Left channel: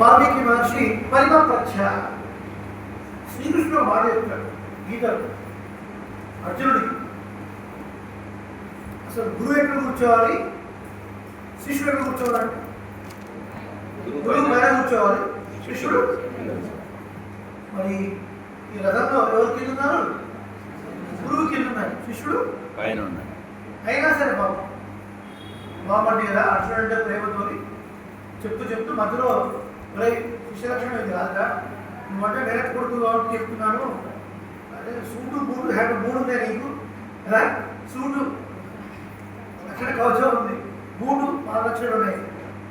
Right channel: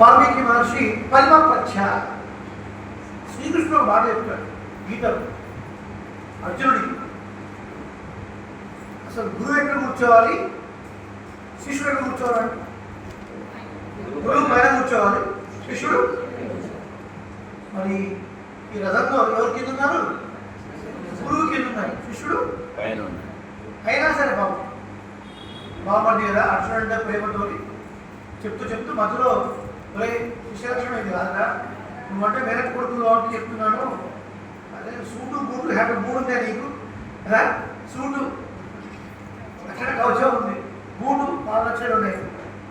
వాల్మీకి మహర్షి పరిమప్రచ్ఛ శ్రీకృష్ణుడు మాట చెప్తాడు గీతలు అర్జునుడికి. అసలు గురువు ఎక్కడ కూర్చోవాలి, శిష్యుడు ఎక్కడ కూర్చోవాలంటే గురువు పైన కూర్చోవాలి, శిష్యుడు మరి ఈ రథంలో ఎవరు కింద ఉన్నారు, గురువు కింద ఉన్నారు, శిష్యుడు పైన ఉన్నారు. అయినా సరే బాగుంది కదా అర్జునుడు అంటే ప్రేమతో చెప్తూ మధ్యలో ఒరే శిష్యలక్షణం ఇది కాదురా, నువ్వంటే వేరే కొడుకు కాబట్టి చెప్తున్నాను. అదే సూటు బూటు హ్యాట్ 3 ఉంటాయి నీకు కదా, సూటు లక్షణ కవచం ఉంది, బూటు 4 లక్షలు ఉన్నాయి,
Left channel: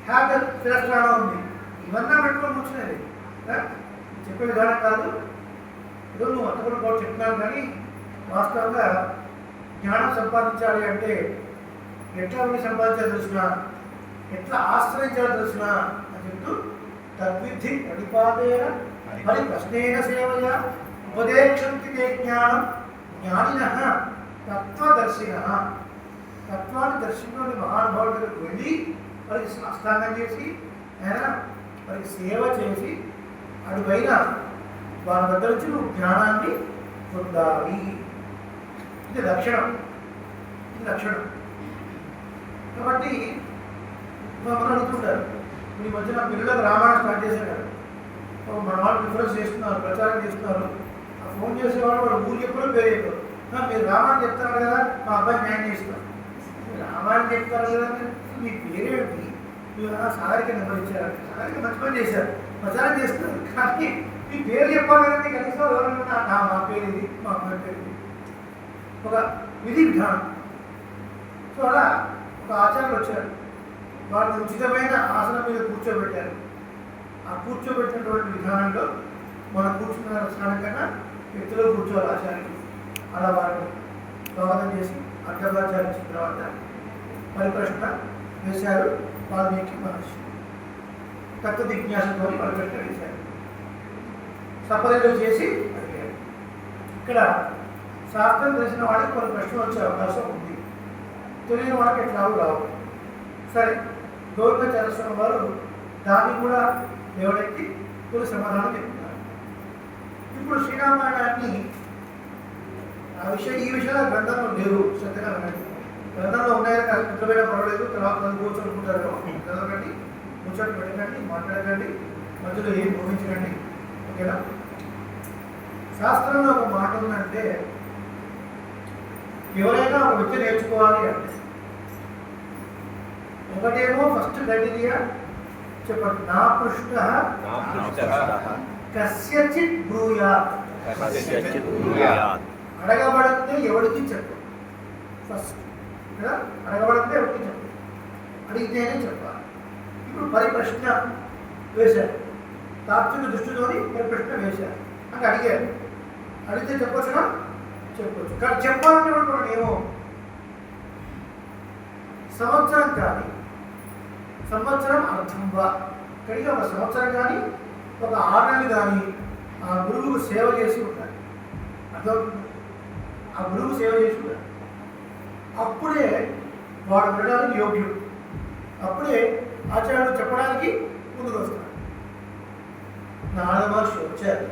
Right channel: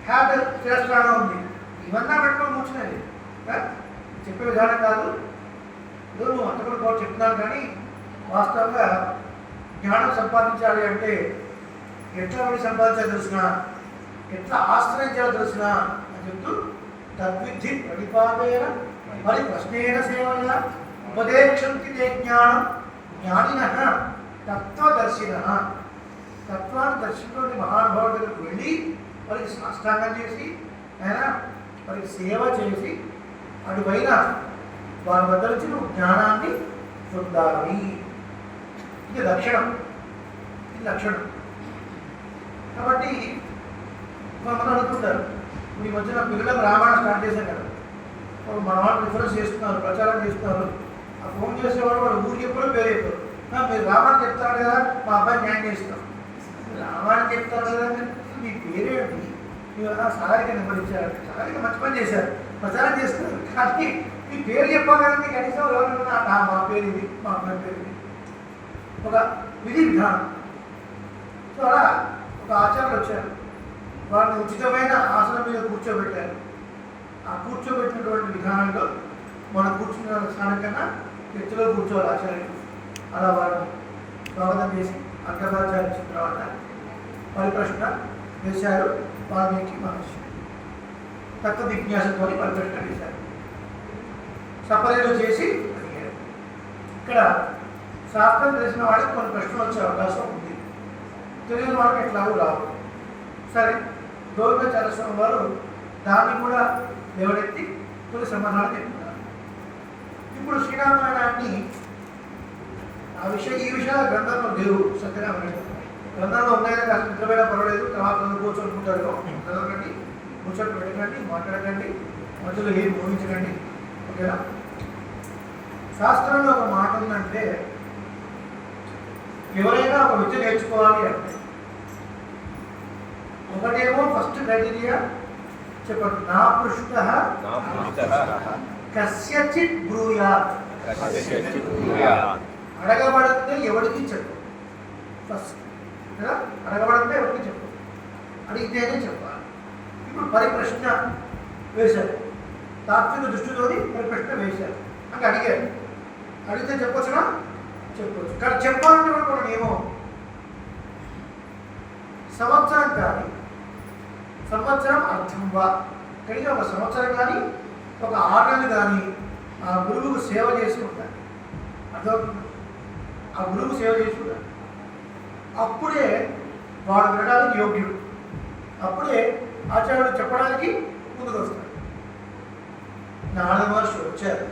హ్యాట్ శిరస్త్రాణం ఉంది, ఇవన్నీ పెట్టుకొని కూర్చున్నాయి. చెప్పే విధానం కాదు. నువ్వు అంతకుడు కూడా చెప్తున్నాను, కానీ వాస్తవంగా జ్ఞానం సంపాదించాలి అంటే ఎట్లా ఉండి సంపాదించాలి తెలిసిన, ఎట్లా ఆశ్రయించాలో తెలిసిన అని చెప్తూ తద్విద్ధి ప్రతిపాదన మరి ప్రశ్నేన సేవయ ఉపదేశంతి తే జ్ఞానం జ్ఞానిన తత్వదర్శిన. తత్వాన్ని దర్శించుకుని మహానుభావుడి దగ్గరకు వెళ్ళి వారికి సాష్టాంగం చేసి వారికి సేవ చేసి అటుపైన వారి దగ్గర నుంచి నువ్వు జ్ఞానాన్ని పొందాలి. ఇది లక్షణం, ఇది లక్షణం. కాబట్టి మనం అడుగుతుంటారు, ఈ మధ్యన పిల్లలకు రామాయణం స్టార్ట్ చేశాను కదా, మన వాళ్ళు ప్రిఫరెన్స్ చేస్తున్నారు, ప్రచారం చేస్తున్నారు. ఆ ఫోన్ చేసేవాళ్ళు వాడు ఊరు చెప్పారు, పేరు చెప్పారు. మీరు రామాయణం చెప్తారు కదా, మా అబ్బాయి న్యాయం చేస్తాం. రామాయణం చెప్తారు కదా, మీ పేరేంటి, మీరు సాగరిక నెంబరించారు, సాగరిక మంచి పని చేశారు, ప్రచారం చేస్తున్నారు. కానీ మీ పేరు చెప్పాలి కదండి, కనీసం ఎవరైనా మా పేరు ఇది, మా అబ్బాయి పేరు ఇది, ఒక విధి విధానం. సో అలా ఒక ఆచార్యులు వచ్చారు, వాళ్ళని ఉచితమైన ఆసనం మీద కూర్చోబెట్టారు. ఆ కూర్చోబెట్టినటువంటి విధానంలో మనం కూర్చున్న స్థానం కన్నా ఎత్తులో కూర్చోవాలి ఆచార్యులు. అలా వాళ్ళని స్వాగతం చేసి అగ్రభాచార్య ఇచ్చిన తర్వాత పరిప్రశ్న వేశారు వాల్మీకి మహర్షి. తత్వ జిజ్ఞాసతో పరిప్రశ్న వేశారు, సపర్యలు చేసి అడిగారు. ఇక్కడ శాస్త్రం తెలిసిన వాడికి కొన్ని ప్రశ్నలు వచ్చే అవకాశం ఉంది, తెలియని వాడికి ఎట్లాగూ రావు. సరే, గోవిందాచార్య వారు దాన్ని కూడా లేవనెత్తి తొలి సమాధానం చెప్తున్నారు. ఇప్పుడు శ్రీరామాయణాన్ని ఈ విషయాలు గ్రంథంలో లేవు, సత్యంగా వినండి. గ్రంథంలో ఉన్నాయి కదా, నిద్రపోయినా పర్వాలేదు, తర్వాత చదువుకోవచ్చు అనుకుంటారు. చదవకండి, ముచ్చట్లు పెట్టకండి, మాట్లాడకండి, మధ్యలో ఏం భూమించకండి, ఓకేనా. శాస్త్రంలో ఒక మాట ఉందంటే, ఎవరైనా ఒక విద్య నేర్చుకోవాలి అంటే ఒకటేమో ఫస్ట్ క్రైటీరియా చెప్పండి, నా పృష్ట కస్యచిత్ బ్రూయాత్. అడగబడితే ఎవరికి చెప్పు ఫస్ట్ కదా, అడగబడితే ఎవరికి చెప్పు, అడిగితేనే చెప్పాలి. ఇప్పుడు పరిప్రశ్న వేశారు, తాత్విక దృష్టితోని పరిప్రశ్న వేశారు అంటే అడిగారు, అడిగితే చెప్పొచ్చునా, చెప్పొచ్చు. కానీ చెప్పాలన్నటువంటి ఒక నియమం, సంవత్సరం కానీ సంవత్సరం అర్థంవా, కనుక ఒక సంవత్సరం కానీ ఒక 6 నెలలు కానీ ఆ గురువుకు సేవ చేసి ఉండాలి. అర్థమవుతుంది, ఆ గురువుకు సేవ చేసి ఉండాలి. అప్పుడే వాడు వినడానికి యోగ్యుడు, అప్పుడే ఆచార్యుడు చెప్పడానికి ముందుకు వస్తాడు. నారద మహర్షి వచ్చారు,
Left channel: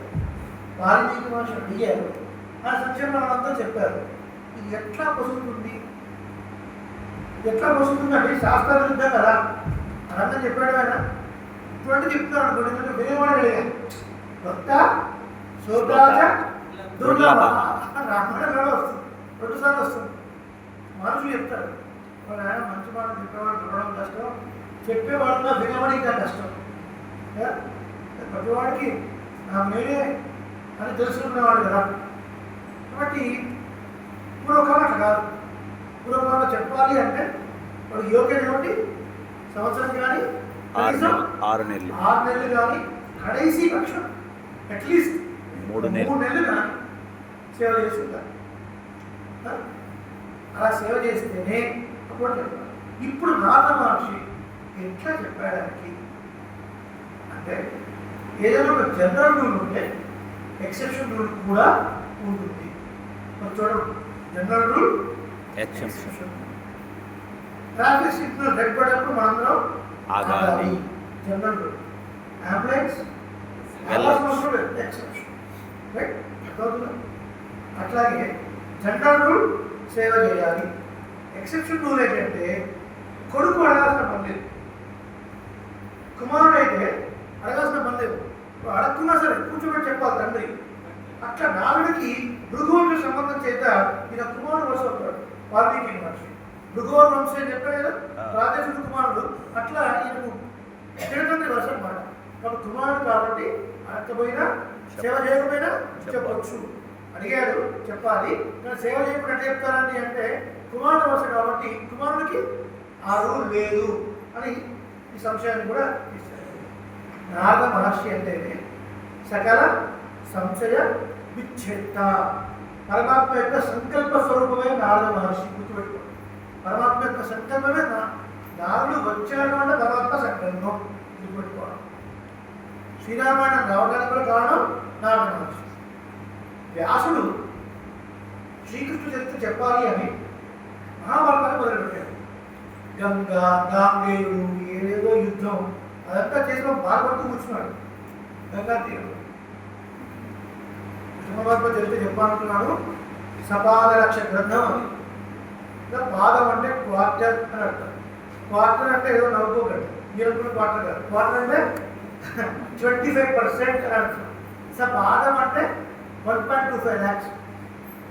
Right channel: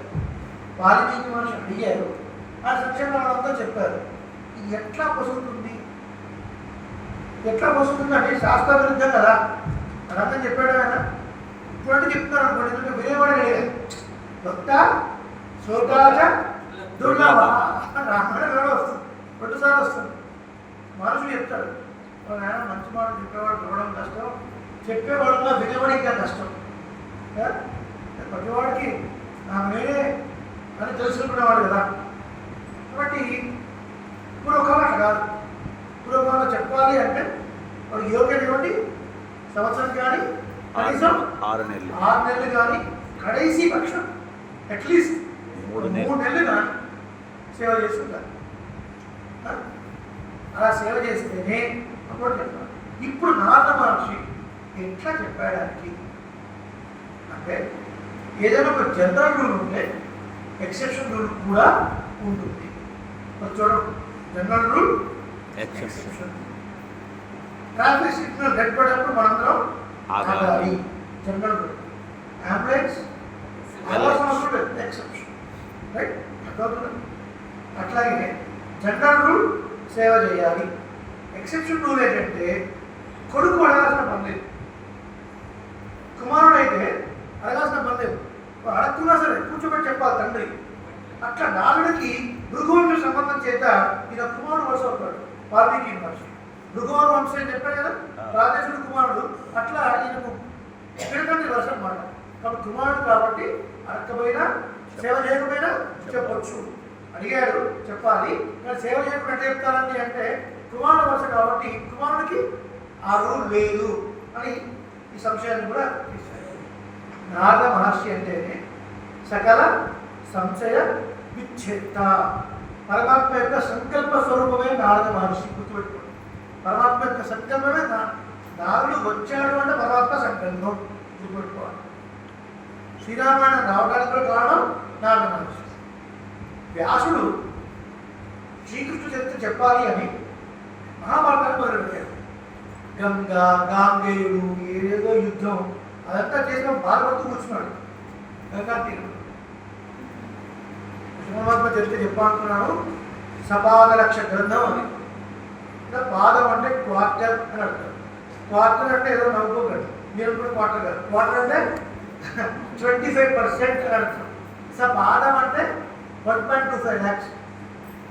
వాల్మీకి మహర్షి అడిగారు, ఆ సంక్షేమ వాళ్ళంతా చెప్పారు. ఇది ఎట్లా పొసుగుతుంది, ఎట్లా పొసుగుతుంది అంటే శాస్త్ర విరుద్ధం కదా, అదంతా చెప్పాడు ఆయన. ఇటువంటి చెప్తున్నారు అనుకోండి, ఎందుకంటే వినేవాడు అడిగారు, భక్త శోకాజ దుర్లభ రామాయణ వస్తుంది, 2 సార్లు వస్తుంది. మనుషులు చెప్తాడు, ఆయన మంచి మాట చెప్పేవాడు చూడడం కష్టం, చెప్పేవాడుగా వినేవాడు ఇంకా కష్టం. ప్రతివాడికి నాకు నేనే అని తెలుసుకునేవాడు కదా. కాబట్టి ఇప్పుడు ఒక మాట కాదు, ఇప్పుడు ఒక మాట చెప్పాలి అంటే వాడు యోగ్యటువంటి సంవత్సరం కానీ కనీసం 6 నెలలు కానీ కడైసి పక్షం అట్లీస్ట్ 3 నెలలు కానీ సేవ చేసి ఉంటారు. అలా సేవ చేస్తేనే అప్పుడు చెప్పాలి. ఇప్పుడు నారద మహర్షి ఎట్లా చెప్పడానికి అంటే ఏదైనా ఒక జనరల్ రూల్ ఉంటే ఎక్సెప్షన్ రూల్ కూడా ఉంటుంది. చూడండి, general rule, exception. Traffic signal red పడినప్పుడు మనందరం ఆగాలి, జనరల్ రూల్. అంబులెన్స్ వెళ్ళాల్సిన అవసరం లేదు, ఎక్సెప్షన్. రైట్, అర్థమవుతుందా? అట్లాగే జనరల్ రూల్ సేవ చేయాలి. ఎక్సెప్షన్ రూల్ ఏంటంటే కొడుకు అడగాల్సిన పని లేదు, కుమారుడు అయితే అడగాల్సిన పని లేదు. అడగకున్నా సరే కూర్చోబెట్టి చెప్పాలి తండ్రి. అట్లా నాలుడికి భృగువంశ సంబంధం చేత ఈయన కుమారుడు వరుస అవుతాడు. వాల్మీకి మహర్షి భృగువర్ వంశం అని చెప్పాడు కదా, రాజేశుడు కుమారుడు. అట్లా ఈయనకు తండ్రి వరుస అన్నమాట. కాబట్టి కుమారుడు కాబట్టి అడగకపోయినా సేవ చేయకపోయినా చెప్పొచ్చు. అడిగాడు చెప్పాలి, కానీ సేవ చేయకుండా ఎట్లా చెప్తారండి అంటే కుమారుడు వరుస కాబట్టి కుమారుడికి ఆ రూల్ లేదు అని ఈ సంశయాన్ని కూడా తీశారు. నారద మహర్షి అంటేనే సకల సంశయ విచ్ఛేద. పరమాత్మ యొక్క సంకల్ప స్వరూపమే నారద మహర్షి. గుర్తుపెట్టుకోండి, పరమాత్మ యొక్క సంకల్పమే నారదుడు వచ్చాడు అంటే పరమాత్మ సంకల్పం. గుర్తుపెట్టుకోవాలి. శ్రీరామాయణం రావడానికి కూడా కారణం నారద మహర్షి. వ్యాసుడు శ్రీకృష్ణుడు చరిత్ర చెప్పాలి అని మహాభారతాన్ని మొదలుపెట్టాడు. గంగా గాంగేయుడు ఏదేదో యుద్ధం అదంతా చేసిన బాధపడుతూ కూర్చున్నాడు గంగా తీరంలో. కృష్ణపరమాత్మ చరిత్ర చెప్పాలనుకున్నాను. సపాద లక్ష గ్రంథం అని. ఇలా పాదం అంటే క్వార్టర్ అని అర్థం. క్వార్టర్ అంటే ఏదో నవ్వుకోగలరు, మీరు అనుకున్న క్వార్టర్ కాదు. క్వార్టర్ అంటే 25% అని అర్థం. సపాదం అంటే 1.25 lakhs.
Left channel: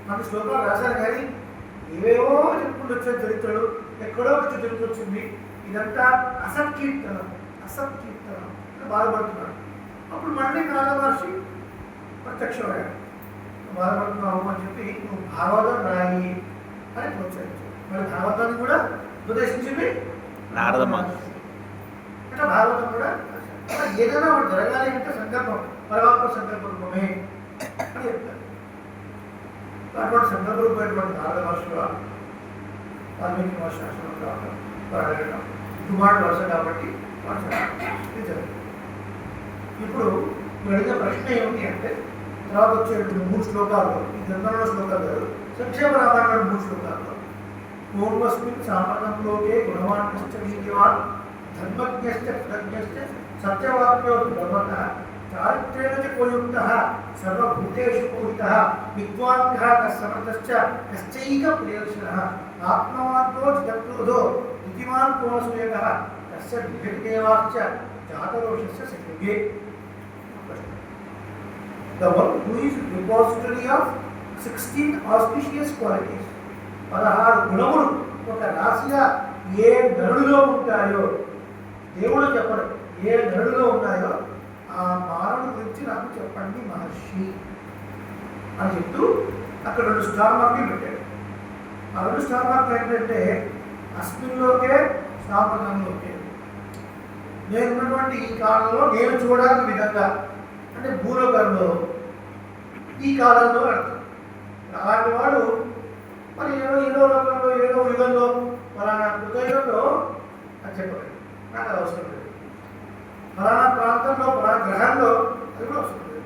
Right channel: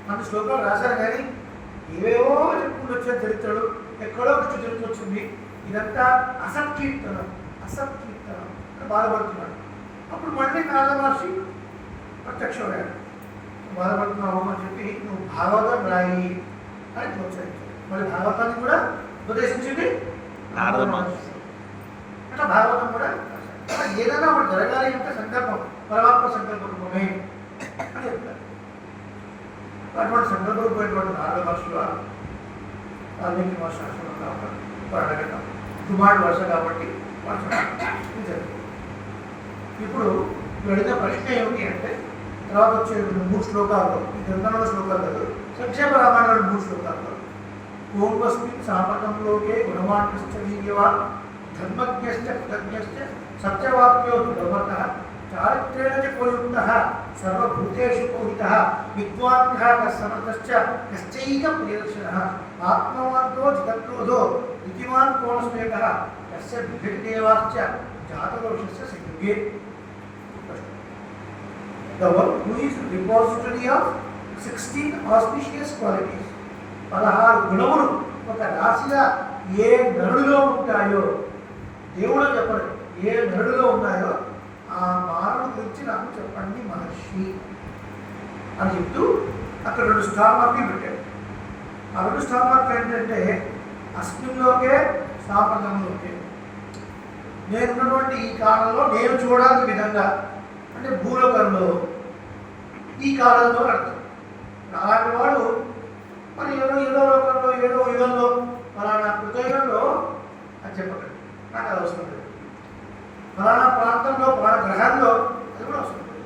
మన శ్లోకాలు రాశారు కానీ ఏవేవో చెప్పుకుంటూ వచ్చే చరిత్రలు, ఎక్కడో వచ్చే చరిత్ర వచ్చింది. ఇదంతా అసత్కీర్తనం అసత్కీర్తనం అని బాధపడుతున్నాడు. అప్పుడు మళ్ళీ నారద మహర్షి ప్రత్యక్షమయ్యాడు. బాధపడుతున్నావు అని చెప్పి నువ్వు భాగవతం రాయి అని ప్రోత్సహించాడు. మరి భాగవతాన్ని కూడా ఉపదేశించింది నారద మహర్షి. అట్లా భాగవతం కూడా ఏదైనా ఒకటి జరగాలి అంటే సంకల్పం పరమాత్మ సంకల్పమే అని చెప్తారు. అటువంటి సంకల్పమైనటువంటి నారద మహర్షి వాల్మీకి మహర్షి ఆశ్రమం కావడం, వాడు అడగడం, కుమారుడు వరుస కాబట్టి ఇప్పుడు అడిగిన ప్రశ్న ఏమిటి అంటే తర్వాత వచ్చే 3 శ్లోకాల్లో, ఈ గ్రంథంలో శ్లోకాలు కాదు, సంక్షేమ రామాయణంలో 3 శ్లోకాల్లో పూర్వస్మిన్ సామకంలోకే గుణవాన్ వీర్యవాన్ ధర్మజ్ఞశ్చ కృతజ్ఞశ్చ సత్యవాక్యో ధర్మత చారిత్రేణ చ ఉపయుక్తః సర్వభూతేషు పూజితః విద్వాన్యః సమర్థశ్చ కశ్చైక ప్రియదర్శనః ఆత్మవాక్యో జితక్రోధో నీతిమాన్ కోణస్వేకః తస్య విభక్తేవాశ్చ జాతరోషస్య సంయుగే. The one who is repository of 16 auspicious qualities, 16 గుణములు ఒక రాశిగా ఏ నరుడిలో ఉంటాయో దేవుడు చెప్పడు, ఏ నరుడిలో ఉన్నాయో ఆ మానవుడి గురించి నాకు చెప్పండి మహర్షి అని చెప్తూ అక్కడ 2 స్టార్ మార్కులు పెట్టాడు. ఆ 2 స్టార్ మార్కులు ఏంటంటే అస్మిన్లోకే సాంప్రదంలోకే, నేనున్నటువంటి ఈ కాలంలో నేను చూడాల్సిన విధంగా, అంటే భూలోకంలో ఈ కాలంలో అర్థం. అలాంటి వాడు మరి ఏదో లోకంలో ఏదో యుగంలో ఫలానా కృతయుగంలో అని చెప్పగలడు. నాకు అది అవసరం లేదు. ఫలానా ప్రాంతంలో ఫలానా గ్రహంలో అది కూడా అవసరం లేదు.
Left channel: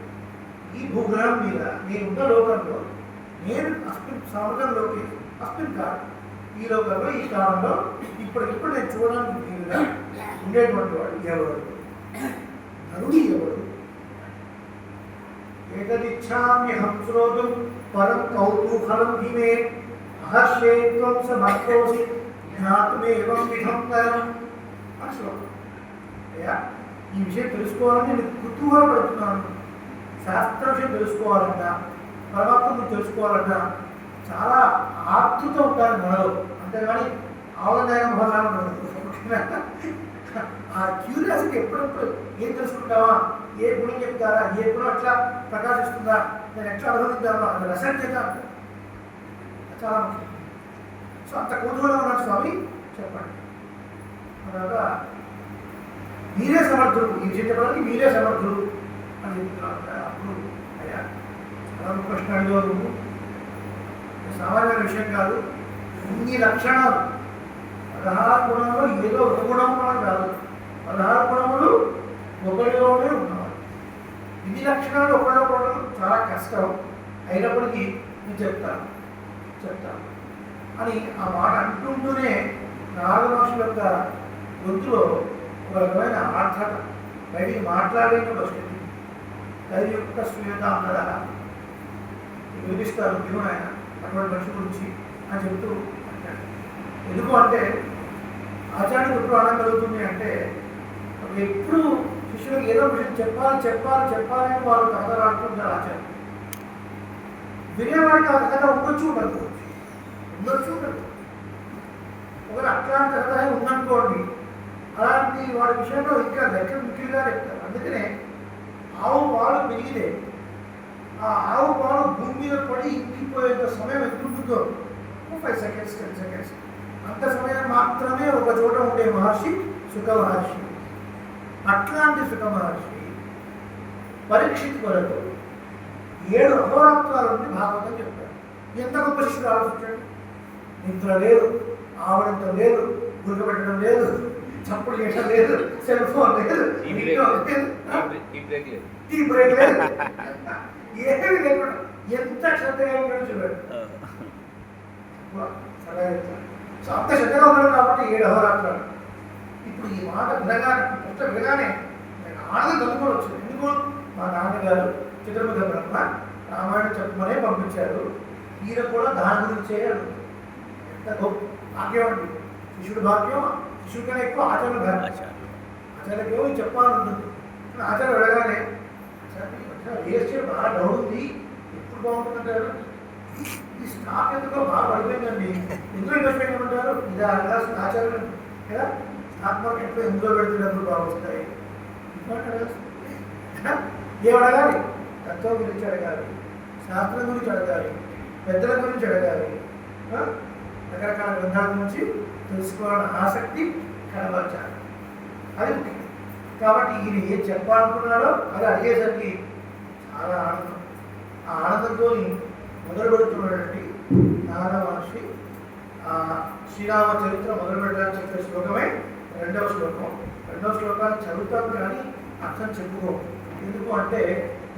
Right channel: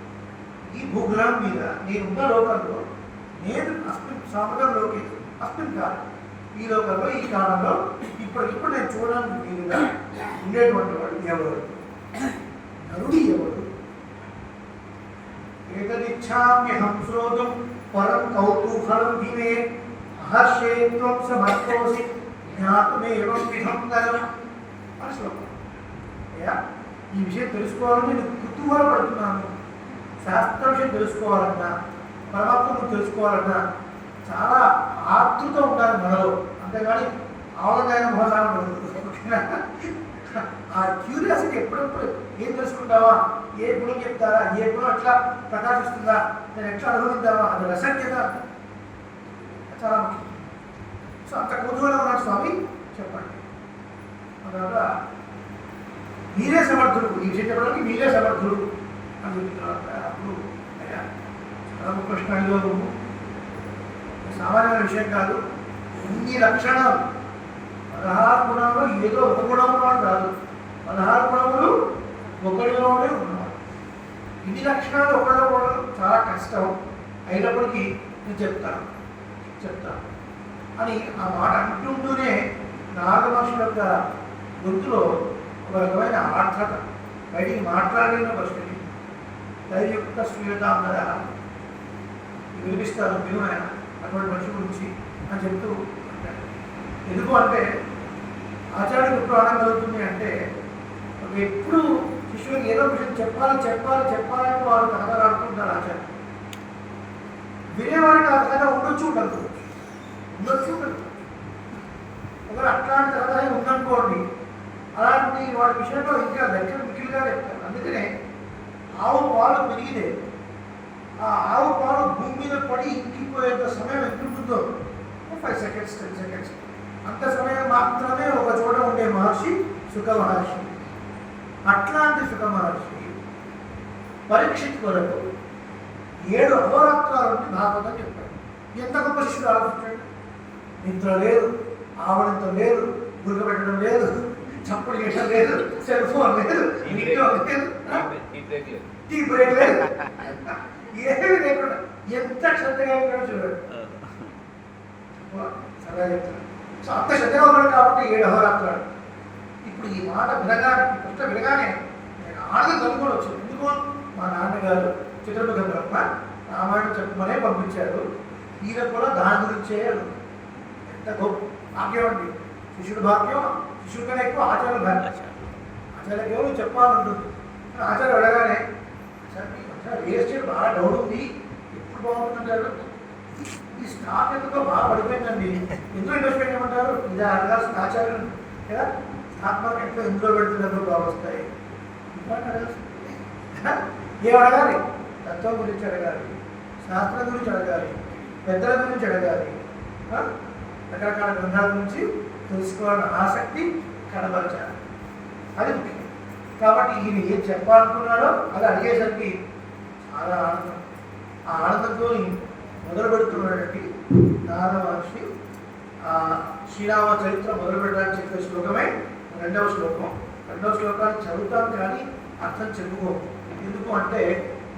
ఈ భూగ్రహం మీద నేనున్న లోకంలో నేను అస్మిన్ సముద్రంలోకి అస్మిన్ కాదు, ఈ లోకంలో ఈ కాలంలో ఇప్పటికిప్పుడు నేను చూడడానికి వీలుగా ఉండేటువంటి వాడు ఎవరు? నరుడు ఎవరు? ఏకదిచ్ఛామ్యహం శ్రోతుం పరం కౌతూహలం ధీమే మహర్షే త్వం సమర్థోసి జ్ఞాతుమేవం విధం కరం అని శ్లోకం. అయ్యా, ఈ విషయం తెలుసుకోవాలని నేను కుతూహలపడుతున్నాను. శాస్త్ర విషయం తెలుసుకోవాలన్నా, పరమాత్మ గురించి తెలుసుకోవాలన్నా చాలా ఆతృత ఉండాలి మనలో. అంతేగాని ఆవలనైన మొహలాలు ఆ క్యూరియాసిటీ ఎప్పుడప్పుడు ఏం తెలుసుకుంటావా, ఏ గుణం చెప్తారా, ఏ గుణం ఎట్లా ప్రకాశిస్తుందా, నేను ఎట్లా అనుభవించావా, అది రసజ్ఞత చాలా ముఖ్యం. సో అంత కుతూహలం ఉన్నాడు స్వామి, చెప్పండి. తర్వాత మీరే సమర్థుడు, ఈ విషయం చెప్పడానికి మీరే సమర్థుడు అని చెప్పిన తర్వాత అప్పుడు అయ్యా రామకృష్ణ అడిగారు, సామాన్యమైన విషయం కాదు, ఇన్ని లక్షణాలు 16 గుణంలో ఏదో ఒక గుణం ఉన్నవాడు కాదు, 16 గుణములు ఒకరిలోనే ఉన్నవాడు. ఇన్ని లక్షణాలు ఒకరిలో చాలా కష్టం అయినప్పటికీ నేను చెప్తాను అని ఆ మాట అంటుంటూనే నారద మహర్షుల యొక్క గొంతులో ఒక రకమైన ఆర్ద్రత, బయటికి మాట్లాడలేని ఒక స్థితి. దైవయుక్త శ్రీయుతాంతర వినిపిస్తారు దేవుడు ఆయన అటువంటి మనిషి గురించి అని చెప్తూ అంటాడు. ఎందుకు అంటే ఆచార్యుడికి ఎప్పుడు ఆనందం కలుగుతుంది అంటే ఎప్పుడు శిష్యులకు ఏదో విషయం చెప్పాలని వాళ్ళు కథలు ఆడుకుంటారు. ఆచార్యులు వినేవాడికి ఆ కథ ఉండొచ్చు ఉండదు. ఒకవేళ అట్లాంటి కథ ఉందనుకోండి, అలాంటి వాడి విషయంలో ఇంకా దగ్గర మిగిలిగా చెప్తారు. అందుకనే ఆవు పాలు పెరిగితే ఆ ఆవు పాలు భూమి మీద పడి ఇంకిపోయేంత సమయం ఎదుర్కొంటుందో 5 సెకండ్స్ 10 సెకండ్స్ అంత సమయం మాత్రమే ఒక చోట ఉండే మహర్షి సుఖ మహర్షి. అట్లాంటి సుఖ మహర్షి పరీక్షిత్ కొరకు 7 అహోరాత్రాల నుండి భాగవతం చెప్పాడు. ఎంత గొప్ప శిష్యుడు ఆలోచించాడు. నిద్ర లేదు, ఆవడంతో లేదు, గురికబెట్టడం లేదు, చప్పుడు చేయడం లేదు, సెల్ ఫోన్ లేదు, టీ బ్రేక్ లేదు, ఏమీ లేకుండా ఎంత శ్రద్ధగా ఉన్నాడో చూడాడు. సరదా చెప్తాను. సో అంత శ్రద్ధగా ఉన్నాడు కాబట్టి 7 అహోరాత్రాలు. ఇప్పుడు ఈ మాట వినగానే నేను ఆనందం కలుగుకోవచ్చు. ఎందుకు మా నాన్నగారు చిత్రముఖ బ్రహ్మ రామాయణం చెప్పమనే పంపించారు. ఈయన కూడా దాని గురించే ఎంత గొప్ప భాగ్యం అండి. శిష్యుడు భాగ్యం, శిష్యుడి కన్నా ఎక్కువ ఆచార్యుల భాగ్యం. ఆచార్యకి చెప్పాలని ఉంటుంది. ఆచార్య అడగానే రియల్ ఎస్టేట్ బాగా డౌన్ ఉంది, ఎప్పుడు బాగుంటుందంటారు. ఈ స్టాక్ ఎందుకో బాగా పడిపోయిందండి, ఎందులో ఇన్వెస్ట్మెంట్ చేయమంటారు. ఇది అడగాల్సిన ఆచార్యులు కదా. స్టాక్ మార్కెట్లో ఎందులో పెడితే డబ్బులు బాగా వస్తాయి. ఏం అడగాలి? తత్వం గురించి అడగాలి, శాస్త్రం గురించి అడగాలి, పెద్దల గురించి అడగాలి, రకరకాల గ్రంథాల గురించి తెలుసుకోవాలన్న ఆసక్తి కనబరచాలి. అది ముఖ్యం. కాబట్టి ఈయన ఏం చెప్పాలనుకున్నారో అది అడిగేసరికి చాలా ఆనందం. ఆ ఆనందంతో మొదలు పెడుతున్నటువంటి నారద మహర్షి శ్రీరామ చరిత్ర మొదలు పెట్టడానికి చెప్పే శ్లోకమే 2వ శ్లోకం. 2వ శ్లోకాన్ని చదువుతాం కానీ అర్థం చెప్పుకోము. ఎందుకు అంటే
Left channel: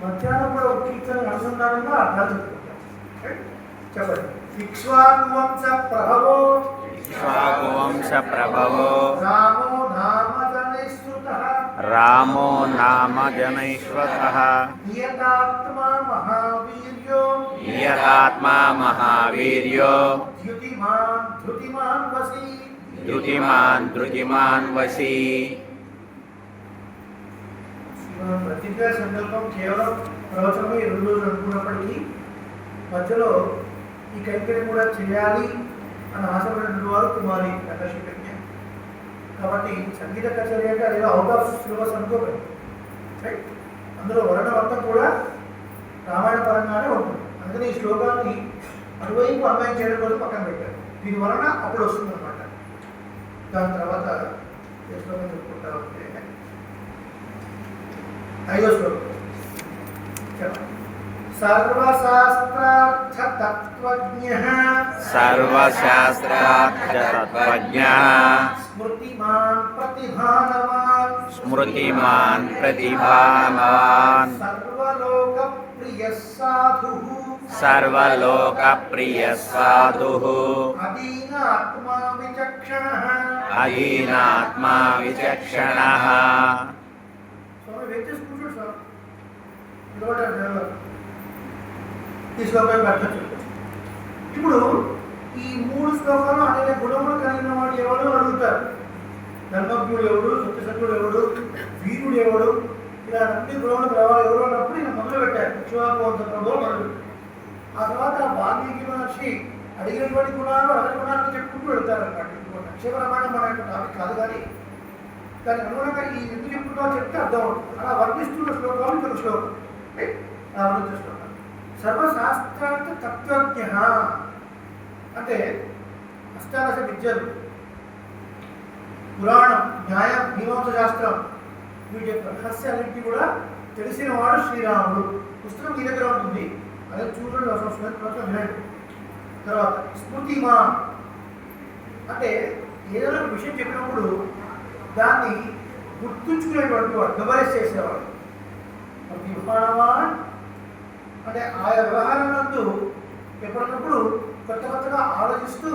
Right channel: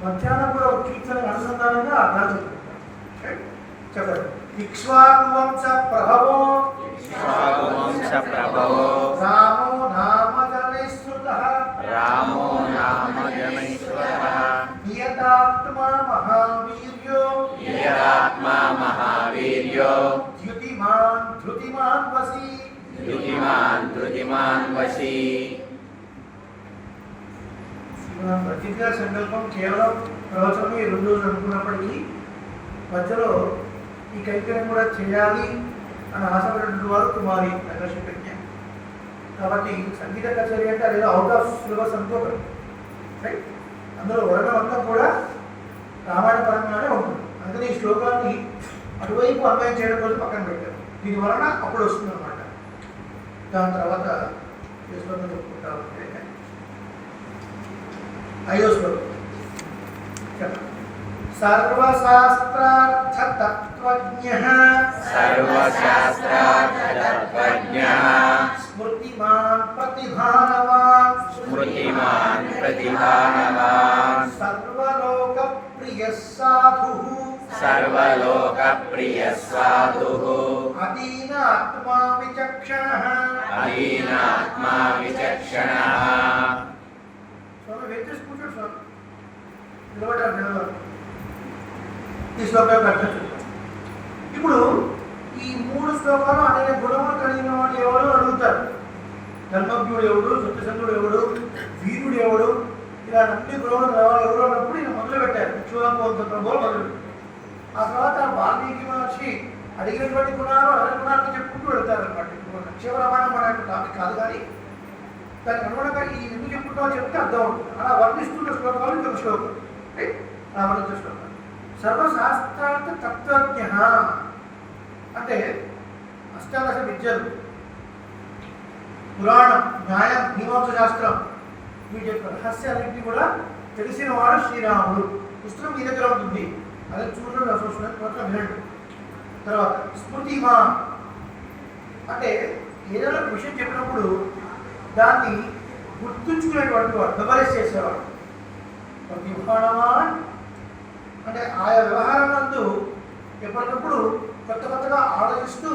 మధ్యాహ్నం కూడా ఒక కీర్తన అనుసంధానంగా అర్థాలు చెప్పుకుంటాం. చెప్పండి. ఇక్ష్వాకువంశ ప్రభవో రామో నామ జనైశ్రుతః నియతాత్మా మహావీర్యో ధృతిమాన్ వసి. ప్రతిజ్ఞా సంకల్పం కేవలం ప్రవచనం ఈ 2 రోజులు అనుకున్నప్పటికీ మధ్యలో ఈ కైంకర్యం కూడా చేయాలి అని ఆశపడినటువంటి వారు కుమారి ప్రదర్శి ప్రజ్ఞ. కాబట్టి సంగీత కచేరీ అంటే అదేదో అవుట్ ఆఫ్ సిలబస్ అనుకోకండి. రైట్, అందులో వర్ణం అంతా కూడా రామాయణ పరంగానే ఉంటుంది. అందుకని ఈ శ్లోకాన్ని అటువైపు అన్వయం చేయడం కోసం పక్కన పెట్టారు. దీని వలన అప్పుడు వస్తుంది అనమాట. దాని తర్వాత ఏ శ్లోకం చెప్పుకుంటా ఉంటే 5వ శ్లోకం చెప్పండి. సర్వశాస్త్రార్థతత్వజ్ఞః స్మృతిమాన్ ప్రతిభానవాన్ సర్వలోకప్రియః సాధుః అదీనాత్మా విచక్షణః. స్వామి వెయిట్ చేసి కూర్చోండి స్వామి. ఈ శ్లోకానికి అర్థం చెప్తాం. ఇప్పుడు ఈ 3 శ్లోకాలు అనేక గుణములు కలిగిన వాడు ఎవరు అడుగుతారు. ధర్మజ్ఞుడు ఎవడు, సత్యసంధుడు ఎవడు, వీరుడు ఎవడు, ఇలా అన్ని గుణములు కలవాలి ఎవరు అన్నప్పుడు ఈయన మొదలు పెట్టారు. ఇక్ష్వాకువంశంలో మొదలుపెట్టారు. ఆ తర్వాత వాల్మీకి మహర్షి అడిగినటువంటి గుణాలు అదన గుణాలను చెప్పుకుంటూ వెళ్తారు అనమాట. ఇప్పుడు నక్షరామాయణం మన యొక్క టాపిక్ కాదు, కానీ దానికి అనుగుణంగా ఈ ఎందుకు చెప్పుకుంటామో చెప్తే అర్థం అవుతుంది. అలా వర్ణిస్తున్న శ్లోకాలు ఇంకొక శ్లోకం. రైట్, అలా వర్ణించిన శ్లోకాలు. సర్వశాస్త్రార్థ తత్వజ్ఞ అంటే అష్టాదశ విద్యలు, పురాణం, న్యాయం, మీమాంస శాస్త్రం, వీటి యొక్క రహస్యాలన్నింటినీ కూడా తెలిసిన వాడు శ్రీరాముడు. పుస్తకం మీ దగ్గర ఉంటుంది, అదే చూడండి, అవసరం వినండి. తర్వాత స్మృతిమా అంటే ఏదైనా విషయం చెప్పినప్పుడు దాన్ని గుర్తుంచుకునేటువంటి వాడు, మెమరైజ్ చేసేవాడు. ప్రతిభానవాన్ అంటే ఆయా వ్యవహారం నందు ఎప్పటికప్పుడు కొత్తగా ఆలోచిస్తూ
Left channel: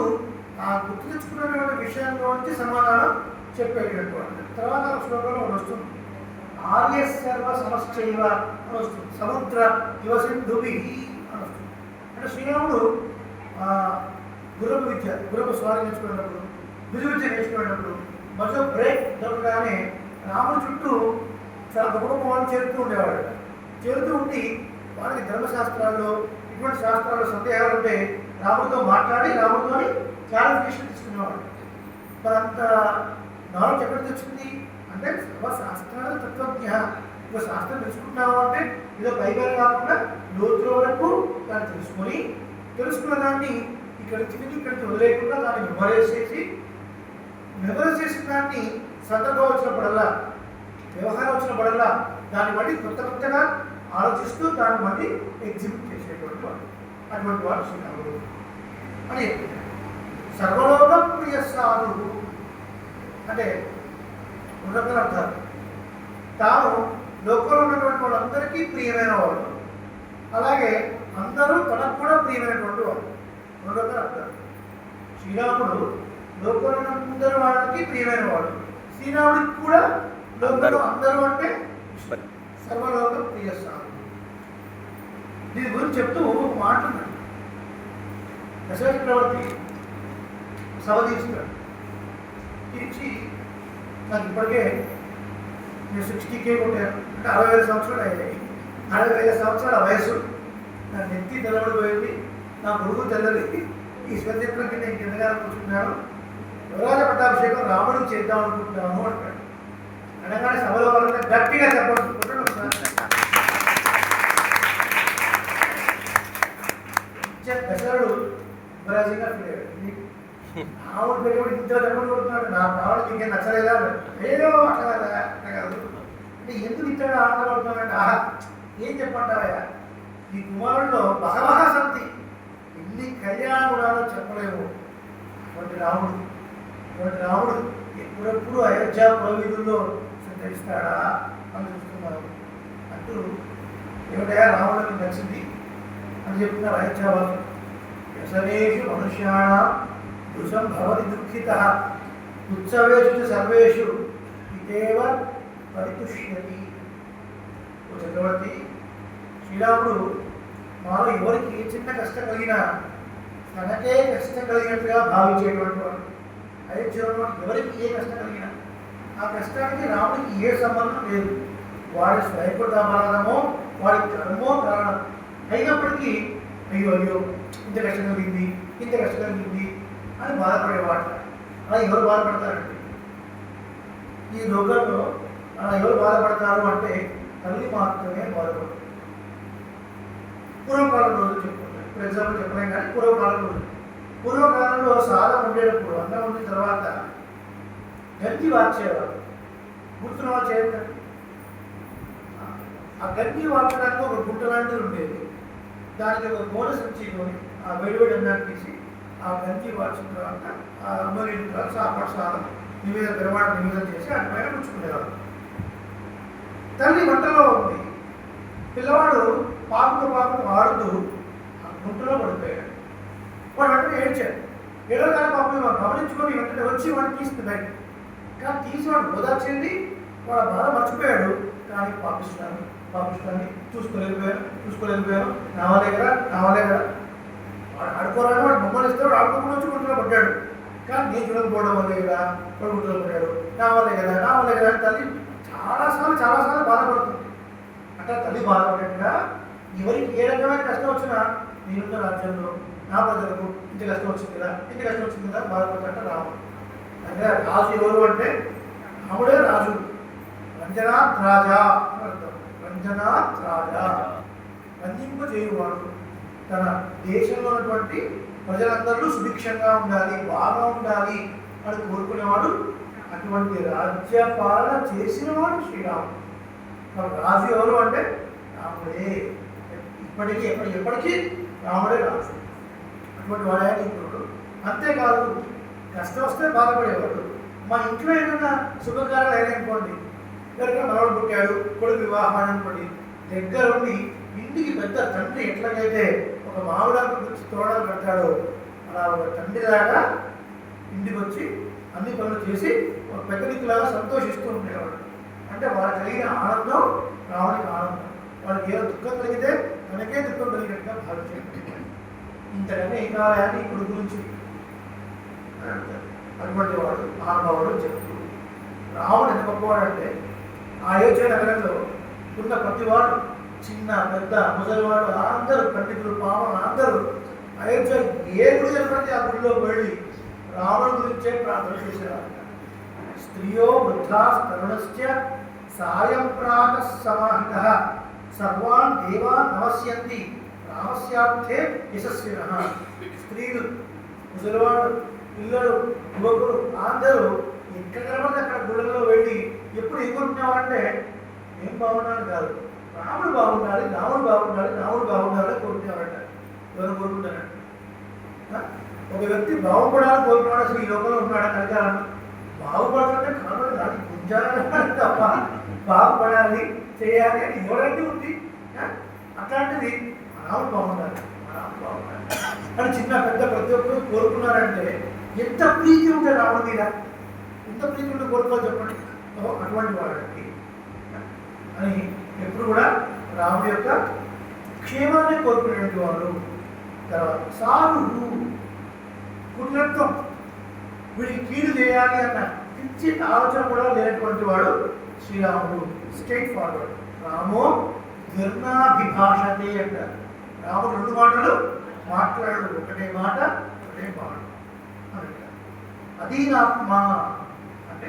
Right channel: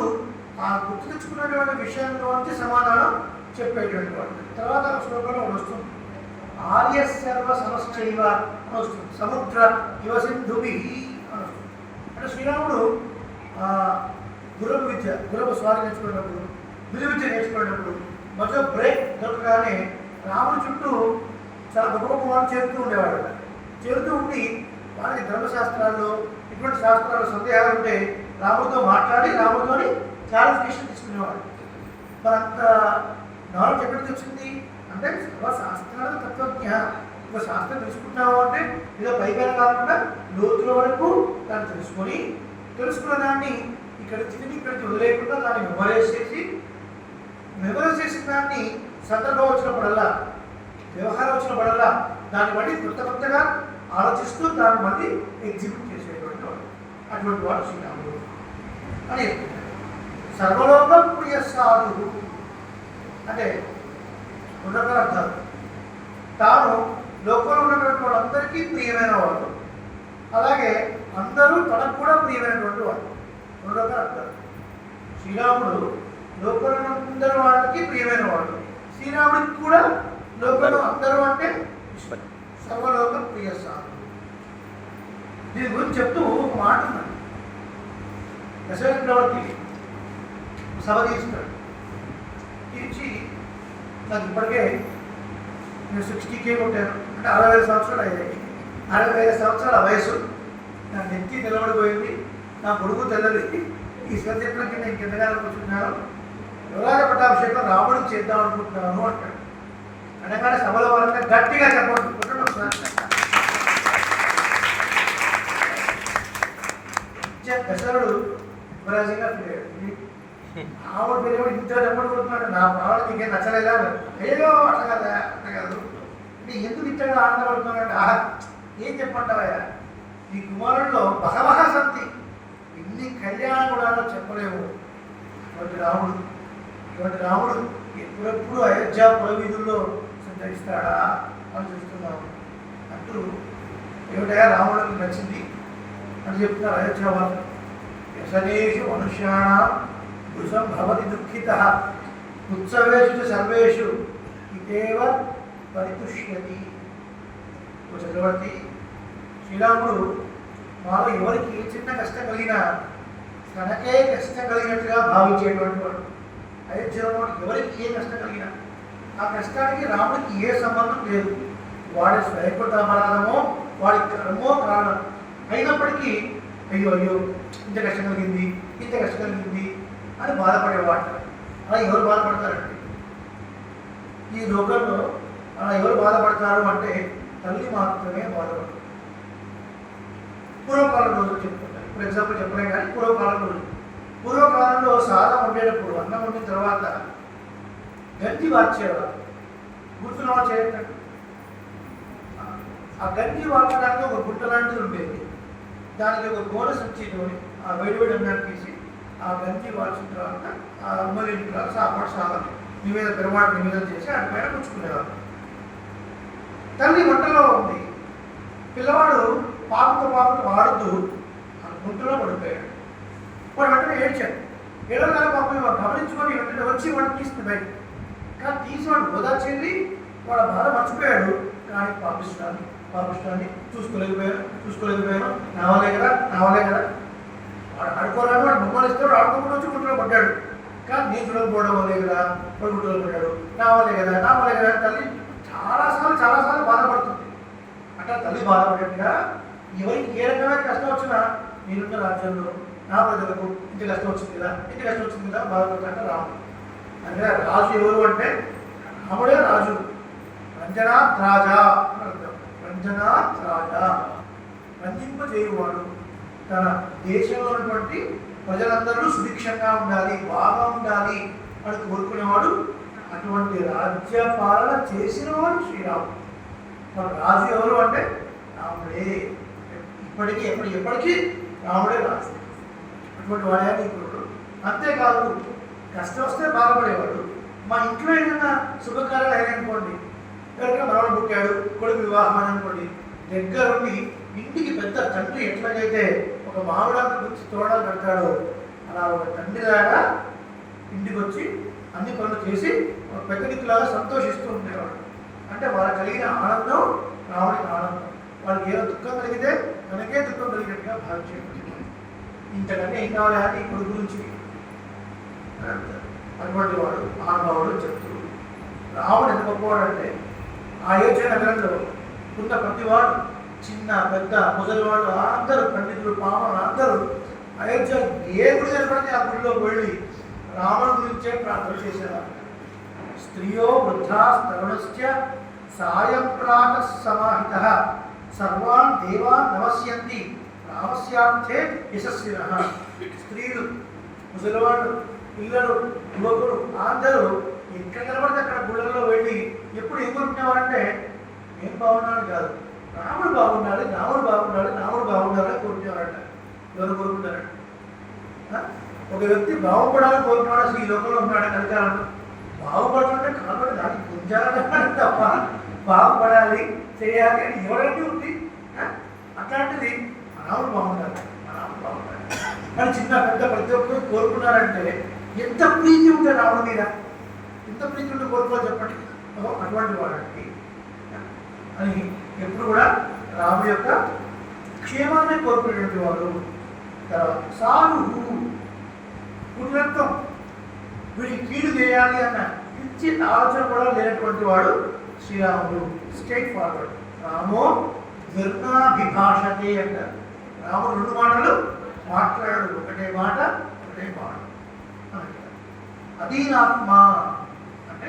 ఆ గుర్తు తెచ్చుకున్నటువంటి విషయంలో నుంచి సమాధానం చెప్పేటువంటి వాడు. తర్వాత శ్లోకంలో వస్తుంది ఆర్య సర్వ సమశ్చైవ అని వస్తుంది. సముద్ర యువ సింధుభి అని వస్తుంది. అంటే శ్రీరాముడు గుర్రపు స్వారీ నేర్చుకున్నప్పుడు, విలువిద్య నేర్చుకున్నప్పుడు మధ్య బ్రేక్ దొరకగానే రాముడి చుట్టూ చాలా గొప్ప గొప్ప వాళ్ళు చేరుతూ ఉండేవాడు. చేరుతూ ఉండి వాళ్ళకి ధర్మశాస్త్రాల్లో ఇటువంటి శాస్త్రాల్లో సందేహాలు ఉంటే రాముడితో మాట్లాడి రాముడితోని క్లారిఫికేషన్ తీసుకునేవాడు. మరి అంత నాలెడ్జ్ ఎక్కడికి వచ్చింది అంటే సర్వశాస్త్రాల తత్వజ్ఞ. ఒక శాస్త్రం తెలుసుకుంటున్నావు అంటే ఏదో పైపైన కాకుండా లోతుల వరకు దాన్ని తెలుసుకున్న దాన్ని ఇక్కడికి వదిలేకుండా దాన్ని మెమరైజ్ చేసిన దాన్ని సందర్భం వచ్చినప్పుడల్లా, వ్యవహారం వచ్చినప్పుడల్లా దాన్ని బట్టి కొత్తగా ఆలోచిస్తూ దాన్ని మళ్ళీ ఎగ్జిక్యూట్ చేసేటువంటి వాడు. అటువంటి వాడు శ్రీరాముడు అని చెప్తున్నాడు. సర్వలోక ప్రియ సాధు అంటే రెండు రకాల అర్థాలు. తాను లోకంలో ఉన్నటువంటి వాళ్ళందరికీ ప్రియమైన వాడు, అలాగే అందరూ తనకు కూడా ప్రియమైనటువంటి వాడు. రెండు రకాల అర్థాలు. శ్రీరాముడు లోకంలో అందరూ వాళ్ళకి ప్రియమైన వాడు, శ్రీరాముడికి కూడా లోకంలో అందరూ అంటే సర్వలోక ప్రియ సాధు. దీని గురించి చెప్తూ ఒక మాట ఉన్నది. దశరథ చక్రవర్తి సభ తీస్తాడు. తీర్చి నాకు ఇప్పటికే నేను 60K కొట్టాను, అంటే 60,000 సంవత్సరాలు అయ్యాయి. 60,000 సంవత్సరాల వయసు, నా నెత్తి తెల్లబడిపోయింది, నా పొడుగు తెల్లది, ఈ స్వతంత్రం కింద ఇంకెంతగా అనుకుంటున్నాను, యువరాజ పట్టాభిషేకం రాముడికి చేద్దాం అనుకుంటున్నాను అంటాడు. అనగానే సభలో వాళ్ళంతా గట్టిగా చెప్పండి. దశరథుడు యువరాజుగా రాముడు పెరిగి ఇంత చెప్పండి కొడుతున్నాడు, నా భావన నీకేం నచ్చలేదా? ఏదో అట్లా కాదు అంటే ఎందుకు ఇంతగా ఆనందపడుతున్నాడు? ఏం చెప్పంటావయ్యా, ఈ కుమారుల్లో బహవహ సంతి, ఎన్ని కళ్యాణం కూడా చెప్పలేము. అటువంటి రాముడు ఎప్పుడెప్పుడు అయోధ్య పురవీధుల్లో సంచరిస్తాడా అని చూస్తున్నాము. అంటూ ఏమిటయా రాముడికి నచ్చింది అని చెప్తున్నారు అయోధ్య వాళ్ళు. వ్యసనేషు మనుష్యాణం భృశం భవతి దుఃఖిత ఉత్సవేషు సర్వేషు ఇదేవ పరితుష్యతి. చక్రవర్తి, శ్రీరాముడు మాలో ఎవరికి ఏ చిన్న కష్టం కలిగినా తనకే కష్టం కలిగినట్టుగా భావించేటువంటి వాడు. అయోధ్యలో ఎవరికి ఏ కష్టం కలిగినా ఆ కష్టానికి రాముడికి ఏ సంబంధం లేదు. వాడి స్వయకృత అపరాధమో వాడి కర్మో కారణం అయినప్పటికీ అయ్యో ఇంత కష్టం కలిగింది అని బాధపడేవాట. అలా ఎవరు బాధపడతారండి ఈ లోకంలో? అలా ఎవరు బాధపడతారు అంటే తల్లి మాత్రమే బాధపడతారు. పూర్వకాలం రోజులు చెప్పుకుంటారు. ఫర్ ఎగ్జాంపుల్ చెప్పలేం కానీ పూర్వకాలంలో సాదం వండేటప్పుడు అన్నం వండిన తర్వాత గంజి వార్చేవారు. గుర్తున్న వాళ్ళు చేయటట్టు ఆ గంజి వార్చడానికి ఒక గుట్ట లాంటిది ఉండేది. దానికి ఒక గోడ సంచితోని ఆ వేడివేడి అన్నాన్ని తీసి ఆ గంజి వార్చిన తర్వాత ఆ అమ్మలేని తర్వాత సాపాటు సాదం నివేదన చేసి వాటి పైన పుచ్చుకునేవారు. తల్లి వంటలో ఉంది, పిల్లవాడు పాకుతూ ఆడుతూ ఆ గుంటలో పడిపోయాడు. వాడు వెంటనే ఏడ్చాడు. ఏడోగానే పాపం గమనించుకొని వెంటనే వచ్చి వాడిని తీస్తుంది బయట. కానీ తీసి వాడు ఓదార్చింది, వాడు బాధ మర్చిపోయాడు. కానీ పాపిస్తాన్ని చూసుకోలేకపోయాను. రావాలే కదా వాడు ఆడుకోరాడు, వాడు బొమ్మలు ఇస్తాడు, ఆడుకోకుండా వచ్చి గుంటలో పడ్డాడు. కానీ నేను చూడకపోవడం వల్లే కదా వాడు గుంటలో పడ్డాడు. రావాలే కదా తల్లి చాలాసార్లు బాధపడుతుంది. అట్లా తల్లి బాధపడేట్టుగా ఎవరికి ఏ రకమైన కష్టం వచ్చినా నేనున్న రాజ్యంలో నా ప్రజలకు ఇంత కష్టం వచ్చింది కదా బాధపడుతుంటే రాముడు. అంటే రాజు ఎవరు అంటే రాముడే రాజు. రంజనాత్ రాజా అని అర్థం. రంజనాత్ రాజా, రంజింపజేయువాడు. తన దేశంలో ఉన్నటువంటి ప్రజలందరూ సుభిక్షంగా ఉండాలి, బాగా ఉండాలి అని కోరుకునేవాడు. అటువంటి రాజ్య పాలన చేసినవాడు శ్రీరాముడు. మన రాజు ఎవరు అంటే రాముడే. ఎప్పటికీ రాముడే రాజు. అటువంటి వాడే ఇప్పుడు. అంతేకాదు, కష్టం వస్తే బాధపడేవాడు. మా ఇంట్లో ఏదైనా శుభకార్యాలు అయినాయనుకోండి, ఎవరికైనా మనవడు పుట్టాడు, కొడుకు వివాహం అనుకోండి, దగ్గరుండి ఇంటికి పెద్ద తండ్రి ఎట్లాగైతే ఒక మామిడాకు గురించి తోడలు పెడతాడో అలా ఒక తండ్రిలాగా ఇంటికి వచ్చి అన్ని పనులు చేసి ఒక పెద్ద దిక్కులాగా సంతోషిస్తూ ఉండేవాడు. అంటే అంటే వాళ్ళకి కలిగిన ఆనందం రాముడికి ఆనందం. వాళ్ళకి ఏదో దుఃఖం కలిగితే తనకే దుఃఖం కలిగినట్టుగా భావించేటువంటి ఇంతకన్నా ఏం కావాలి ఈ కొడుకు గురించి అటువంటి వాడు మహానుభావుడు చెప్తూ రాముడు ఎంత గొప్పవాడంటే అయోధ్య నగరంలో ఉన్న ప్రతివాడు చిన్న పెద్ద ముసలివాడు అందరూ పండితులు పామరులు అందరూ అయోధ్య ఏ గుడి కనపడితే ఆ గుడిలోకి వెళ్ళి రాముడి గురించే ప్రార్థన చేసేవారు. స్త్రియో వృద్ధా తరుణశ్చ సాయం ప్రాత సమాహిత సర్వాన్ దేవాన్ నమస్యంతి రామస్యార్థే యశస్వినః. స్త్రీలు ముసలివాడు పిల్లలు యువకులు అందరూ ఎక్కడ కనబడితే అక్కడ గుళ్ళలో వెళ్ళి ఎప్పుడు ఏం కోరుకునేవారంటే ఏం బాగున్నాడు కాదు, రాముడు బాగుండాలి, రాముడు బాగుండాలి, రాముడు బాగుండాలి కోరుకునేవారంట. ఎవరు కోరుకుంటారంట? ఒక వ్యక్తి బాగుపడాలని కోరుకున్నాడు. అసలు ఈ లోకంలో ఉన్నాడు కలికాలంలో బాగుపడుతుంటే కాదు దానికి గుంజాలని తప్ప బాగుపడాలి చేయాలి అని ఎవరంటే ఉంది. అట్లాంటిది రాముడు బాగుండాలి, రాముడు బాగుండాలి అని చిన్న పెద్ద ప్రతి ఒక్కరు కోరుకున్నారంటే ఎంత ప్రీతి ఉంటుంది రాముడి మీద, ఎంత ప్రీతి ఉంటే కోరుకోవాలి చెప్పండి. అటువంటి వాడండి అని ఎప్పుడు కూడా రాముడి యొక్క క్షేమాన్ని కోరుకునేటువంటి వాడు. తర్వాత సారు పుణ్యత్వం, వీడికి కీడు చేయాలి అన్న పిచ్చి ఆలోచన కూడా లేనటువంటి వాడు శ్రీరాముడు. Straight forward. రామో ధర్మాభిభాషతే అంటారు. రాముడు రెండు మాటలు మాట్లాడు, ఒకటే మాట ఒకటే మాట అంటారు. అధీనాత్మ అంటే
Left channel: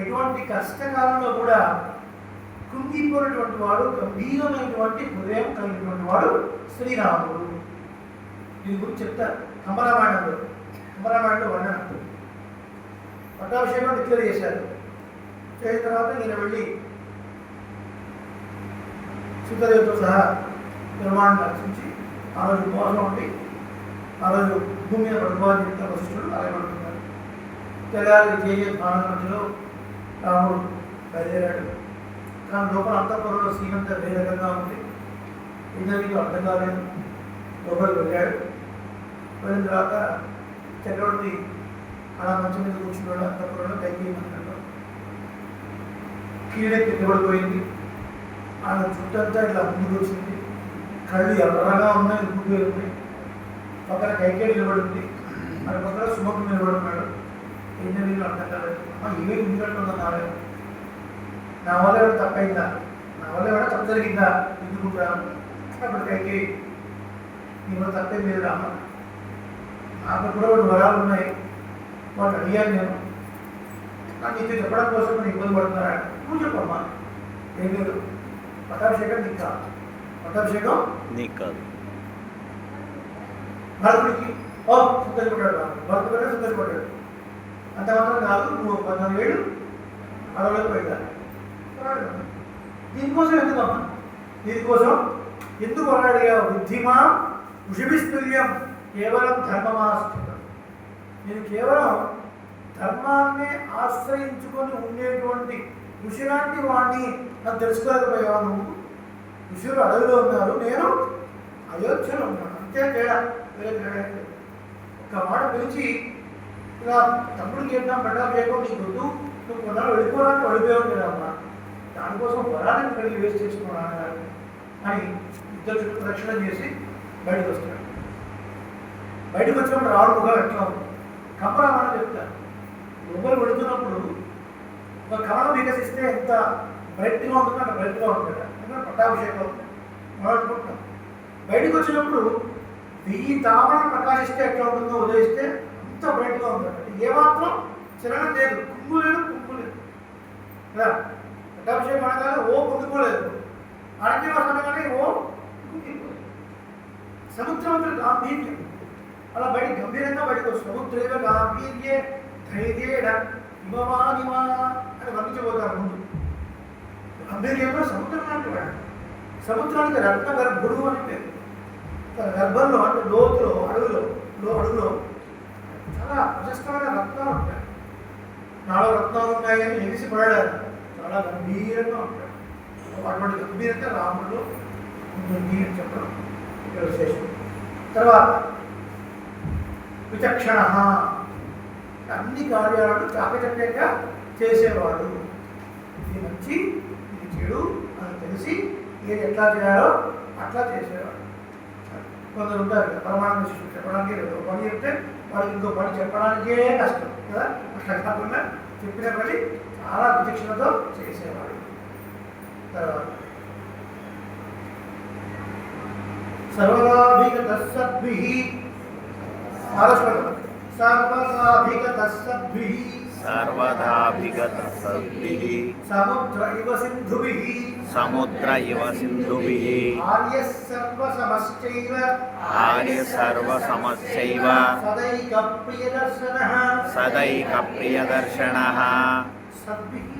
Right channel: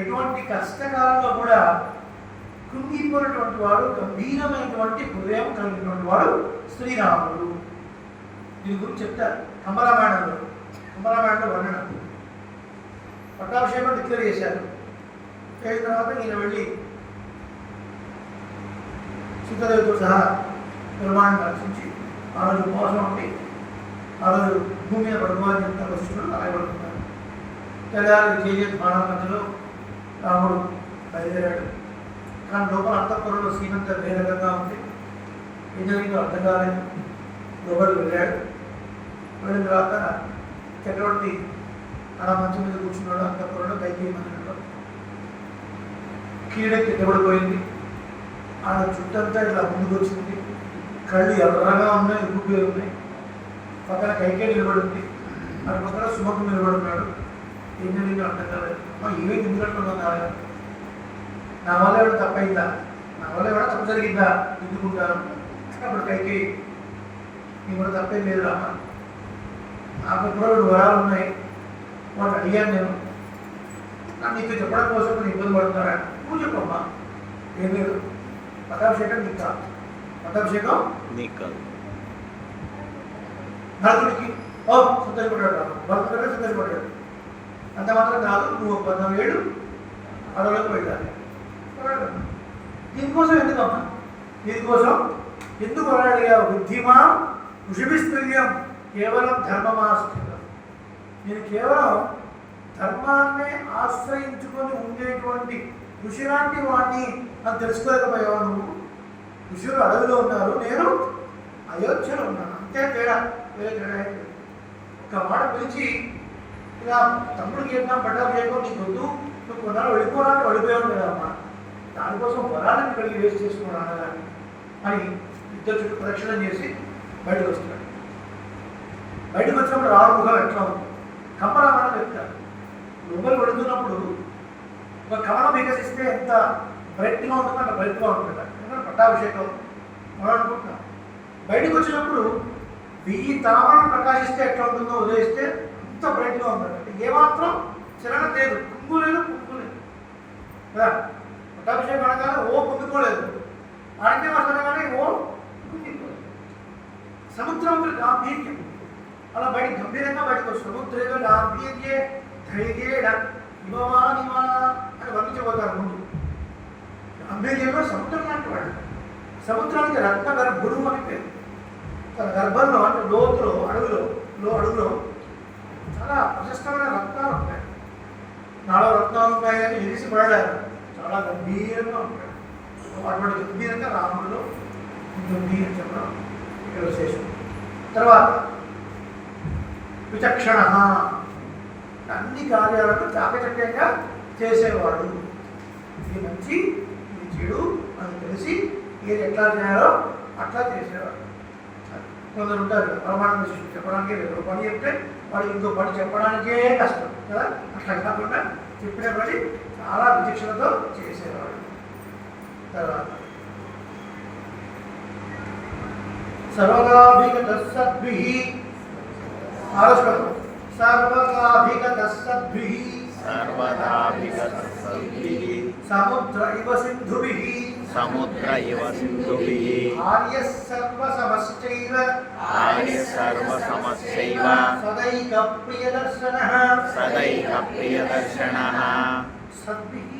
ఎటువంటి కష్టకాలంలో కూడా కృంగిపోయినటువంటి వాడు, గంభీరమైనటువంటి హృదయం కలిగినటువంటి వాడు శ్రీరాముడు. దీని గురించి చెప్తారు కంబరామాయణంలో. కంబరామాయణంలో వర్ణన పట్టాభిషేకం డిక్లేర్ చేశారు. చేసిన తర్వాత ఈయన వెళ్ళి సీతాదేవితో సహా నిర్మాణం దర్శించి ఆ రోజు ఉపవాసం ఉండి ఆ రోజు భూమి మీద పడుకోవాలని చెప్తారు వశిష్ఠుడు. అలాగే పడుతున్నారు. తెల్లారి చేసే బాణాల మధ్యలో రాముడు బయలుదేరాడు. కానీ లోపల అంతఃపురంలో సీనంత వేరే రకంగా ఉంది. ఏం జరిగిందో అర్థం కాలేదు. లోపలికి వెళ్ళాడు. వెళ్ళిన తర్వాత చక్రవర్తి అలా మంచం మీద కూర్చున్నాడు. అంతఃపురంలో కైకేయి మందిరంలో కీడెక్కి తెగబడిపోయింది. ఆమె చుట్టంతా ఇట్లా ముందుకు వచ్చింది. కళ్ళు ఎర్రగా ఉన్నాయి, ఉబ్బిపోయి ఉన్నాయి. పక్కన కైకేయి నిలబడింది. అటు పక్కన సుమకు నిలబడున్నాడు. ఏం జరిగిందో అర్థం కాలేదు. ఇవే ఎందుకంటున్నారు, నా వల్ల ఏమైనా తప్పైందా, నా వల్ల ఏమైనా తప్పు జరిగిందా ఎందుకుంటాను. అప్పుడు కైకేయి నీ కూడా తప్పేం లేదు రామ, నాకు కూడా రెండు వరాలు ఉన్నాయి, వాళ్ళు అడిగాను నేను, నాకు నీకు చెప్పడం కోసం నేను ఇబ్బంది పడుతున్నారా, నువ్వు చెప్పమ్మా. ఏం లేదు, పట్టాభిషేకం నీకు కాదు, పట్టాభిషేకం నీకు కాదు. భరతుడికి సంతోషపడ్డాడు రాము, భరతుడిగా సంతోషపడ్డాడు. అంత మాత్రం కాదు, నువ్వు 14 ఏళ్ళు అడవులకు వెళ్ళాలి. దీనికోసం ఎందుకమ్మా, దీనికోసం ఎందుకు అడిగా బుద్ధిమా ఋషిభిస్తుల్యం కేవలం ధర్మమాశ్రితం. నేను కేవలం ధర్మాన్నే ఆశ్రయించుకొని ఉండేటువంటి ఋషి లాంటి వాడిని అది తెలుసుకోలేకపోయావు నువ్వు. ఋషులు అడవిలో ఉన్నారు, నేను అయోధ్యలో ఉన్నాను, అంతే తేడా, వేరే తేడా లేదు. ఒక మాట పిలిచి ఇలా తమ్ముడికి ఏంటా పట్టాభిషేకం నీకు వద్దు, నువ్వు కొన్నాళ్ళు వెళ్ళిపోవడానికి వెళ్ళిపోయావు కదమ్మా, దానికోసం వరాలను కలిగి వేస్ట్ చేసుకున్నాను కానీ అని ఇద్దరు చుట్టూ ప్రదక్షిణ చేసి బయటకు వస్తున్నాడు. బయటకు వచ్చినప్పుడు రాడు ముఖం ఎట్లా ఉంది, కంపరామాయణం చెప్తారు. లోపలి వెళుతున్నప్పుడు ఒక కమలం వికసిస్తే ఎంత బ్రైట్గా ఉంటుందో అంత బ్రైట్గా ఉంటుంది. ఎందుకంటే పట్టాభిషేకం మనం అనుకుంటున్నాం. బయటకు వచ్చినప్పుడు 1000 తామరలు ప్రకాశిస్తే ఎట్లా ఉంటుందో ఉదయిస్తే అంత బ్రైట్గా ఉంటుంది. ఏమాత్రం చలనం లేదు, కుంగు లేదు, కుంగు లేదు కదా. పట్టాభిషేకం అనగానే ఓ పొందుకోలేదు, అరణ్యవాసం అనగానే ఓ కుంగిపోలేదు. సముద్రం గాంభీర్యం అలా బయట గంభీరంగా బయటకు వస్తుంది. సముద్రేవ గాంభీర్యే ధైర్యేణ ఇమవానిమా అని వర్ణించబోతారు ముందు. గాంభీర్యంలో సముద్రం లాంటి వాడు, సముద్రానికి రత్న గర్భుడు అని పేరు. తన గర్భంలో అంటే లోతులో అడుగులో చాలా ప్రశస్తమైన రత్నాలు ఉంటాయి. నాలో రత్నాలు ఉన్నాయని ఎలిసి పడలేదు, చాలా గంభీరంగా ఉంటాడు. అటువంటి గంభీరంగా రాముడిలో ఉంటుంది అని చెప్పడం ఇక్కడ విశేషం. తర్వాత విచక్షణ, అన్ని కార్యాలను చాకచక్యంగా చేసేవాడు. ఇది మంచి ఇది చెడు అని తెలిసి ఏది ఎట్లా చేయాలో అట్లా చేసేవాడు. కొందరు ఉంటారు కదా పరమానంద శిష్యుడు చెప్పడానికి ఒక పని చెప్తే వాడికి ఇంకో పని చెప్పడానికే కష్టం కదా. అట్లా కాకుండా చెప్పిన పని చాలా విచక్షణతో చేసేవాడు. తర్వాత సర్వగాభిగత సద్భిః ఆరస్పదం సర్వగాభిగత సద్భిః సర్వదాభిగత సద్భిః సముద్ర ఇవ సింధుభిః సముద్ర ఇవ సింధుభిః ఆర్యః సర్వసమశ్చైవ సర్వసమశ్చైవ సదైక ప్రియదర్శనః సదైక ప్రియదర్శనః సద్భిః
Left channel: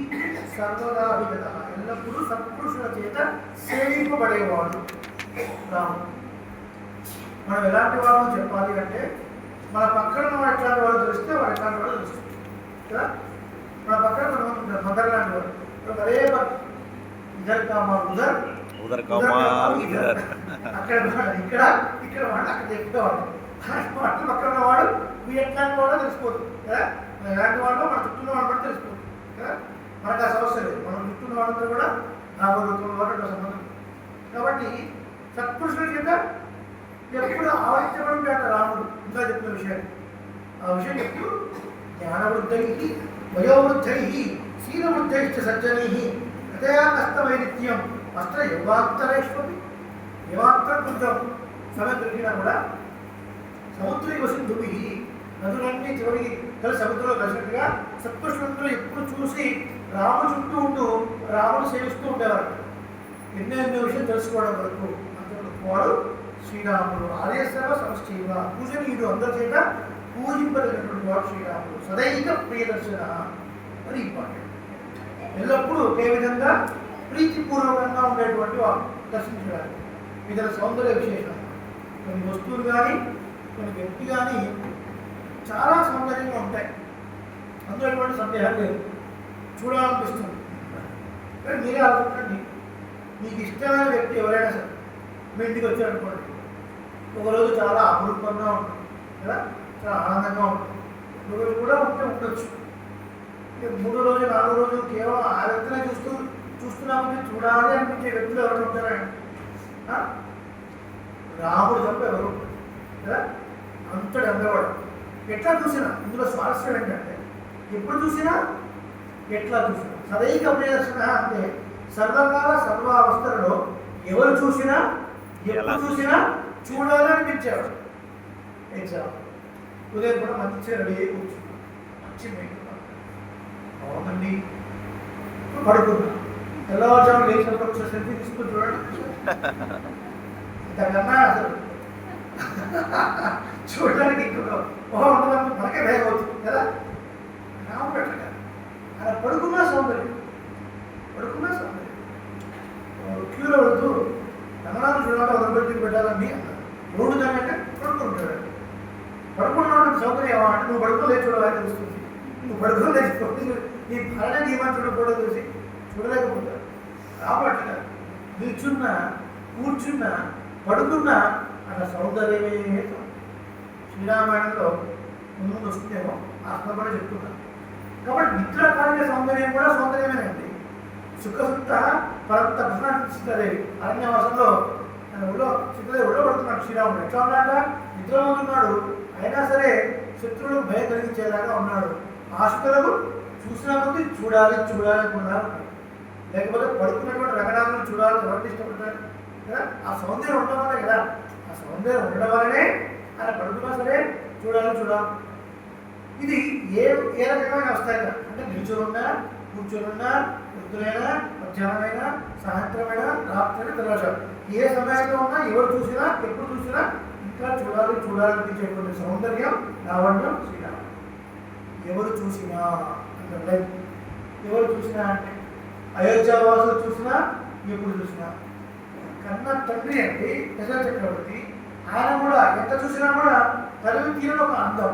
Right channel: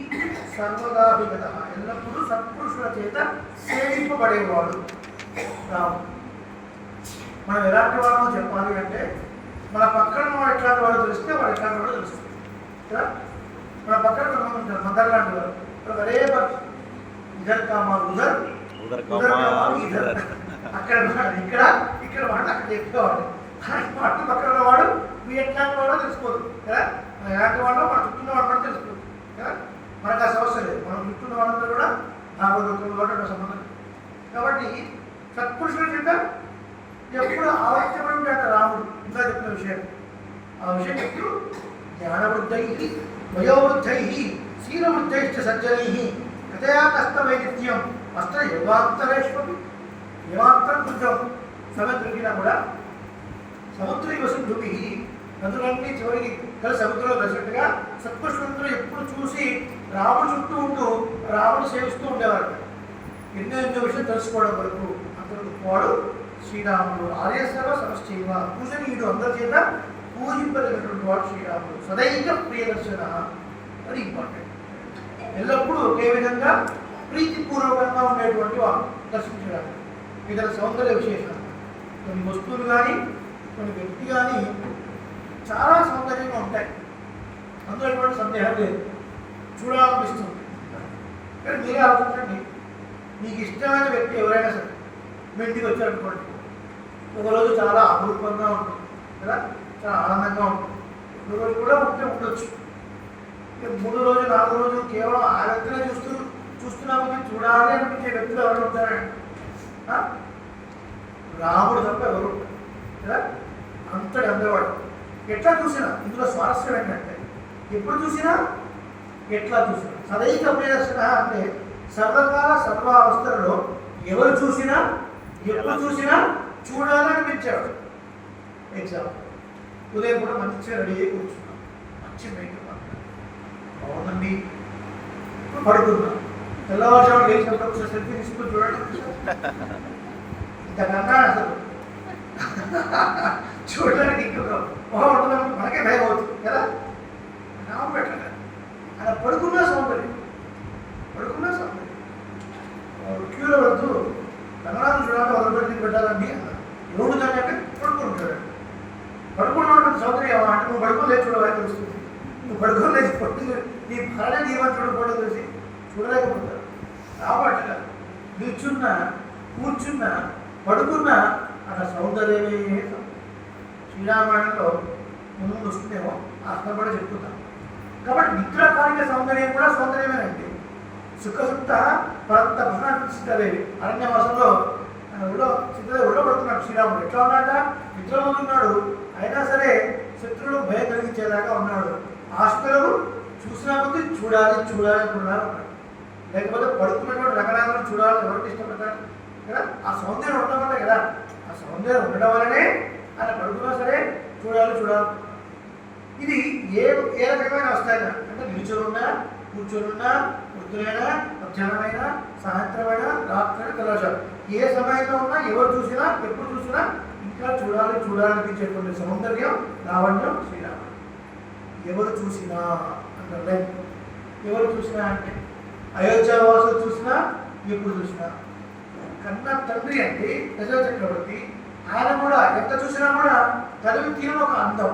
సర్వదాభిగతః ఎల్లప్పుడూ సత్పురుషుల చేత సేవింపబడేవాడు రాముడు. మనం ఎలాంటి వాళ్ళని చెప్పాలి అంటే మన పక్కన వాడు ఎట్లాంటి వాడు తెలిస్తే వాడు ఎట్లాంటి వాడు తెలుస్తుంది కదా. మన పక్కన కొంతమంది ఉంటారు మదర్ లాంటి వాడు అదే ఇద్దరు కామాలు ఉదర్ ఇద్దరు అక్కడ ఇక్కడ ఇక్కడ వాడు అక్కడ చెప్పుకోవాలి. అటు పక్కన వాడు మీ ఎట్లాంటి వాడో తెలిసిపోతుంది కదా. ఎలాంటి వాడో మన చుట్టూ వాడు కూడా తెలిసిపోతుంది కదా. మనకు ఆ సమస్య లేదు. మనం చుట్టూ వాళ్ళందరూ కూడా భాగవతంలో వాడు సంబంధం. కాబట్టి సత్పురుషుల చేత ఎప్పుడు ఆవశ్యపడి ఉంటాడు రాముడు. ఇంకా చెప్పిన విషయం ఆ విషయం చెప్తూ జ్ఞానవృద్ధై వయోవృద్ధై శీలవృద్ధైశ్చ సజ్జనై హృదయా కష్టమై నిత్యం అష్ట యోగాంతరేష్వపి. యోగాంతరం కొంచెం సమయం దొరికినా కూడా సముద్ర ఇవ సింధుభిః నదులన్నీ చివరికి కలిసి సముద్రంలో కలిసినట్టుగా సత్పురుషులందరూ ఎప్పుడు చూసి రాముడు చుట్టూ ఉంటూ రాముడు సేవిస్తూ ఉండేవారు. ఎన్నో విషయం తెలుసుకోవడం వరకు అంతకు వాడు శ్రీరాముడు. ఆర్యసర్వ సమశ్చైవ పూజనీయుడు, అందరి చేత పూజింపదగినటువంటి వాడు శ్రీరాముడు. సదైక ప్రియదర్శన అది ఇంపార్టెంట్. ఎల్లప్పుడూ ఒకే విధంగా ప్రీతిపూర్వకంగా ఉండేటువంటి వాడు దర్శించడానికి. ఇతర సౌందర్య విశేషాలు కొన్ని వస్తువులు కానీ కొన్ని వ్యక్తి కానీ చాలా సౌందర్యంగా ఉంటాయి. అందులో ఎటువంటి సందేహం లేదు, చూడాలనిపిస్తుంది. కానీ మీరే ఆలోచించండి, మీకు ఇష్టమైన వ్యక్తి ఎవరైనా సరే మీ ఇంటికి వచ్చారనుకోండి, ఒకరోజు చాలా అపురూపంగా ఉంటుంది కదా, చాలా ఆనందంగా ఉంటుంది. ఒకరోజు కూడా ఉండొచ్చు. మూడో రోజు నాలుగో రోజు కేవలం ఆ వ్యక్తినే చూస్తున్నామని చూడాలి అనిపించే వ్యక్తులు ఎవరైనా ఉంటారండి? రాముడు తప్ప ఎవరు ఉంటారు కదా. అంతటి అందవాడు. ఎట్లా చూసినా ఇందులో స్వారస్యం ఏంటంటే ఎప్పుడు చూసినా ఎట్లా చూసినా సదైక ప్రియదర్శన అంటే సర్వకాల సర్వావస్థలలో ఎవరు చూసినా ఎప్పుడు చూసినా చూడాలనిపించాడు. ఎగ్జాంపుల్ ఉదయం కూడా మంచిగా రెడీ అయ్యి కూర్చున్నాం, మంచి మేకప్ బాగుందండి, పడుకున్నాం. తెల్లవారుజాము లేచినప్పుడు ఒకసారి సెల్ఫీ తీసుకుని చూడండి. ఇంతకన్నా అసలు చూడడానికి ఇంకొక ఉండడం మనకే భయం అవుతుంది కదా. రాముడు అట్లా కాదు, అలా పడుకున్నా సౌందర్యం. క్యూలో వెళ్తూ రంగనాథుడు చూడాలి వదలబెట్టి పెట్టాలండి అన్నారు. రోడ్డు దాని అంటే పడుకుంటాడు. పడుకున్నాడు సౌందర్యం అంటే నువ్వు పడుకోలేదు చూడాలని తెలుస్తుంది. నువ్వు పడుకోలేదు పొద్దున్న నీ భార్య జీవనం చూడకపోవడం తెలిసి చూడలేకపోతారు. రాబట్ట నిల్చున్నా కూర్చున్నా పడుకున్నా అక్కడ సౌందర్యమే. శ్రీరామాయణంలో ముందు వస్తుందేమో అర్థపడి చెప్తున్నాను. కాబట్టి నిద్రకాలిక సౌందర్యం కూడా సౌందర్యమేనండి. సుఖసుప్త పరంత భ్రమణిస్తారేవి అరణ్యవాసంలో సీతాదేవి ఒళ్ళో పడుతున్నాడు శ్రీరాముడు. ఎట్లా ఉన్నాడ? నిద్రపోతున్నాడు. అయినా సరే శత్రువులకు భయం కలిగించేలాగా ఉన్నాడు. ఆశులకు చూసినా కొద్దీ చూడాలి అనుకున్నారు. లేకపోతే పడుకున్నటువంటి రంగనాథులను చూడాలని ఎవరికి ఇష్టపడతారు కదా. ఆ సౌందర్యం ఉండడం వల్లే కదా. ఆ సౌందర్యం ఉండడం వల్లనే ఆయన పడుకున్నా సరే చూడాలి. ఇది ఏ రకమైన వస్తాయి అంటే నిల్చొనున్నా కూర్చొనున్నా పొద్దునైనా మధ్యాహ్నమైనా సాయంత్రమైనా రాత్రి తెల్లవారు ఏ సమయంలో ఉన్నా ఎవరు చూసినా ఎప్పుడు చూసినా ఇంకా చూడాలనిపించేటువంటి సౌందర్యం లావణ్యం శ్రీరాముడు. ఎవరు చూసినా అంటే ఎవరు చూసినా అంటే అయోధ్యావాసులు చూసినా ఎప్పుడు చూసినా కన్న తండ్రి అంటే దశరథ చక్రవర్తి. ఆయన కూడా ఎంత చూసినా కూడా తల్లి తీరని ఒక అందం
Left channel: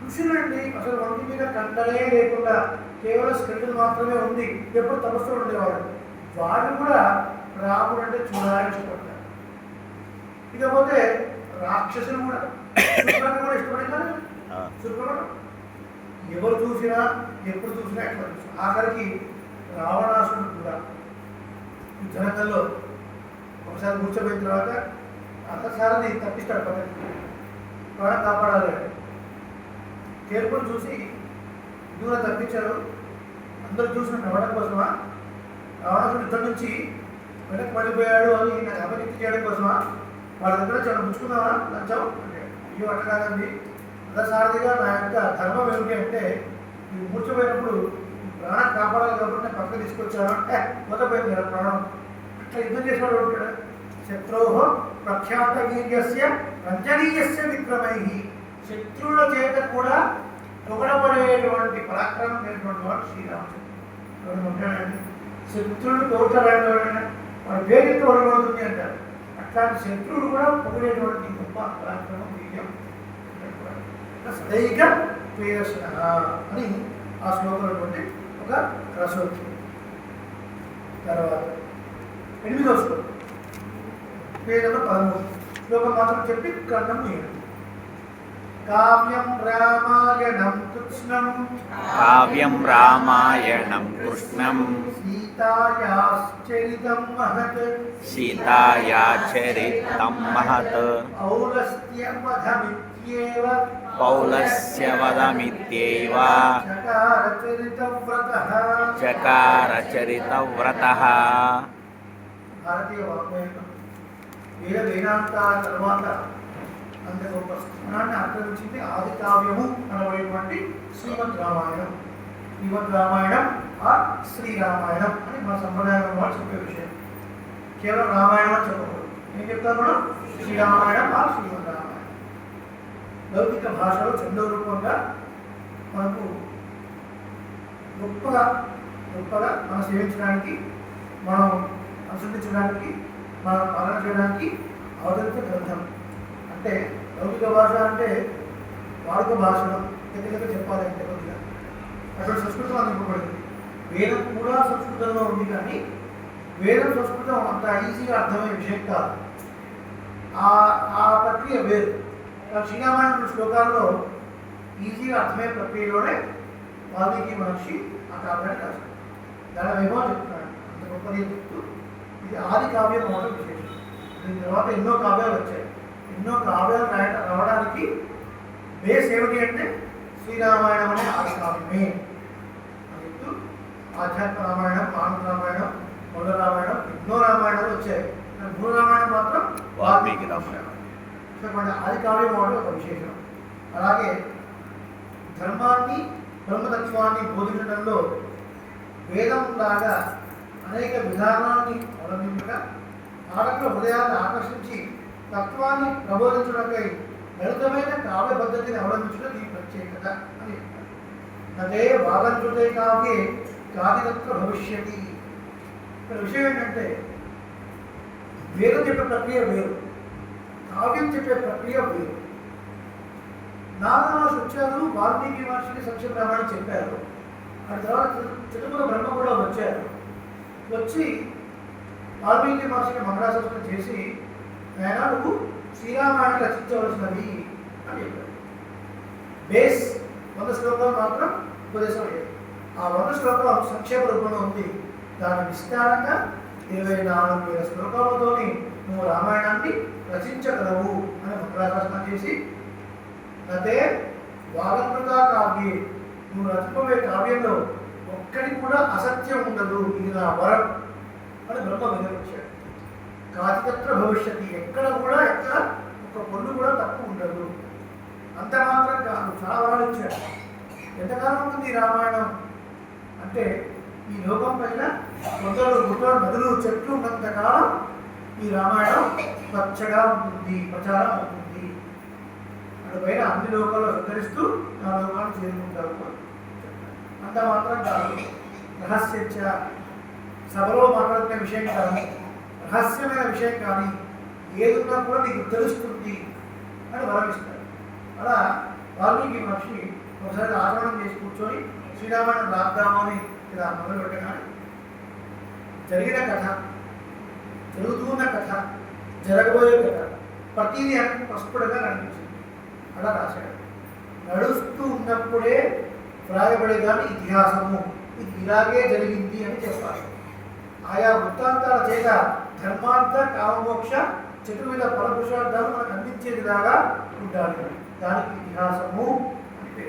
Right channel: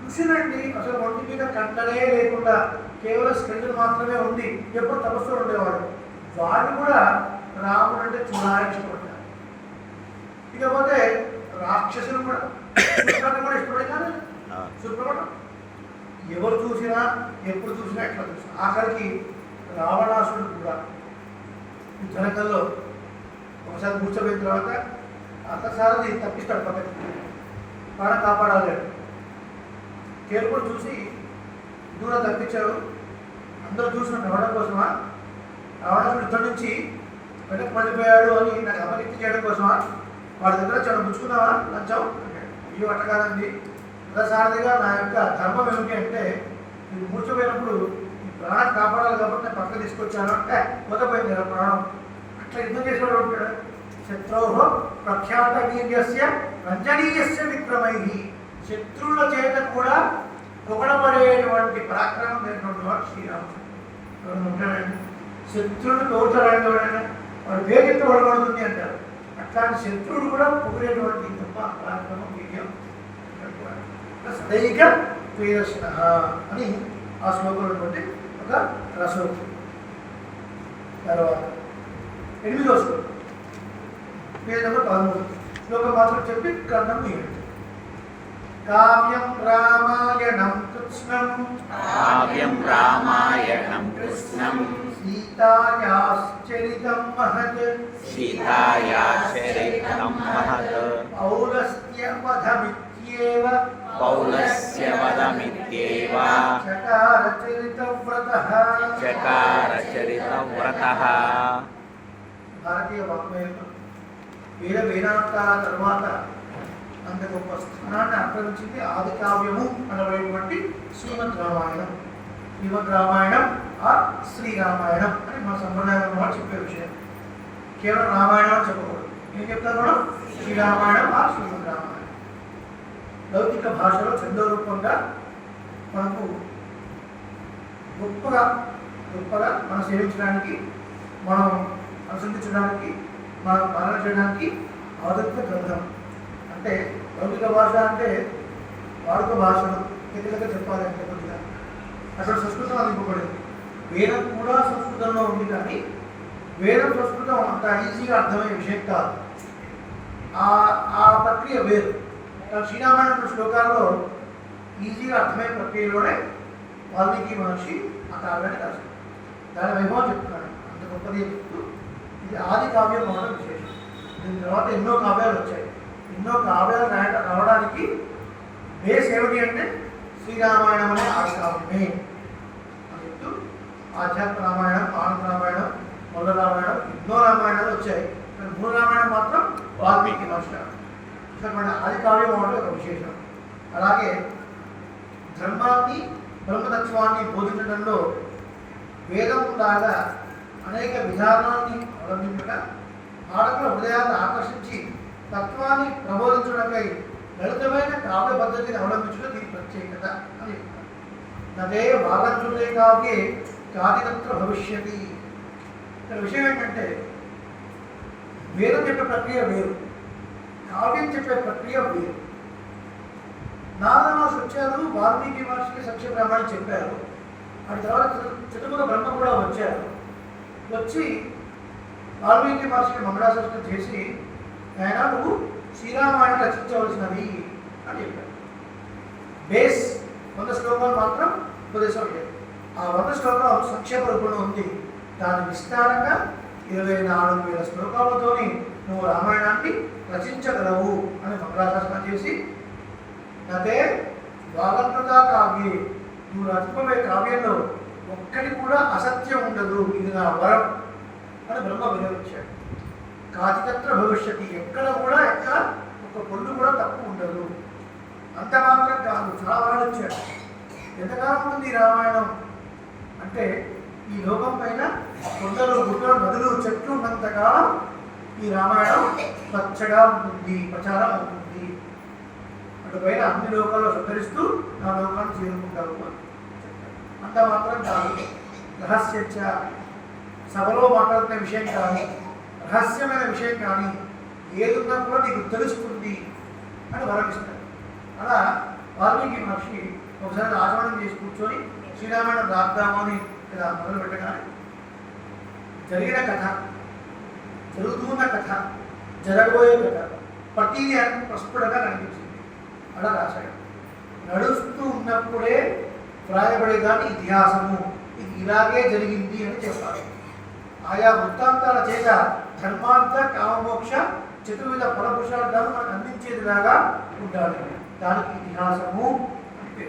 చూసినండి. అసలు ఒంటి మీద కంటనే లేకుండా కేవలం స్కెల్టన్ మాత్రమే ఉంది. ఎప్పుడు తపస్సులో ఉండేవాడు. వాడు కూడా రాముడు అంటే చూడాలని ఇష్టపడతారు. ఇకపోతే రాక్షసులు కూడా ఇష్టపడతారు. సుప్రమణం ఎవరు చూసినా ఎప్పుడు చూసినా ఎట్లా చూసినా ఆఖరికి రావణాసుడు కూడా ఈ జనకల్లో ఒకసారి కూర్చోబోయిన తర్వాత అక్కసారి తప్పిస్తాడు పక్కకి, ప్రాణం కాపాడాలి అంటే కేర్పుడు చూసి దూరం తప్పించాడు. అందరూ చూసిన నవ్వడం కోసమా, రావణాసుడు యుద్ధం నుంచి వెనక్కి పడిపోయాడు అని నాకు అపనిక్తి చేయడం కోసమా, వాడి దగ్గర చాలా పుచ్చుకున్నావా లంచం అంటే, అయ్యో అట్ట కాదండి, రథసారథిగా నా యొక్క ధర్మం ఏమిటి అంటే నీకు కూర్చోపోయినప్పుడు ప్రాణం కాపాడాలి కాబట్టి నేను పక్కన తీసుకొచ్చాను అంటే పోతపోయింది కదా ప్రాణం. అట్లా యుద్ధం చేసేవాడు ఉంటాడు. శత్రువు ప్రఖ్యాత వీర్యస్య రంజనీయస్య విక్రమై, శత్రువుల చేత కూడా పొగడబడేటువంటి పరాక్రమం లేనటువంటి వాడు శ్రీరామచంద్రుడు ఉంటాడండి. శత్రువుడు తోటలాడినవాడైనా వాడు వేగెత్తు పడబడుతుంది అంటారు. అట్లాంటి శత్రువుడు కూడా పొగిడేటువంటి గొప్ప పరాక్రమం వీర్యం సదైక ప్రియదర్శన అని ఆ శ్లోకంలో ఒక రసోక్తి. తర్వాత 8వ శ్లోకం పేజ్ నెంబర్ 13 శ్లోకం మాత్రం చెప్పి గ్రంథం ముయ్యండి. కావ్యం రామాయణం కృష్ణం సీతాయాశ్చరితం మహత్ పౌలస్య వధమిత్యేవ చకార చరితవ్రతః. భారతీయ వాగ్మయంలో వేద వేదాంతాల తర్వాత అంత గొప్ప స్థానాన్ని ఆక్రమించింది ఆది కావ్యము అనబడేటువంటి శ్రీమద్ రామాయణం. శ్రీమద్ రామాయణం ఆర్ శ్రీరామాయణం అని మా సంప్రదాయం వాళ్ళు చెప్పే విషయం. కేవలం రామాయణం అని చెప్పకూడదు. ఏం చెప్తాను కూడా శ్రీరామాయణం ఆర్ శ్రీమద్ రామాయణం. లౌకిక భాషలో చందో రూపంగా మనకు గొప్పగా మనం సేవించడానికి, మనం అనుసరించడానికి, మనం పాలన చేయడానికి అవతరిత గ్రంథం. అంటే లౌకిక భాష అంటే వాడుక భాషను గట్టిగా చెప్పాలి అంటే కొద్దిగా అక్కడ సంస్కృతం అందింపబడింది. వేదం కూడా సంస్కృతంలో ఉంది, కానీ వేదం సంస్కృతం అంత ఈజీగా అర్థమయ్యే విషయం కాదు. ఆ ప్రక్రియ వేరు. శ్రీరామాయణ శ్లోకాల్లో ఈజీగా అర్థమయ్యే ప్రక్రియలోనే వాల్మీకి మహర్షి ఆ కావ్యాన్ని రాశారు. దాని వైభవం చెప్తున్నాడు, అంత గొప్పది చెప్తూ ఇది ఆది కావ్యం అవడం విశేషం. దీని తర్వాత ఎన్నో కావ్యాలు వచ్చాయి. ఎన్నో కావ్యాలు రావడానికి బేస్ ఏమిటి అంటే శ్రీరామాయణం అనే ఆది కావ్యమే అని చెప్తూ ఆధ్యాత్మ రామాయణం, ఆనంద రామాయణం, మొదల రామాయణం, ఎన్నో రామాయణాలు వచ్చాయి. కానీ మూల రామాయణం మాత్రం వాల్మీకి మహర్షి ఆది కావ్యం అవడం ఒక విశేషం. అలాగే ధర్మాన్ని, బ్రహ్మతత్వాన్ని బోధించడంలో వేదం లాగా అనేక విధానాన్ని అవలంబించగా పాఠకుల హృదయాన్ని ఆకర్షించి తత్వాన్ని ప్రబోధించడంపై లలితమైన కావ్య పద్ధతిని అవలంబించడం దీని ప్రత్యేకత అని చెప్తారు. నదే వాగంతులే కావ్యే కాదితత్ర భవిష్యతి. ఇక్కడ విషయం ఏంటంటే వేదం చెప్పే ప్రక్రియ వేరు, కావ్యం చెప్పే ప్రక్రియ వేరు. నారద మహర్షి వచ్చారు, వాల్మీకి మహర్షికి సంక్షేమ రామాయణం చెప్పారు. ఆ తర్వాత చతుర్ముఖ బ్రహ్మ కూడా వచ్చారు. వచ్చి వాల్మీకి మహర్షికి మంగళాశాసనం చేసి ఆయన నువ్వు శ్రీరామాయణం రచించవలసినది అని చెప్పాడు. బేస్ 100 శ్లోకాలు మాత్రం ఉపదేశం లేదు. ఆ 100 శ్లోకాలు సంక్షేప రూపంలో ఉంది. దాని విస్తారంగా 24,000 శ్లోకాలతోని నువ్వు రామాయణాన్ని రచించగలవు అని మంగళాశాసనం చేసి అదే వాగంకృత కావ్యే, నువ్వు రచింపబోయే కావ్యంలో ఒక్కడి కూడా అసత్యం ఉండదు, ఇది నా వరం అని బ్రహ్మ వివరించాడు. కాచితత్ర భవిష్యత్తు, ఎక్కడ ఒక పొల్లు కూడా తప్పు ఉండదు. అంత మాత్రం కాదు, చాలా వరాలు వచ్చాడు. ఎంతకాలం ఉంది రామాయణం అంటే ఈ లోకం పైన కొండలు, గుట్టలు, నదులు, చెట్లు ఉన్నంతకాలం ఈ రామాయణం పచ్చగా ఉంటుంది, ప్రచారం అవుతుంది. అటుపైన అన్ని లోకాల్లో సంతరిస్తూ నా లోకాన్ని చేరుకుంటావు. అంత మాత్రం కాదు, రహస్యచ్చ, సభలో మాట్లాడుతున్న విషయం కానీ, రహస్యమైన విషయం కానీ ఏదున్నా కూడా నీకు తెలుస్తుంది అని వరమిస్తారు. అలా వాల్మీకి మహర్షి ఒకసారి ఆచరణం చేసి కూర్చొని శ్రీరామాయణం రాద్దామని ఇలా మొదలు పెట్టగానే జరిగిన కథ, జరుగుతున్న కథ, జరగబోయే కథ ప్రతిదీ అని ప్రస్ఫుటంగా కనిపించింది. అలా రాశాడు. నడుస్తూ ఉన్నప్పుడే వ్రాయబడేదాన్ని ఇతిహాసము ఇది ఇలాగే జరిగింది అని చెప్పాలి. ఆయా వృత్తాంతాల చేత ధర్మార్థ కామమోక్ష చతుర్విధ ఫలపురుషార్థాలు మనకు అందించేదిలాగా ఉండాలి. దానికి ఇతిహాసము అంటే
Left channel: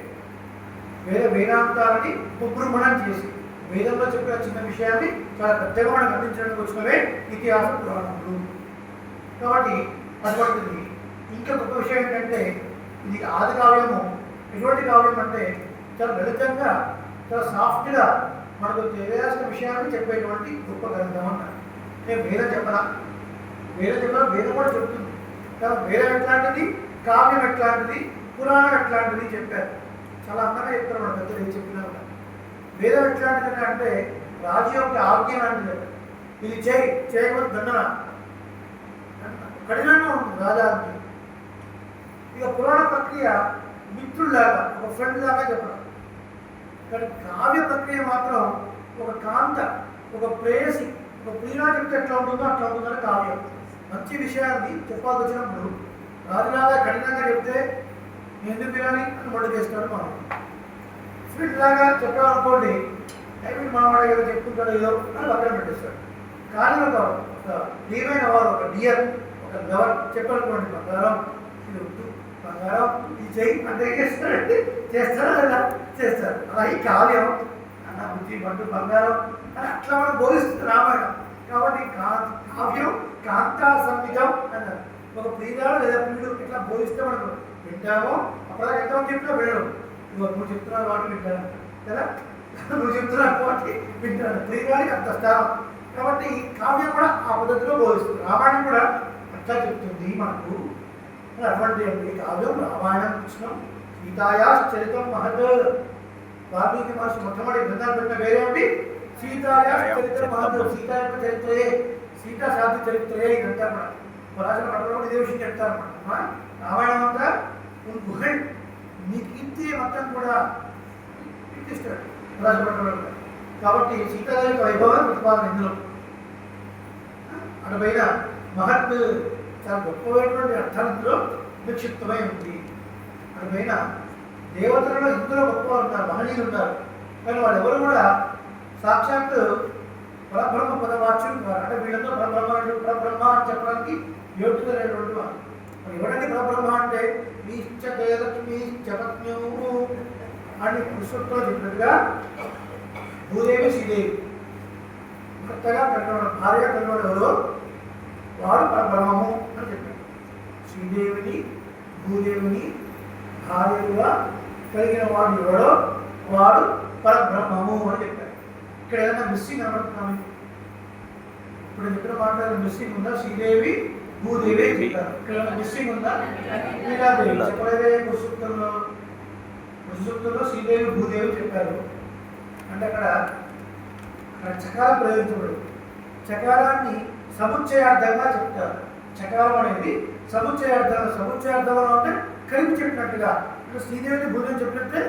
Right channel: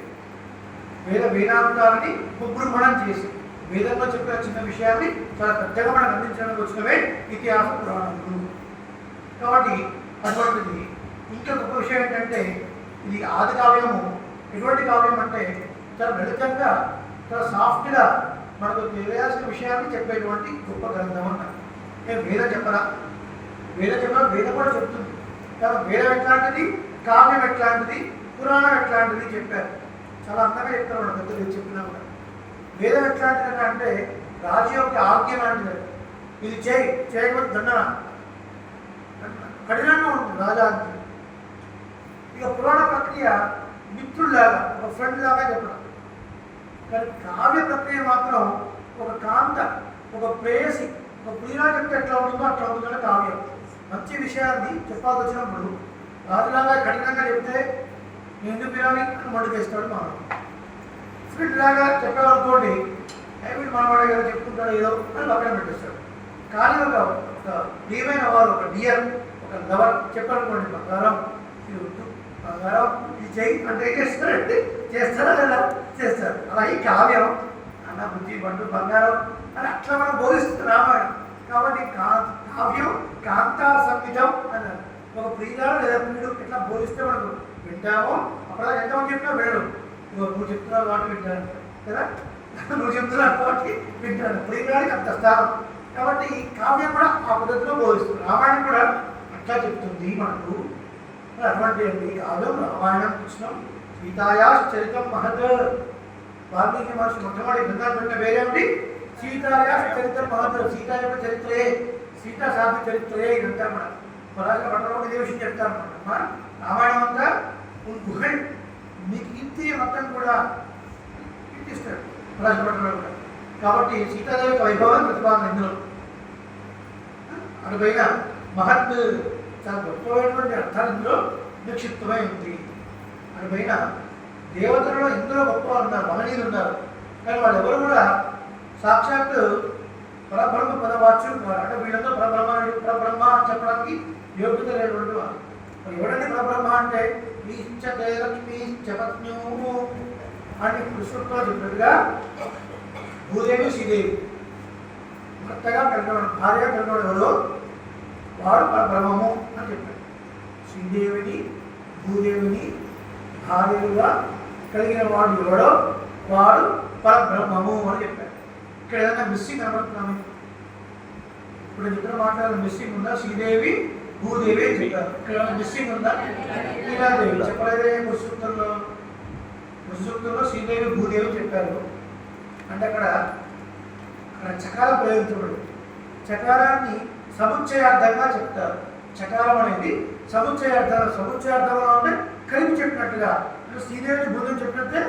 వేదాంతాలని ఉపబృంహణం చేసి వేదంలో చెప్పిన చిన్న విషయాన్ని చాలా పెద్దగా మనకు అందించడానికి వచ్చినవే ఇతిహాస పురాణములు. కాబట్టి అటువంటిది ఇంకా గొప్ప విషయం ఏంటంటే ఇది ఆది కావ్యము. ఎటువంటి కావ్యం అంటే చాలా లలితంగా చాలా సాఫ్ట్గా మనకు తెలియాల్సిన విషయాన్ని చెప్పేటువంటి గొప్ప గ్రంథం అన్నారు. నేను వేదం చెప్పరా, వేదం కూడా చెప్తుంది. కాబట్టి వేదం ఎట్లాంటిది, కావ్యం ఎట్లాంటిది, పురాణం ఎట్లాంటిది చెప్పారు. చాలా అందంగా చెప్తారు మన పెద్దలు చెప్పినా కూడా. వేదం ఎట్లాంటిది అంటే రాజు యొక్క ఆజ్ఞ లాంటిది. ఇది చేయకపోతే దండన కఠినంగా ఉంటుంది రాజాజ్ఞ. ఇక పురాణ ప్రక్రియ మిత్రుల్లాగా ఒక ఫ్రెండ్ లాగా చెప్పడం. కానీ కావ్య ప్రక్రియ మాత్రం ఒక కాంత, ఒక ప్రేయసి, ఒక ప్రియులా చెప్తే ఎట్లా ఉంటుందో అట్లా ఉంటుందని కావ్యం. మంచి విషయాన్ని చెప్పాల్సి వచ్చినప్పుడు రాజులాగా కఠినంగా చెప్తే ఎందుకు పిల్లవి అని మండుకేస్తాడు మనం. ఫ్రెండ్ లాగా చెప్పామనుకోండి, వీడు మనవాడు ఏదో చెప్తుంటాడు ఏదో అని పక్కన పెట్టేస్తాడు. కానీ ఒక ప్రియమైన వారు, ఒక డియర్, ఒక లవర్ చెప్పాలనుకోండి, బంగారం ఇది వద్దు, బంగారం ఇది చెయ్యి అంటే చేస్తాడంటే చేస్తారా లేదా చేస్తారు. అలా ఈ కావ్యం అన్న బుద్ధి బంటు బంగారం అని అట్లా మనం బోధిస్తుంది రామాయణం. కాబట్టి కావ్యం కాంతా సంగీతం అన్నారు. ఒక ప్రియురాలు లేదా ప్రియుడు ఎట్లా బోధిస్తే మనకు వింటామో అప్పుడు ఎంతమంది చెప్పినా వినడం. నువ్వు చెప్తున్నావు వాటి వింటాను కదా, నువ్వు చెప్తున్నావు వాటి వింటాను. ప్రియురాడికి అంత స్థానం. కాబట్టి కావ్యం కూడా ఆ పద్ధతిలో బోధిస్తుంది. రామాయణం కూడా అట్లా చెప్తుంది మనకు. అటువంటి కావ్యం రామాయణం కృష్ణం సీతాయా చరితం మహత్. వాల్మీకి మహర్షి మొట్టమొదటి గ్రంథాలు పెట్టిన వేరేమిటి? సీతాయా చరిత్ర మహత్. సీత యొక్క చరిత్రయే, సీతా సాధు చరిత్రయే ఇదంతా మన రాసిన పట్టణంలో ఇదే విషయం చెప్తారన్నమాట. రామాయణం అంతా గుహన్ నీ కీర్తి మొత్తం కూడా కీర్తిస్తాడు రాసిన పట్టణంలో కూడా. కాబట్టి సీతాదేవి యొక్క వైభవం ప్రతిపాదన ఇందులో. అటుపైన మహత్ చాలా గొప్పమైనటువంటి అర్థాలు ఇందులో నిక్షిప్తమై ఉంది. అటుపైన దేవతలలో ఇందులో గొప్ప ఉన్నారు, మహనీయులు ఉన్నారు. కానీ వాళ్ళు ఎవరు కూడా సాక్షాత్ పరబ్రహ్మ పదవాచ్యులు కాదు. అంటే వీళ్ళందరూ పరబ్రహ్మ అని చెప్పడానికి యోగ్యత లేనటువంటి వారు. ఎవరండి పరబ్రహ్మ అంటే ఈశ్చతే లక్ష్మీ చపత్న్యూ అని కృష్ణుడితో చెప్పినట్టుగా భూదేవి శ్రీదేవి భర్తగా కలగడం, భార్యగా కలగడం ఎవరో వాడు పరబ్రహ్మము అని చెప్పాడు. శ్రీదేవిని భూదేవిని భార్యగా కలిగిన వాడు ఎవడో వాడు పరబ్రహ్మము అని చెప్పాడు. ఇక్కడ ఏదైనా మిస్సింగ్ కనబడుతున్నాము? ఇప్పుడు చెప్పిన మాటలు మిస్సింగ్ ఉందా? శ్రీదేవి భూదేవి చెప్పారు. ఇక్కడ ఏమైనా మిస్సింగ్ ఉందా? శ్రీదేవి చెప్పలేదే. ముసుక్తుల్లో శ్రీదేవి భూదేవి చెప్పారు. అంటే అక్కడ చకారం ప్రయోగించబడి చకారాన్ని సముచ్చయార్థంగా చెప్తారు. చకారం అనేది సముచ్చయార్థం అంటే కలిపి చెప్పినట్టుగా. అంటే శ్రీదేవిని భూదేవి చెప్పినట్టే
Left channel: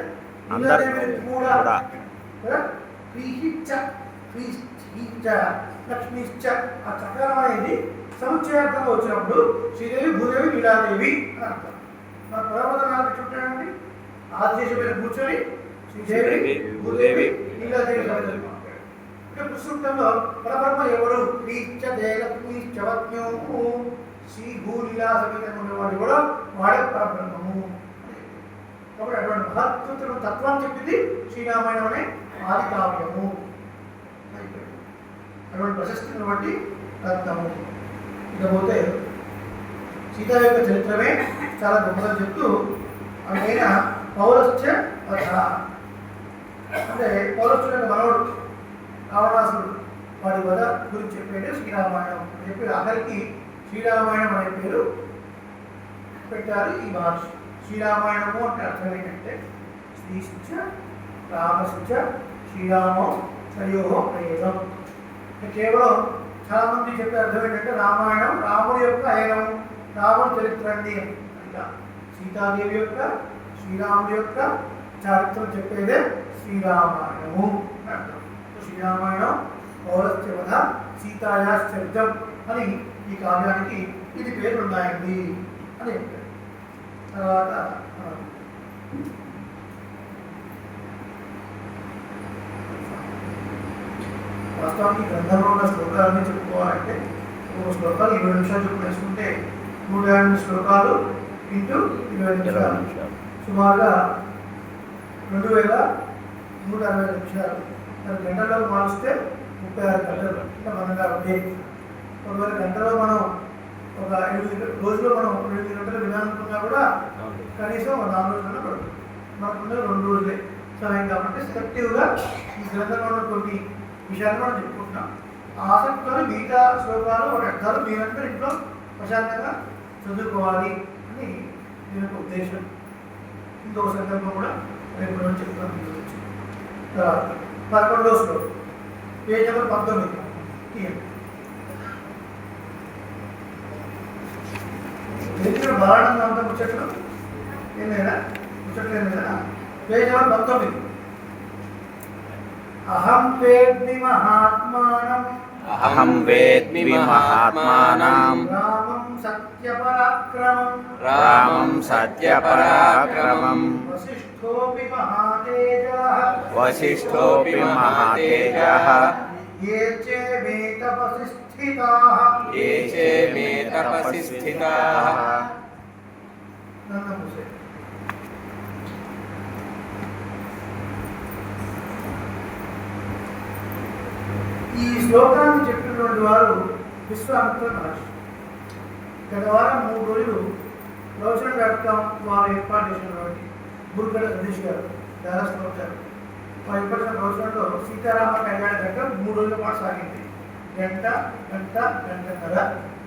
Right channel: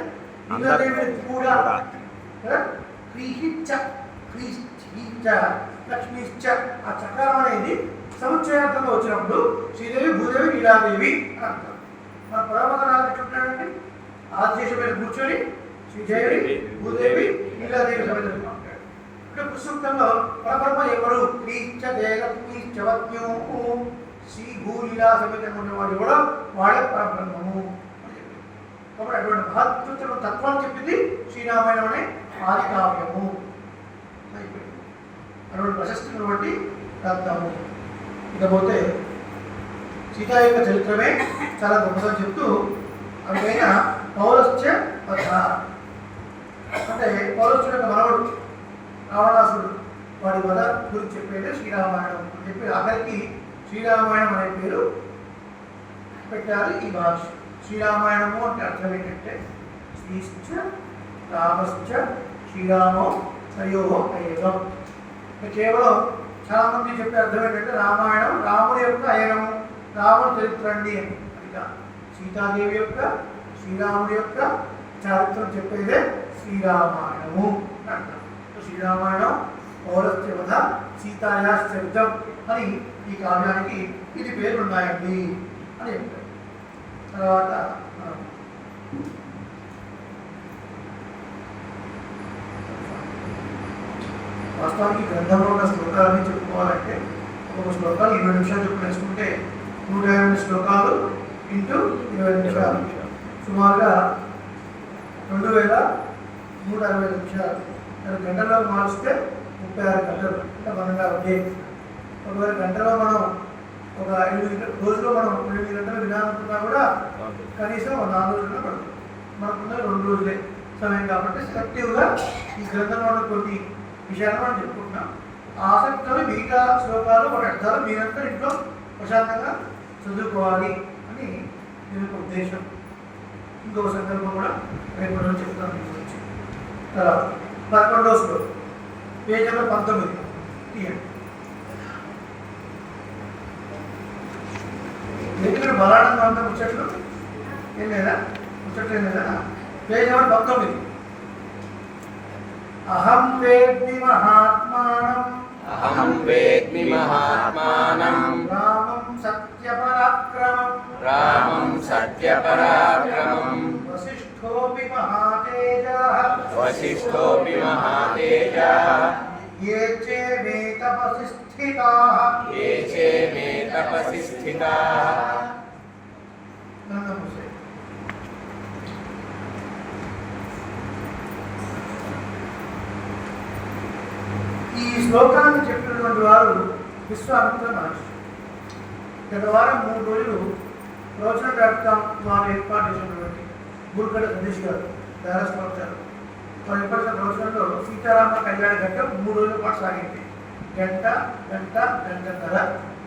ఇంద్రదేవిని కూడా కదా. లక్ష్మీశ్చ ఆ చకారం అనేది సముచ్చయార్థంగా వచ్చినప్పుడు శ్రీదేవి భూదేవి నీలాదేవి అని అంటారు. మన పరమత నాలుగు ఎట్లుంటాడండి? ఆదిశేషు మీద కూర్చొని శ్రీదేవి భూదేవి నీలాదేవి సమితులు అంటాడు. అంటే పుస్తకంలో పరబ్రహ్మ ఎవరు? లక్ష్మీశ్చవత్యూ శ్రీ భూలీలా సమితం ఉన్నవాడు కూడా వాడే పరబ్రహ్మము. కాబట్టి అటువంటి మహత్వతను తత్వాన్ని చెప్పింది శ్రీరామాయణం అనే ఆది కావ్యము. అటువంటి ప్రశస్తిని బట్టి రాద్దాము. ఇకపోతే సీతా యొక్క చరిత్రమే చాలా గొప్పగా చెప్తూ అవిపైన పౌరస్య వధ అంటే పౌరస్తుడు యొక్క మనవడు రావణాసుడు వాడి వధ గురించి చెప్పేది శ్రీరామాయణం అని చెప్పి ఆఖరికి శ్రీరామాయణం అనే పేరు పెట్టారు ఈ భాష. శ్రీరామాయణము అంటే అర్థం ఏంటంటే శ్రీశ్చ రామశ్చ శ్రీరామం తయోహో అయనం. కేవలం చాలామంది చెప్పే అర్థం ఏంటంటే రామాయణం రాముడి యొక్క అయనము, రాముడి చరిత్ర అండి అని. సీతాదేవి యొక్క శ్రీరాముడి యొక్క చరిత్ర చెప్పేదే శ్రీరామాయణము అంటారు. శ్రీరామాయణం పౌరస్య వధ సీతాయాశ్చరితం అని ఈ కావ్యానికి ఇది పేర్లు ఉన్నాయండి అని చెప్పారు. తర్వాత వాస్తవానికి గ్రంథంలో ఉన్న శ్లోకాలని చెప్పుకోవాలంటే ఒక్కొక్క శ్లోకాలు 20 నిమిషాలు చెప్పు వేసుకుంటే 150 శ్లోకాలు ఇంటూ 20 నిమిషాలు సుమారుగా 2160 నిమిషాలు. మరి గంటల్లో మారుస్తే 36 గంటలు అంటే 1 డే. ఒకవేళ గంటలో మనం ఒక 8 రోజులో మనం 8 గంటలు వినాలనుకున్నా కూడా కనీసం 4 రోజుల్లో పడుతుంది. మనకున్న 2 రోజులే సమయం కాబట్టి సెలెక్టివ్గా ఈ గ్రంథంలో ఉన్న కొన్ని విషయాలు మనం చెప్పుకుంటున్నాం. ఆసక్తితో మిగతా శ్లోకాలు ఒక అర్థాలు మీరంతా ఇంట్లో ప్రశాంతంగా చదువుకోవాలి అని నేను ఒక ఉద్దేశం. ఇంకొక సంకల్పం కూడా రేపు రోజు చెప్తాను మీ గురించి. తర్వాత 11వ శ్లోకం పేజ్ నెంబర్ 19 తీయండి. దగ్గర బలాడంగా ఉంటే ముచ్చట్లు ఏం లేదా? ముచ్చట్లు ఏం లేదా? Page number 19. అహం వేద్మి మహాత్మానం అహం వేద్మి మహాత్మానం రామం సత్యపరాక్రమం రామం సత్యపరాక్రమం వసిష్ఠోపి మహాతేజః వసిష్ఠోపి మహాతేజః ఏ చే మే తపసి స్థితాః ఏ చే మే తపసి స్థితాః. నందమూసే ఈ శ్లోకాన్ని చెప్పినటువంటి వారు విశ్వామిత్ర మహర్షి. గత వారం 3 రోజులు ప్రవచన.com వారు ఏర్పాటు చేసినటువంటి బుర్గడ సతీష్ గారు దారాస్వామి వారు ఏర్పడిన ప్రవచనంలో సీతారామ కళ్యాణ ఘట్టం 3 రోజుల పాటు సాగింది. గంటన్నర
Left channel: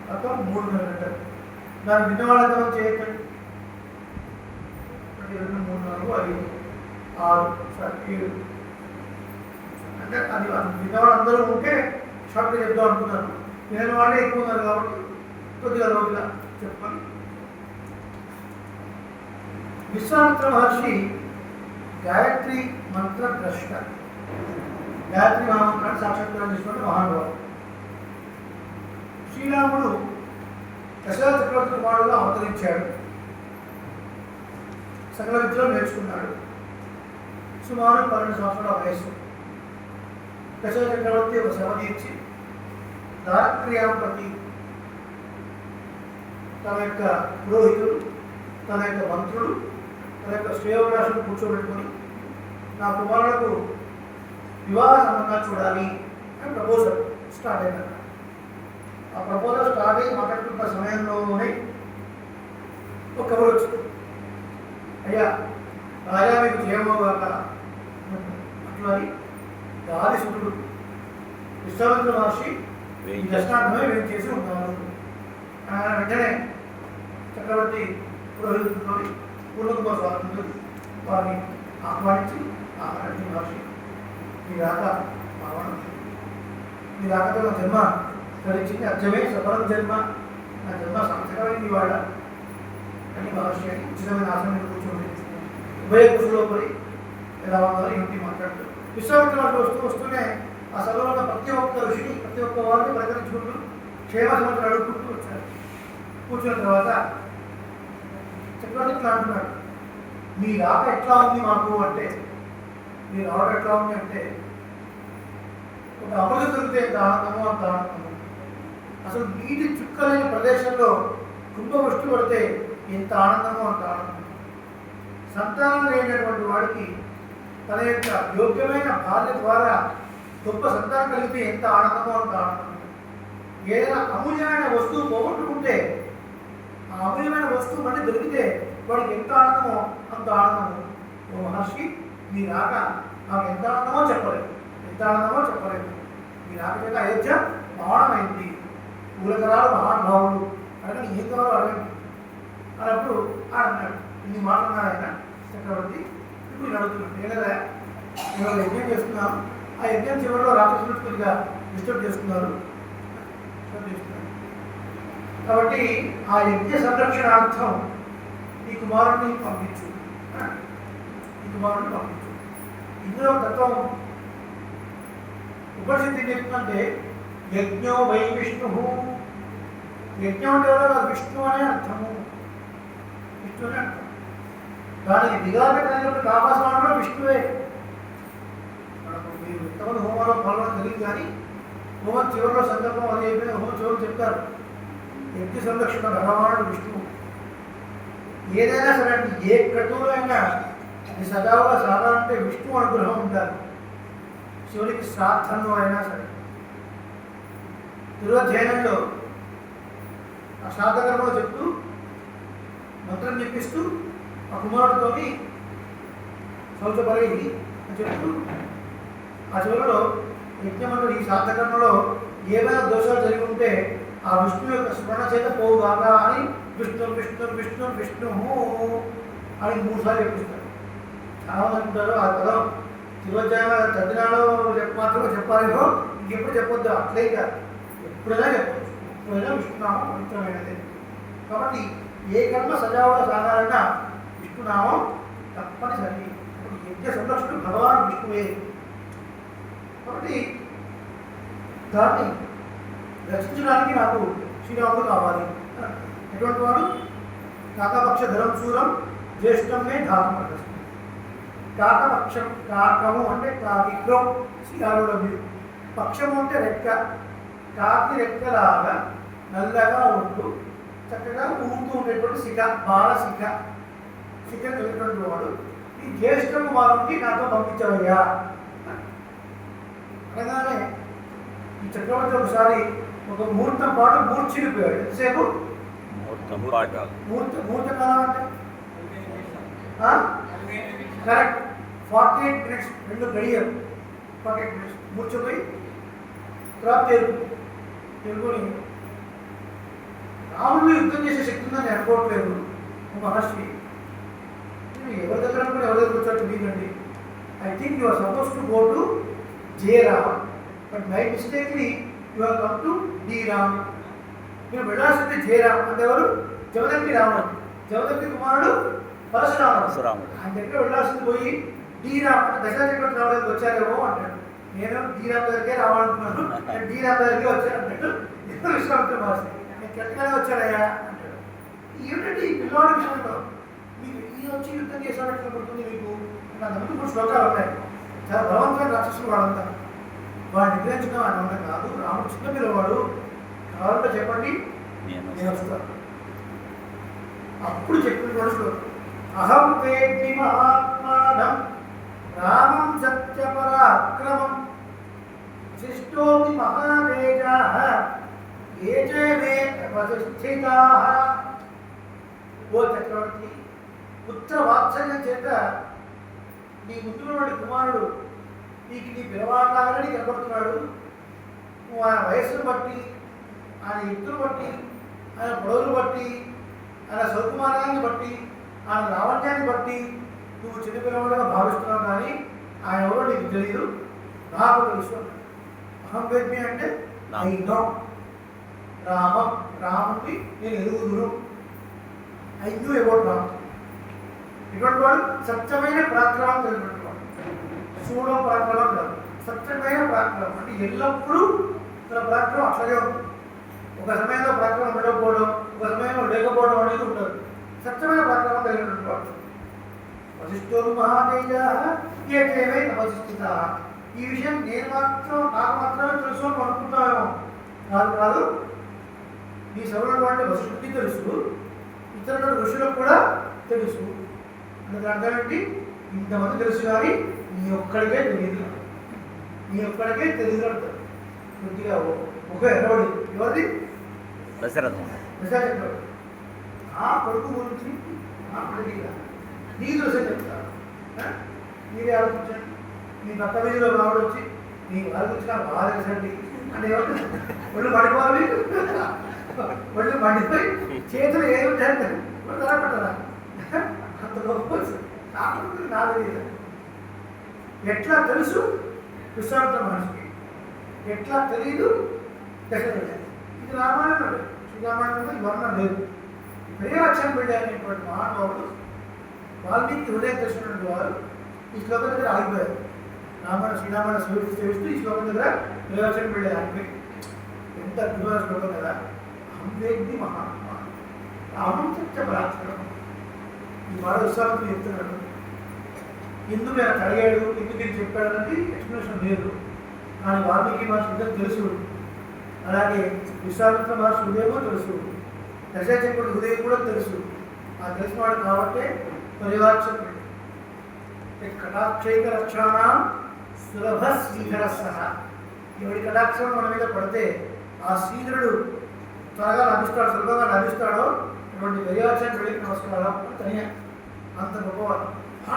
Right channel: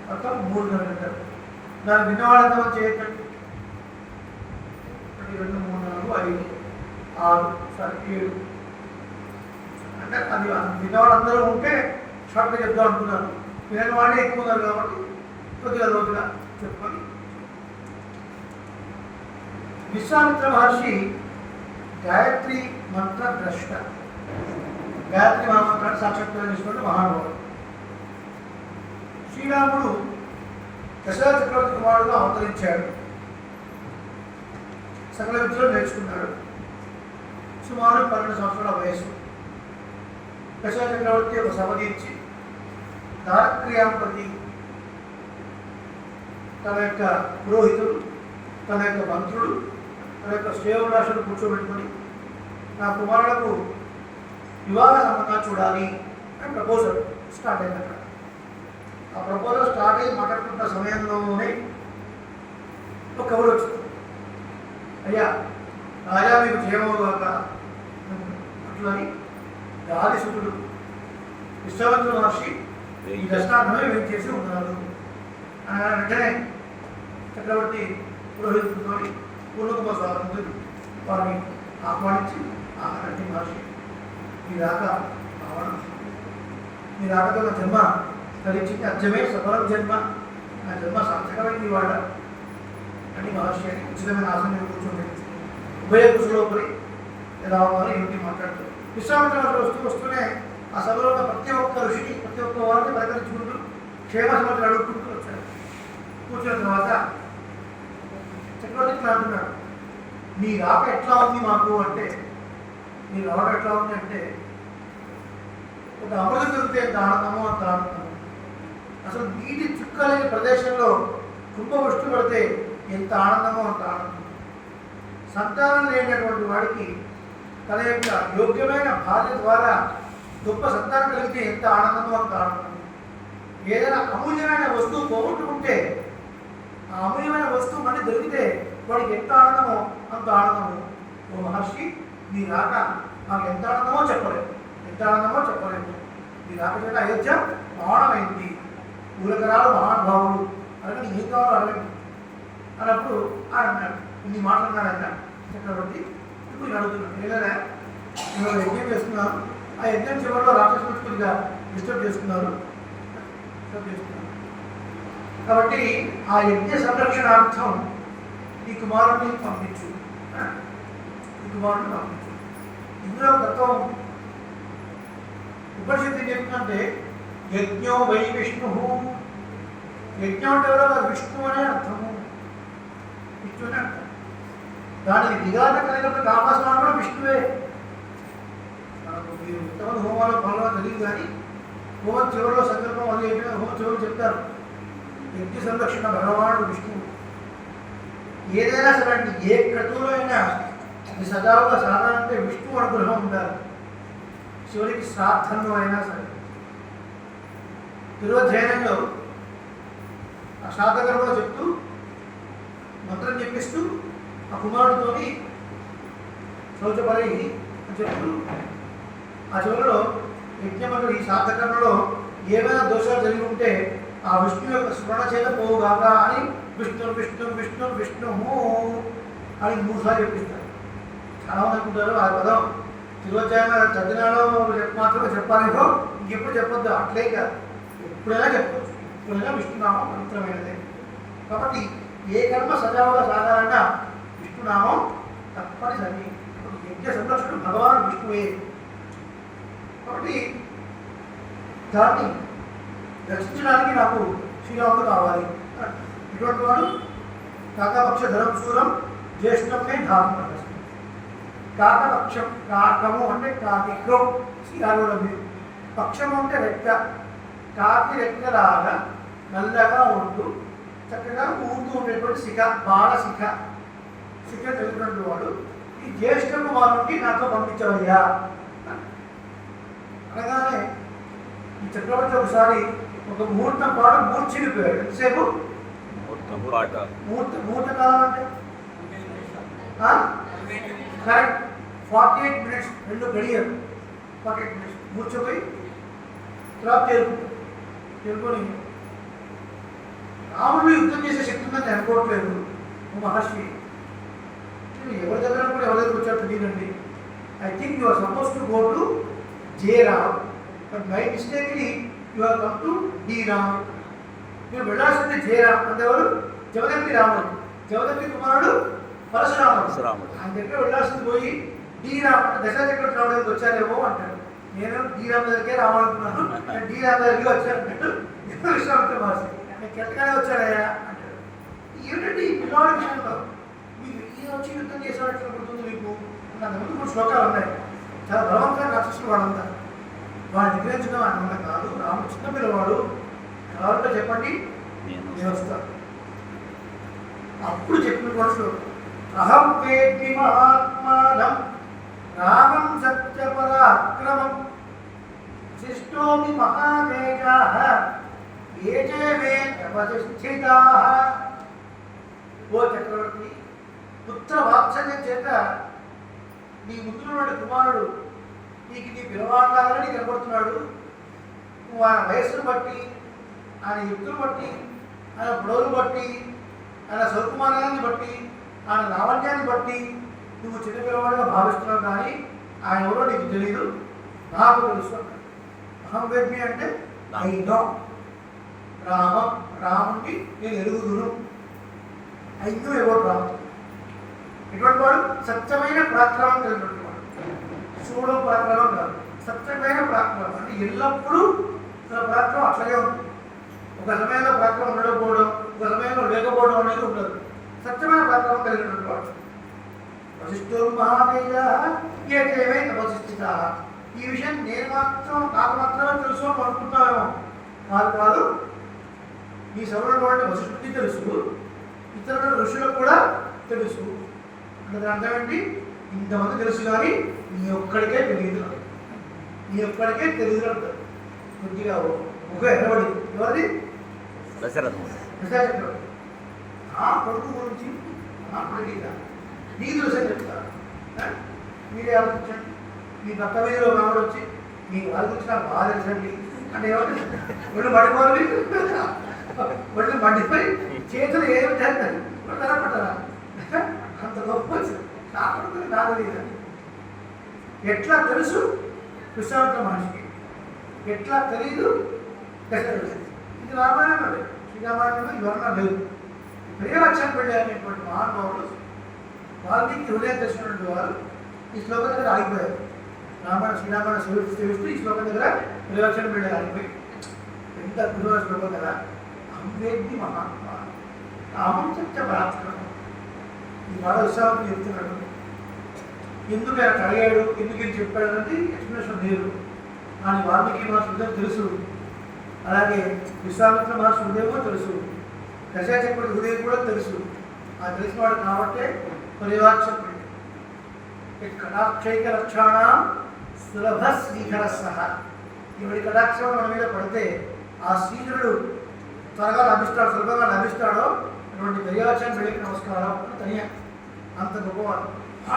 మొత్తం 3 గంటలు. దాన్ని విన్నవాళ్ళంతా మనం చేయొచ్చండి. 2, 3, 4, 5, 6, 7 అంటే అది విన్నవాళ్ళు అందరూ ఉంటే షార్ట్గా చెప్దాం అనుకున్నాను. వినని వాళ్ళే ఎక్కువ ఉన్నారు కాబట్టి కొద్దిగా రోజుగా చెప్పాలి. విశ్వామిత్ర మహర్షి గాయత్రి మంత్ర ద్రష్ట. గాయత్రి మహామంత్రాన్ని సాక్షాత్కారం చేసుకుంటే మహానుభావుడు. శ్రీరాముడు దశరథ చక్రవర్తి కుమారుడుగా అవతరించాడు. సకల విద్యలో నేర్చుకున్నాడు. సుమారు 12 సంవత్సరాల వయస్సు. దశరథ చక్రవర్తి ఒక సభ తీర్చి దారక్రియాపతి తన యొక్క పురోహితుడు, తన యొక్క మంత్రులు, తన యొక్క శ్రేయోభిలాషులు కూర్చోబెట్టుకొని నా కుమారులకు వివాహ సంబంధాలు చూడాలి అని ప్రపోజల్ స్టార్ట్ అయిందట. ఆ ప్రపోజల్ స్టార్ట్ అయ్యి మాట్లాడుతున్న సమయంలోనే ఒక కబురు వచ్చింది. అయ్యా రాజా మీకు జయమోగాక అట్లా గాదిసుతుడు విశ్వామిత్ర మహర్షి ఈ దర్శనార్థమే వేం చేసి ఉన్నారు. వెంటనే చక్రవర్తి పురోహితుడితో పూర్ణకుమార స్వామితో వారిని ఆహ్వానించి ఆహారండి మహర్షి మీ రాక ఆహ్వానం, మీ రాకతో నా జన్మ ధరించింది, అర్జమే సఫలం జన్మ, నా జన్మ సార్థకమైంది ఇవాళ అని మహర్షి ఉచితమైన ఆసనం కూర్చొని ఉభయ కుశలోపరి ఎలా ఉన్నారు ఏమిటి మాట్లాడుతారు. విశ్వామిత్ర మహర్షి వస్తూనే ఆ సభలో ఉన్న ప్రతి ఒక్క ఋషిని ప్రతి ఒక్క వారిని ప్రకటించుకుంటూ క్షేమ సమాచారం అడుగుకుంటూ వచ్చారు. కూర్చున్న తర్వాత చక్రవర్తి అంటున్నాడు, నీ రాక ఎట్లా ఉంది మాకు అంటే, నీ రాక ఎట్లా ఉంది అంటే ఒక అమృతం దొరికితే ఎంత ఆనందమో అంత ఆనందము. అసలు నీటి చుక్కలేని ప్రదేశంలో కుంభవృష్టి పడితే ఎంత ఆనందమో అంత ఆనందం. సంతానం లేనటువంటి వాడికి తన యొక్క యోగ్యమైన భార్య ద్వారా గొప్ప సంతానం కలిగితే ఎంత ఆనందమో అంత ఆనందం. ఏదైనా అమూల్యమైన వస్తువు పోగొట్టుకుంటే ఆ అమూల్యమైన వస్తువు మళ్ళీ దొరికితే వాడికి ఎంత ఆనందమో అంత ఆనందము. ఓ మహర్షి మీ రాక నాకు ఎంత ఆనందమో చెప్పలేదు, ఎంత ఆనందమో చెప్పలేదు. మీ రాక చేత అయోధ్య మహానమైంది, పూలకరాలు మహానుభావులు అడగండి ఏం కావాలో అడగండి అన్నప్పుడు ఆయన అన్నాడు, ఇన్ని మాట్లాడినాడు ఆయన చక్రవర్తి. ఇప్పుడు నేను అడుగుతున్నాను, ఏదైనా నేను ఒక యజ్ఞం చేస్తున్నాను, ఆ యజ్ఞం చివరిలో రాక్షసులు కొద్దిగా డిస్టర్బ్ చేస్తున్నారు కాబట్టి ఆ యజ్ఞ సంరక్షణార్థం ఈ కుమారుడిని పంపించు, ఈ కుమారుడిని పంపించు. ఇందులో తత్వం ఉపనిషత్తు ఏం చెప్తుందంటే యజ్ఞో వై విష్ణు. యజ్ఞం అంటే విష్ణు అనే అర్థము, విష్ణు అనే అర్థం. దానికి దిగాన కలిగినప్పుడు కామాస్వామి కూడా విష్ణువే. మనకు మీరు ఉత్తమ హోమాలో పాల్గొనడం తెలియదు కానీ హోమం చివరిలో సంకల్పం అది అయిపోయిన హోమం చివరిలో చెప్తారు యజ్ఞ సంరక్షణ భగవానుడు విష్ణువు. ఏదైనా సరే అండి, ఏ క్రతువులో అయినా ఈ సజావుగా సాధారణంటే విష్ణు అనుగ్రహం ఉండాలి. చివరికి శ్రాద్ధంలో అయినా సరే తిరువధ్యయనంలో ఆ శ్రాద్ధకర్మలో చెప్తూ మంత్రం చెప్పిస్తూ ఆ కుమారుడితోని శౌచపరి అని చెప్తూ ఆ చివరిలో యజ్ఞమంత్రి ఈ శ్రాద్ధకర్మలో ఏమైనా దోషాలు జరిగి ఉంటే ఆ విష్ణు యొక్క స్మరణ చేత పోవుగాక అని విష్ణు విష్ణు విష్ణు విష్ణు అని 3 సార్లు చెప్పిస్తారు. చాలా మంది అనుకుంటారు ఆ పదం తిరువధ్యాయంలో చదివినాలో మాత్రమే చెప్పాలేమో ఇంకెప్పుడు చెప్పొద్దు. అట్లే కాదు, ఎప్పుడైనా చెప్పొచ్చు. ఎప్పుడైనా విష్ణునామం పవిత్రమైనదే. కాబట్టి ఏ కర్మ సజావుగా సాగాలన్నా విష్ణునామం తప్పనిసరి. యజ్ఞ సంరక్షకుడు భగవాన్ విష్ణువే. కాబట్టి దాన్ని రక్షించడానికి నాకు శ్రీరాముడు కావాలి. ఎటువంటి వాడు కాకపక్ష ధరం శూరం జ్యేష్ఠమే ధారం ప్రదర్శన. కాకపక్షం, కాకము అంటే కాకిక్రం శ్రీరాముడు. పక్షము అంటే రెక్క, కాకి రెక్కలాగా నల్లగా ఉంటూ చక్కగా ఊగుతూ ఉండేటువంటి శిఖ, బాలశిఖ, శిఖ కలిగినటువంటి వాడు ఈ జ్యేష్ఠ కుమారుడికి నాతో పంపించవయ్యా అనగానే ఈ చక్రవర్తి ఒకసారి ఒక ముహూర్తం పాటు మూర్చిపోయాడు. ఎంతసేపు ముహూర్త కాలం అంటే కరెక్ట్ 48 minutes, 2 గడియలు 48 minutes మూర్చిపోయి తర్వాత తెలుగుని రాముడు యుద్ధం చేసే శక్తి ఉందని అనుకోవట్లేదు మహర్షి. ఎవరి దగ్గర కూడా ఎవరి దగ్గర వచ్చాడు తెలియదండి. I think you are suppose to go to Jayaram, but by mistakely you are come to D Ram. మీరు వెళ్ళాల్సింది జయరామ్ అంటే ఎవరు? జమదగ్ని రాముడు. జమదగ్ని కుమారుడు పరశురాముడు. ఆయన దగ్గర వెళ్ళాల్సింది పోయి డి రామ్ అంటే దశరథ రావడానికి వచ్చారేమో అంటాడు. నేను డి రామ్ దగ్గరికే రావాలనుకున్నాను, నేను డి రామ్ దగ్గరికి వచ్చాను అన్నట్టు విశ్వామిత్ర మహర్షి. నేను కెట్టగానే వచ్చానయ్యా అంటాడు. ఏమిటంటే ఈ పిల్లవాడి విషయంలో మీకు ఈ వచ్చి యుద్ధం చేసేటట్లు పడుతుంది మీకు. నా ముందు 3 శ్లోకాలు ఉన్నాయి. చాలా బలవంతమైన రాక్షసులు వాళ్ళంతా. వాడిని నిగ్రహించడం ఆయన వల్ల కాదు. రాముడు చిన్న పిల్లవాడు, కావాలంటే చెప్పండి నేను వస్తాను. అప్పుడు చెప్పిన శ్లోకం అహం వేద్మి మహాత్మానం రామం సత్యపరాక్రమం శిష్టోమి మహావేగాః ఏచే మే తపస్సితాః. ఓ చక్రవర్తి, పుత్ర వాత్సల్యం చేత నీ ముందున్నవాడి కుమారుడు నీకు నీ పిల్లవాడిలాగానే నీకు కనబడుతున్నాడు. నువ్వు ఆయన వయస్సును బట్టి, ఆయన యుక్తులు బట్టి, ఆయన పొడవులు బట్టి, ఆయన సౌకుమార్యాన్ని బట్టి, ఆయన లావణ్యాన్ని బట్టి నువ్వు చిన్న పిల్లవాడుగా భావిస్తున్నావు. కానీ ఆయన ఎవరో నీకు తెలియదు, నాకు తెలుసు అన్నాడు. అహం వేద్మి అంటే ఐ నో రామం, రాముడిని నేను ఎరుగుదును. I knew about Ram. ఇటువంటి వాడు సత్యమైన పరాక్రమం కలిగినటువంటి వాడు. చూడడం పరాక్రమం కాదు, సత్యమైన పరాక్రమం. అంటే ఎల్లప్పుడూ తన పరాక్రమం అట్లాగే ఉంటుంది. ఒక సమయంలో పరాక్రమం ఉండకపోవడం, ఒక సమయంలో లేకపోవడం అనేది ఉండదు. సత్యమైన పరాక్రమం కలిగినటువంటి వాడు. వశిష్ఠో మహాదేజాః ఏచైవే తపస్సితాః. ఈ విషయం నేను మాత్రం నాకు మాత్రమే తెలుసు అని అనుకుంటున్నాను. కాదు కాదు, ఈ సభలో వాడిని వశిష్ఠుడికి తెలుసు, ఇతరుల ఋషులకు కూడా తెలుసు. అంటే అర్థం ఏంటి? ఇంతమంది తెలుసు కానీ నీ ఒక్కడికే తెలియదు. నీ ఒక్కడికే తెలియదు అంటారు. కొద్దిగా ఒక ఎగబడి ఎవరిది? దశరథుడు. ఆ కొడుకు గురించి ఆ కొడుకుగా నీకు తెలుసే చెప్తారు. మీరే ఆలోచించండి. మీ పక్క వీధిలో రాముడు వచ్చి మీ వాళ్ళ గురించి నాకు బాగా తెలుసండి అంటే ఎవరు? ఒళ్ళు పడిపోవాలి, ఒళ్ళు మండిపోయి చేతులు ఏమి చేస్తారు వాళ్ళు తరపడతారా? అంత గొప్ప కాకుండా నా తెలియదు. ఎట్లా తెలుసు విశ్వామిత్ర మహర్షికి, ఎట్లా తెలియదు దశరథుడికి. ఇది రామాయణం అండి. శ్రీరామాయణంలో వివరణ లేదు. ప్రియలక్ష్యం పెట్టేటువంటి మహానుభావుడు వాల్మీకి హృదయం తెలిసినటువంటి వారు ఈ శ్లోకం దగ్గర ఆగిపోయారు. శ్రీరామాయణ సేవిస్తూ ఈ శ్లోకం దగ్గర ప్రియలక్ష్యం పెట్టే ఆగిపోయి ఎంత అద్భుతమైన శ్లోకం కదా. అహం వేద్మి మహాత్మా రామం సత్య పరాక్రమం. ఈ మాట విశ్వామిత్రుడు చెప్తున్నాడు. ఎందుకు ఆయన అడిగాడు, ఎందుకు ఇది చెప్పాడు అనేది ఎక్స్ప్లెనేషన్ లేదు. కానీ వాల్మీకి మా శుద్ధం తెలుసు. అలాగే విశ్వామిత్ర మహర్షి హృదయమో తెలుసు, దశచక్రుడి హృదయం కూడా తెలుసు. ఆ తెలిసిన వాడు కాబట్టే పరివాక్షకుడు. కటాక్షైక లక్షణాం సులభ శ్రీధర సహా. ఎవడి కటాక్షం మన మీద పడితే ఆ శ్రీధరుడు త్వరగా లభిస్తాడు, సులభంగా లభిస్తాడో అటువంటి దైవాక్షం వెళ్ళి నమస్కారం అని తనియా. అంత గొప్పవాడు.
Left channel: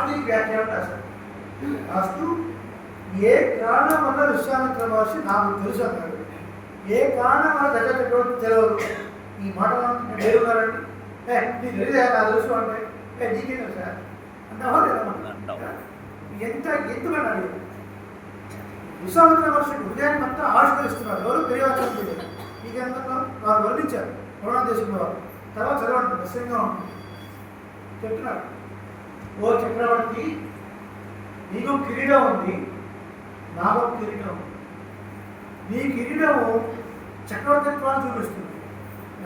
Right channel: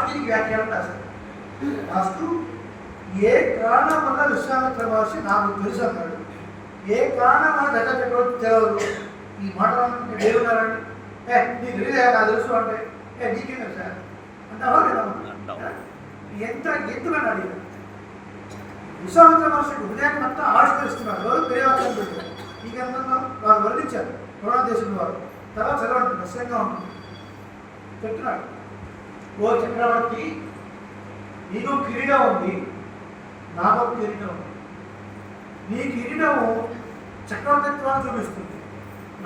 దీనికి వ్యాఖ్యానం రాశారు. రాస్తూ ఏ కారణం వల్ల విశ్వామిత్ర మహర్షి నాకు తెలుసు అన్నాడు, ఏ కారణం వల్ల దశచక్రుడు తెలియదు. ఈ మాట ఏడున్నారండి, నీకు తెలియదా నాకు తెలుసు అంటే నీకేం తెలుసా అంటావా లేదా? ఎంత ఎందుకని అడిగారు. విశ్వామిత్ర మహర్షి హృదయాన్ని అంతా ఆవిష్కరిస్తున్నారు. ఎవరు పెరిగారు నీకెంత వారు వర్ణించారు ద్రోణాదేశం వారు. తర్వాత చదవండి, రహస్యంగా ఉంటుంది. చెప్తున్నాడు, ఓ చక్రవర్తి, నీకు కిరీటం ఉంది, నాకు కిరీటం ఉంది. నీ కిరీటము చక్రవర్తిత్వాన్ని చూపిస్తుంది,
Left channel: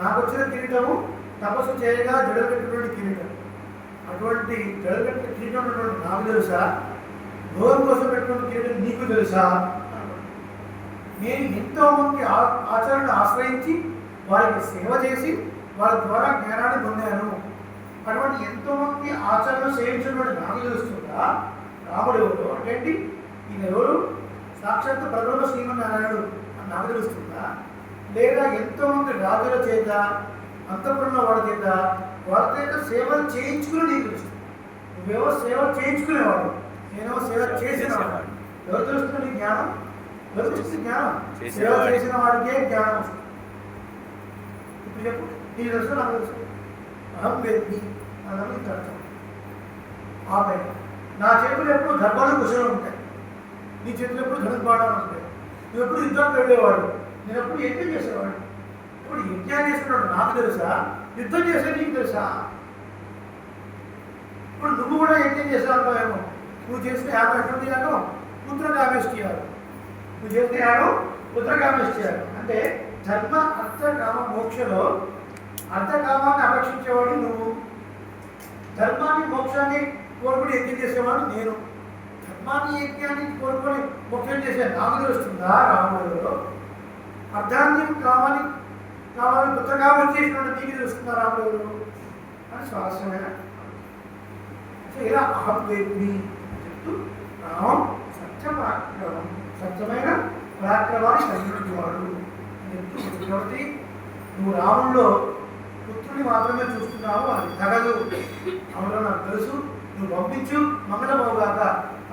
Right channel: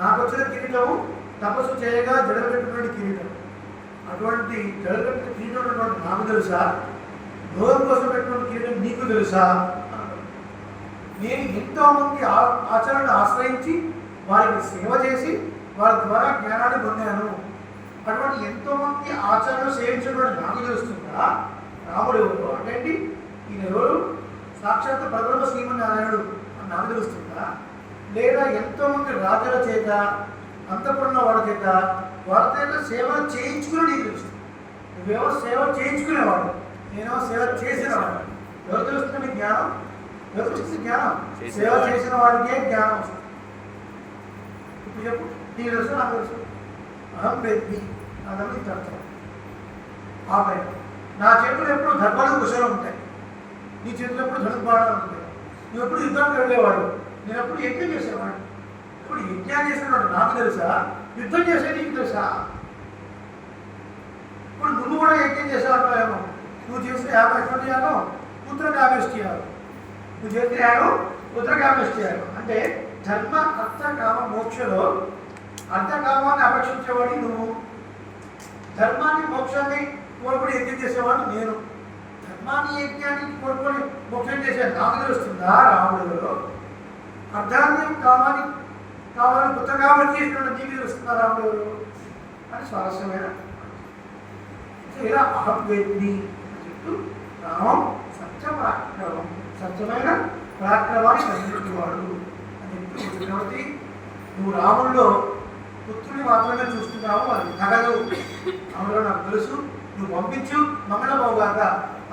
నాకు వచ్చిన కిరీటము తపస్సు చేయగా జడగట్టినటువంటి కిరీటం. అటువంటి జడగట్టిన కిరీటం ఉన్నటువంటి నాకు తెలుసా, భోగం కోసం పెట్టినటువంటి కిరీటం నీకు తెలుసా? నేను ఎంతోమంది ఆచరణను ఆశ్రయించి వారికి సేవ చేసి వారి ద్వారా జ్ఞానాన్ని పొందాను. అటువంటి ఎంతోమంది ఆచరణలు సేవించినటువంటి నాకు తెలుస్తుందా? రాముడు ఎవరు అంటే ఈయన ఎవరు? సాక్షాత్తు పరబ్రహ్మ శ్రీమన్నారాయణుడు అని నాకు తెలుస్తుందా? లేదా ఎంతోమంది రాజుల చేత అంతఃపురంలో వాళ్ళ చేత వాళ్ళ చేత సేవలు చేయించుకుని నీకు తెలుస్తుంది. నువ్వెవరో సేవ చేయించుకునేవాడు, నేనేమో సేవ చేసినవాడు. ఎవరు తెలుస్తుంది జ్ఞానం? ఎవరు తెలుస్తుంది జ్ఞానం? సేవ చేసిన వాడికే జ్ఞానం వస్తుంది. ఇప్పుడు చెప్పు, నీకు తెలుసు నాకు తెలుసు. అహం వేద్ది అన్నది అర్థం. ఆ పైన నా చేతులు ఎప్పుడు ధర్మాలు కుశలు ఉంటాయి, నీ చేతులు ఎప్పుడు ధనుర్బాణాలు ఉంటాయి. నువ్వు ఎప్పుడు యుద్ధానికి వెళ్ళేవాడు, నేను ఎప్పుడు యజ్ఞం చేసేవాడు. ఇప్పుడు యజ్ఞాన్ని చేసినట్టు నాకు తెలుసా, యుద్ధం చేసే నీకు తెలుసా? ఇప్పుడు నువ్వు కూడా యజ్ఞం చేసావు ఏమో. నువ్వు చేస్తే యాభై ఎటువంటి యాగం పుత్రకామేష్టి యాగం, నువ్వు చేస్తే యాగం పుత్రకామేష్టి యాగం. అంటే ధర్మ అర్థ కామ మోక్షలో అర్థకామాన్ని అపేక్షించేవాడు నువ్వు, ధర్మాన్ని మోక్షాన్ని కోరుకుని యజ్ఞం చేసేవాడు నేను. ధర్మాన్ని యజ్ఞాన్ని కోరుకొని మోక్షం చేసే నాకు తెలుస్తుందా రాముడు? అర్థాన్ని కావాలని పుత్రకామం చేసినట్టు నీకు తెలుస్తుందా రాముడు అని స్వారస్యమైన. ఇలా అహం వేద్ది చెప్తూ రామం సత్యపరాక్రమం, సత్యమైన పరాక్రమాన్ని కలిగినటువంటి వాడు అని చెప్తూ చక్రవర్తి, నువ్వు రాముల్లో పుత్రుని మాత్రమే చూస్తున్నావు, అది తగదు. అందులో నాకు తెలుసు, నువ్వు పంపించు మంగళమవుగాక.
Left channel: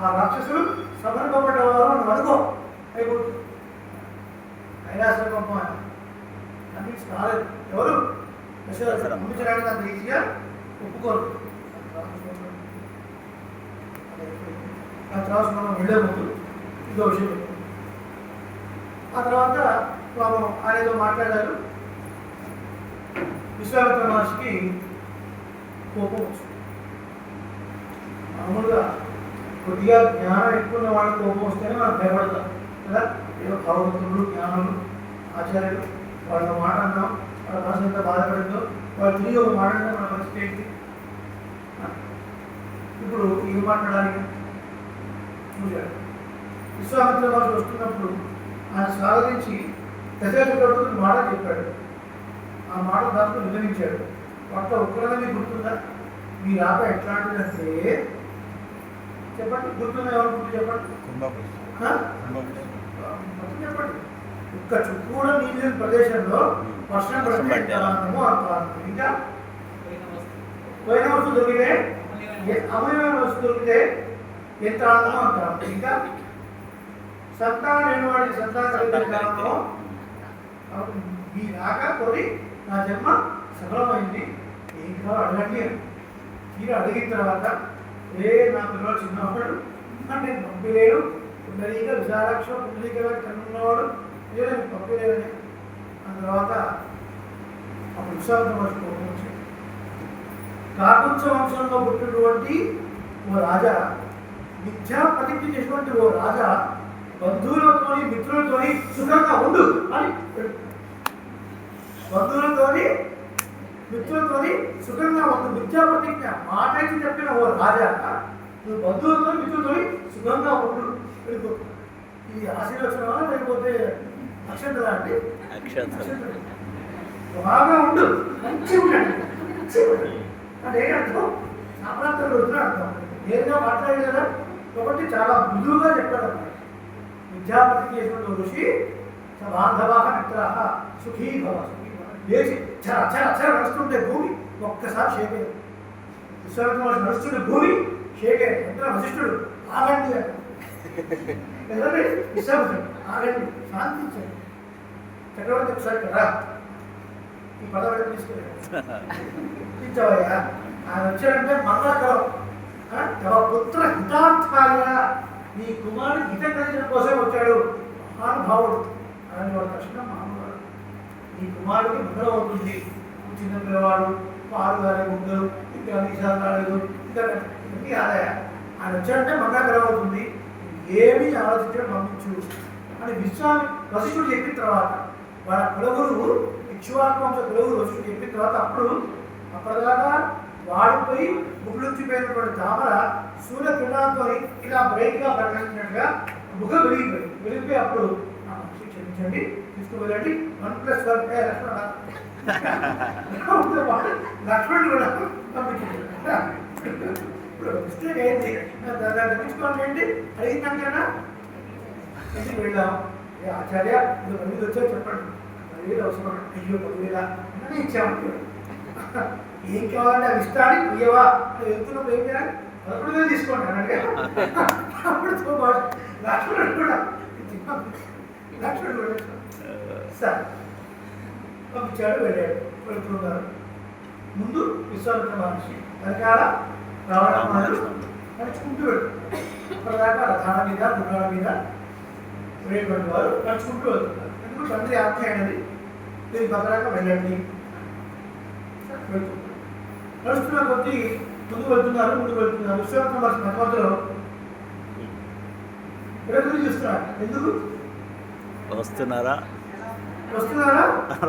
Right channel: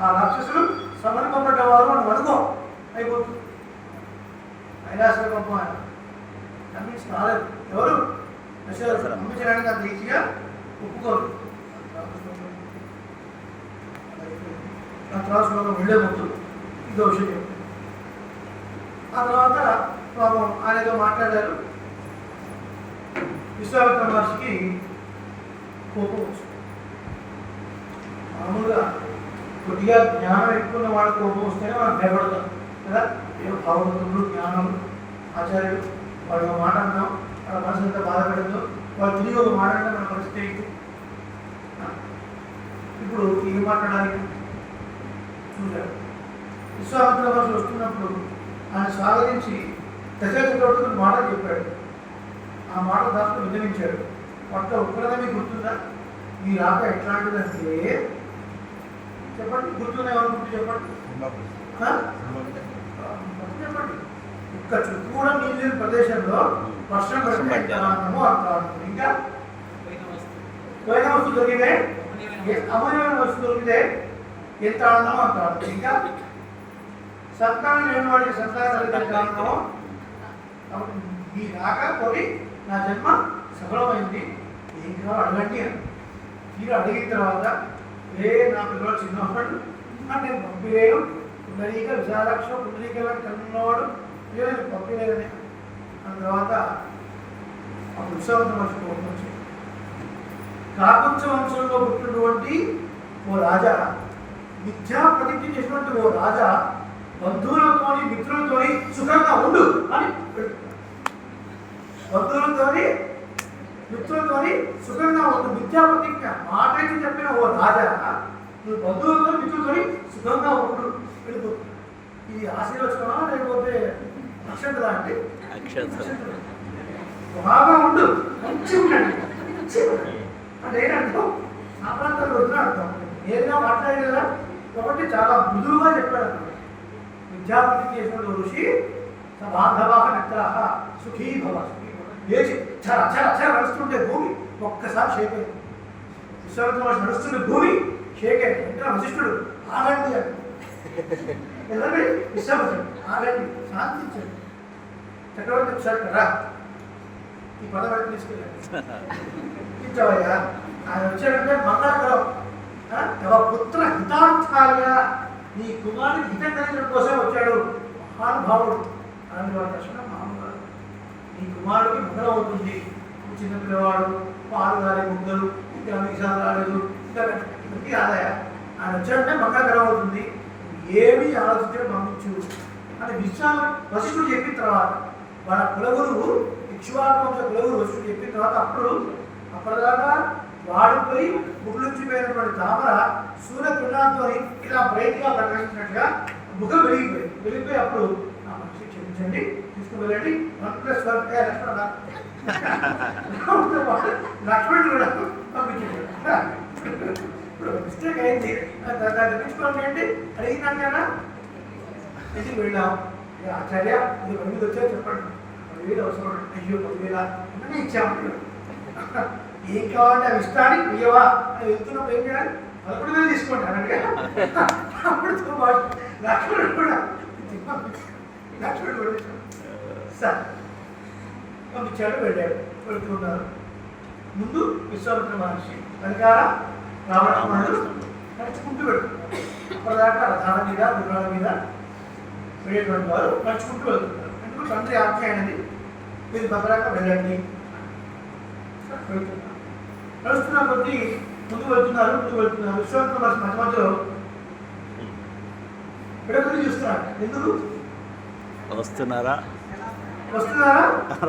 ఆ రాక్షసులు సమర్పబడ్డవారు అని అనుకో అయిపోతుంది. అయినా సరే పంపం అన్నించి రాలేదు. ఎవరు పంపించడానికి అంత ఈజీగా ఒప్పుకోరు. ఆ తర్వాత మనం వెళ్ళే ముందు ఇంకో విషయం చెప్తాం. ఆ తర్వాత మనం ఆయనతో మాట్లాడారు. విశ్వామిత్ర మహర్షికి కోపం వచ్చింది. మామూలుగా కొద్దిగా జ్ఞానం ఎక్కువ ఉన్న వాళ్ళకి కోపం వస్తేనే మనం భయపడతాం కదా. ఏదో భాగవతులు జ్ఞానులు ఆచార్యులు వాళ్ళ మాట అన్నాం, వాళ్ళ మనసు ఎంత బాధపడిందో, వాళ్ళు తిరిగి ఒక మాట అంటే మన పరిస్థితి ఏంటి? ఇప్పుడు ఏం మాట్లాడాలి? చూశాడు. విశ్వామిత్ర మహర్షి వస్తున్నప్పుడు ఆయన స్వాగతించి దశరథుడికి మాట చెప్పాడు. ఆ మాట దాంట్లో విన్నవించాడు. పట్ల ఒక్కడగా మీకు గుర్తుందా? మీ రాక ఎట్లాంటిదంటే చెప్పండి, గుర్తుందా? ఎవరు చెప్పండి, చెప్పండి. ఒక్క చుట్టూ కూడా నీళ్ళు లేని ప్రదేశంలో వర్షం పడితే ఎంత ఆనందమో అంత ఆనందం. ఇంకా పోయిన వస్తువు దొరికితే, అమూల్యమైన వస్తువు దొరికితే ఎంత ఆనందమో అంత ఆనందం. ఇంకా సంతానం లేని వాడికి సంతానం కలిగే ఆనందమో. కాబట్టి మీ రాక కొని నా జన్మ సఫలమైంది, ఏం కావాలో అడగండి అని. మీరు అడిగిన తర్వాత నా పిల్లవాడు చిన్నవాడు నేను పంపిలేను, పుండరీక విశాలాక్ష పుండరీక కన్నున్నవాడు ఇదే నేను పంపిలేదని అన్న తర్వాత అప్పుడు విశ్వామిత్ర మహర్షి కోపం వచ్చింది. కాకుంచ వంశంలో పుట్టినటువంటి ఓ రాజా, మిథ్యా ప్రతిజ్ఞ చేసినటువంటి ఓ రాజా బంధువులతోని మిత్రులతోని సుఖంగా ఉండు అని, బంధువులతోని మిత్రులతోని సుఖంగా ఉండు మిథ్యా ప్రతిజ్ఞ మాటకి చెప్పిన ఓ రాజా, నువ్వు బంధువులతో మిత్రులతోని సుఖంగా ఉండు వెళ్ళిపో. ఇది ఆశీర్వచనమా లేకపోతే అక్షంతలా అంటే అక్షతలు. బాగా ఉండు, మంచిగా ఉండండి, మంచిగా ఉండండి. అంటే ఏంటంటే ఆ ప్రాంతంలో వచ్చిన అర్థం ఏదైనా మాట్లాడేది కదా కాబట్టి చాలా మృదువుగా చెప్పాడు అన్నమాట. విద్యాపతికి చేసినటువంటి ఋషి బాంధవాహ మిత్రాహ సుఖీ భవ సుఖీ భవ. లేచి చర చర చర నడుస్తుంటే భూమి ఒక్కసారి షేక్ అయింది. విశ్వామిత్ర నడుస్తుంటే భూమి షేక్ అయింది. అంటే వశిష్ఠుడు ఆగండి అని వెళ్ళండి, విశ్వామిత్రుడు ఆగండి, శాంతించండి. చక్రవర్తి ఒకసారి కదా ఈ పదవి తీసుకెళ్ళాడు. ఇచ్చావయ్యా ఆయన వచ్చాడంటే మంగళకరం తమ పుత్ర హితార్థాయ, నీ కుమారుడు హితం కలిగిన కోసం వచ్చాడు మహానుభావుడు అలాంటి వాడు దర్శనం మామూలు. నీ కుమారుడికి మంగళం అవుతుంది. చిన్న పిల్లవాడు పాలు కాలే ముద్దలు ఇంకా విషయాలు రాలేదు ఇంకా ఇవన్నీ కాదయా, ఆయన వచ్చాడంటే మంగళకరం అవుతుంది, ఏమీ ఆలోచించడం పంపించు అని వశిష్ఠుడు చెప్పిన తర్వాత వాళ్ళ కులగురువు ఇక్ష్వాకంశ కులగురు వశిష్ఠుడు చెప్పిన తర్వాత అప్పటిదాకా వాడిపోయి ముగ్గులుంచిపోయినటువంటి తామర సూర్య కిరణాలతో ఇలా బ్రైట్గా ప్రకటించినట్టుగా ముఖం వెలిగిపోయి అప్పుడు ఆ మనిషి క్షమించండి తీసుకువెళ్ళండి 1+1 లక్ష్మణుడు కూడా పంపించండి. ఇప్పుడు మిస్టేక్ అయింది, దాన్ని తెప్పించుకోవాలి ఏంటి అడిగిందంటేనా ఇంటికి వెళ్ళాం. ఆచార్య ఇది 10,000 వచ్చాయో చెప్పండి. 10,000 అవసరం. అయ్యో 10,000 అన్నీ ఇచ్చాము. ఏం కావాలంటే అవి ఇస్తాను ఇయ్యవా అని వెళ్తున్నప్పుడు ఏం చేయాలి? 11,000 తీసుకోండి అన్నట్టుగా అప్పుడు లక్ష్మణుడు కూడా సార్ పంపించాడు, వెళ్ళాడు. వెళ్తున్నారు. ముందు విశ్వామిత్ర మహర్షి వెనకాల రావణాలు నడుచుకుంటూ వెళ్తున్నారు. అప్పటిదాకా రథాల మీద గుర్రాల మీద వెళ్ళేటువంటి వారు నడుచుకుంటూ వెళ్తున్నారు. ఎందుకు తండ్రి ఆజ్ఞ అయినది మీరు భద్రంగా వెళ్ళండి. నడుస్తున్న కొద్దీ ముందు వెళ్తున్నారు. విశ్వామిత్ర మహర్షి మధ్య మధ్యలో ఎడగురి చూస్తున్నారు. ఎందుకు వస్తున్నారా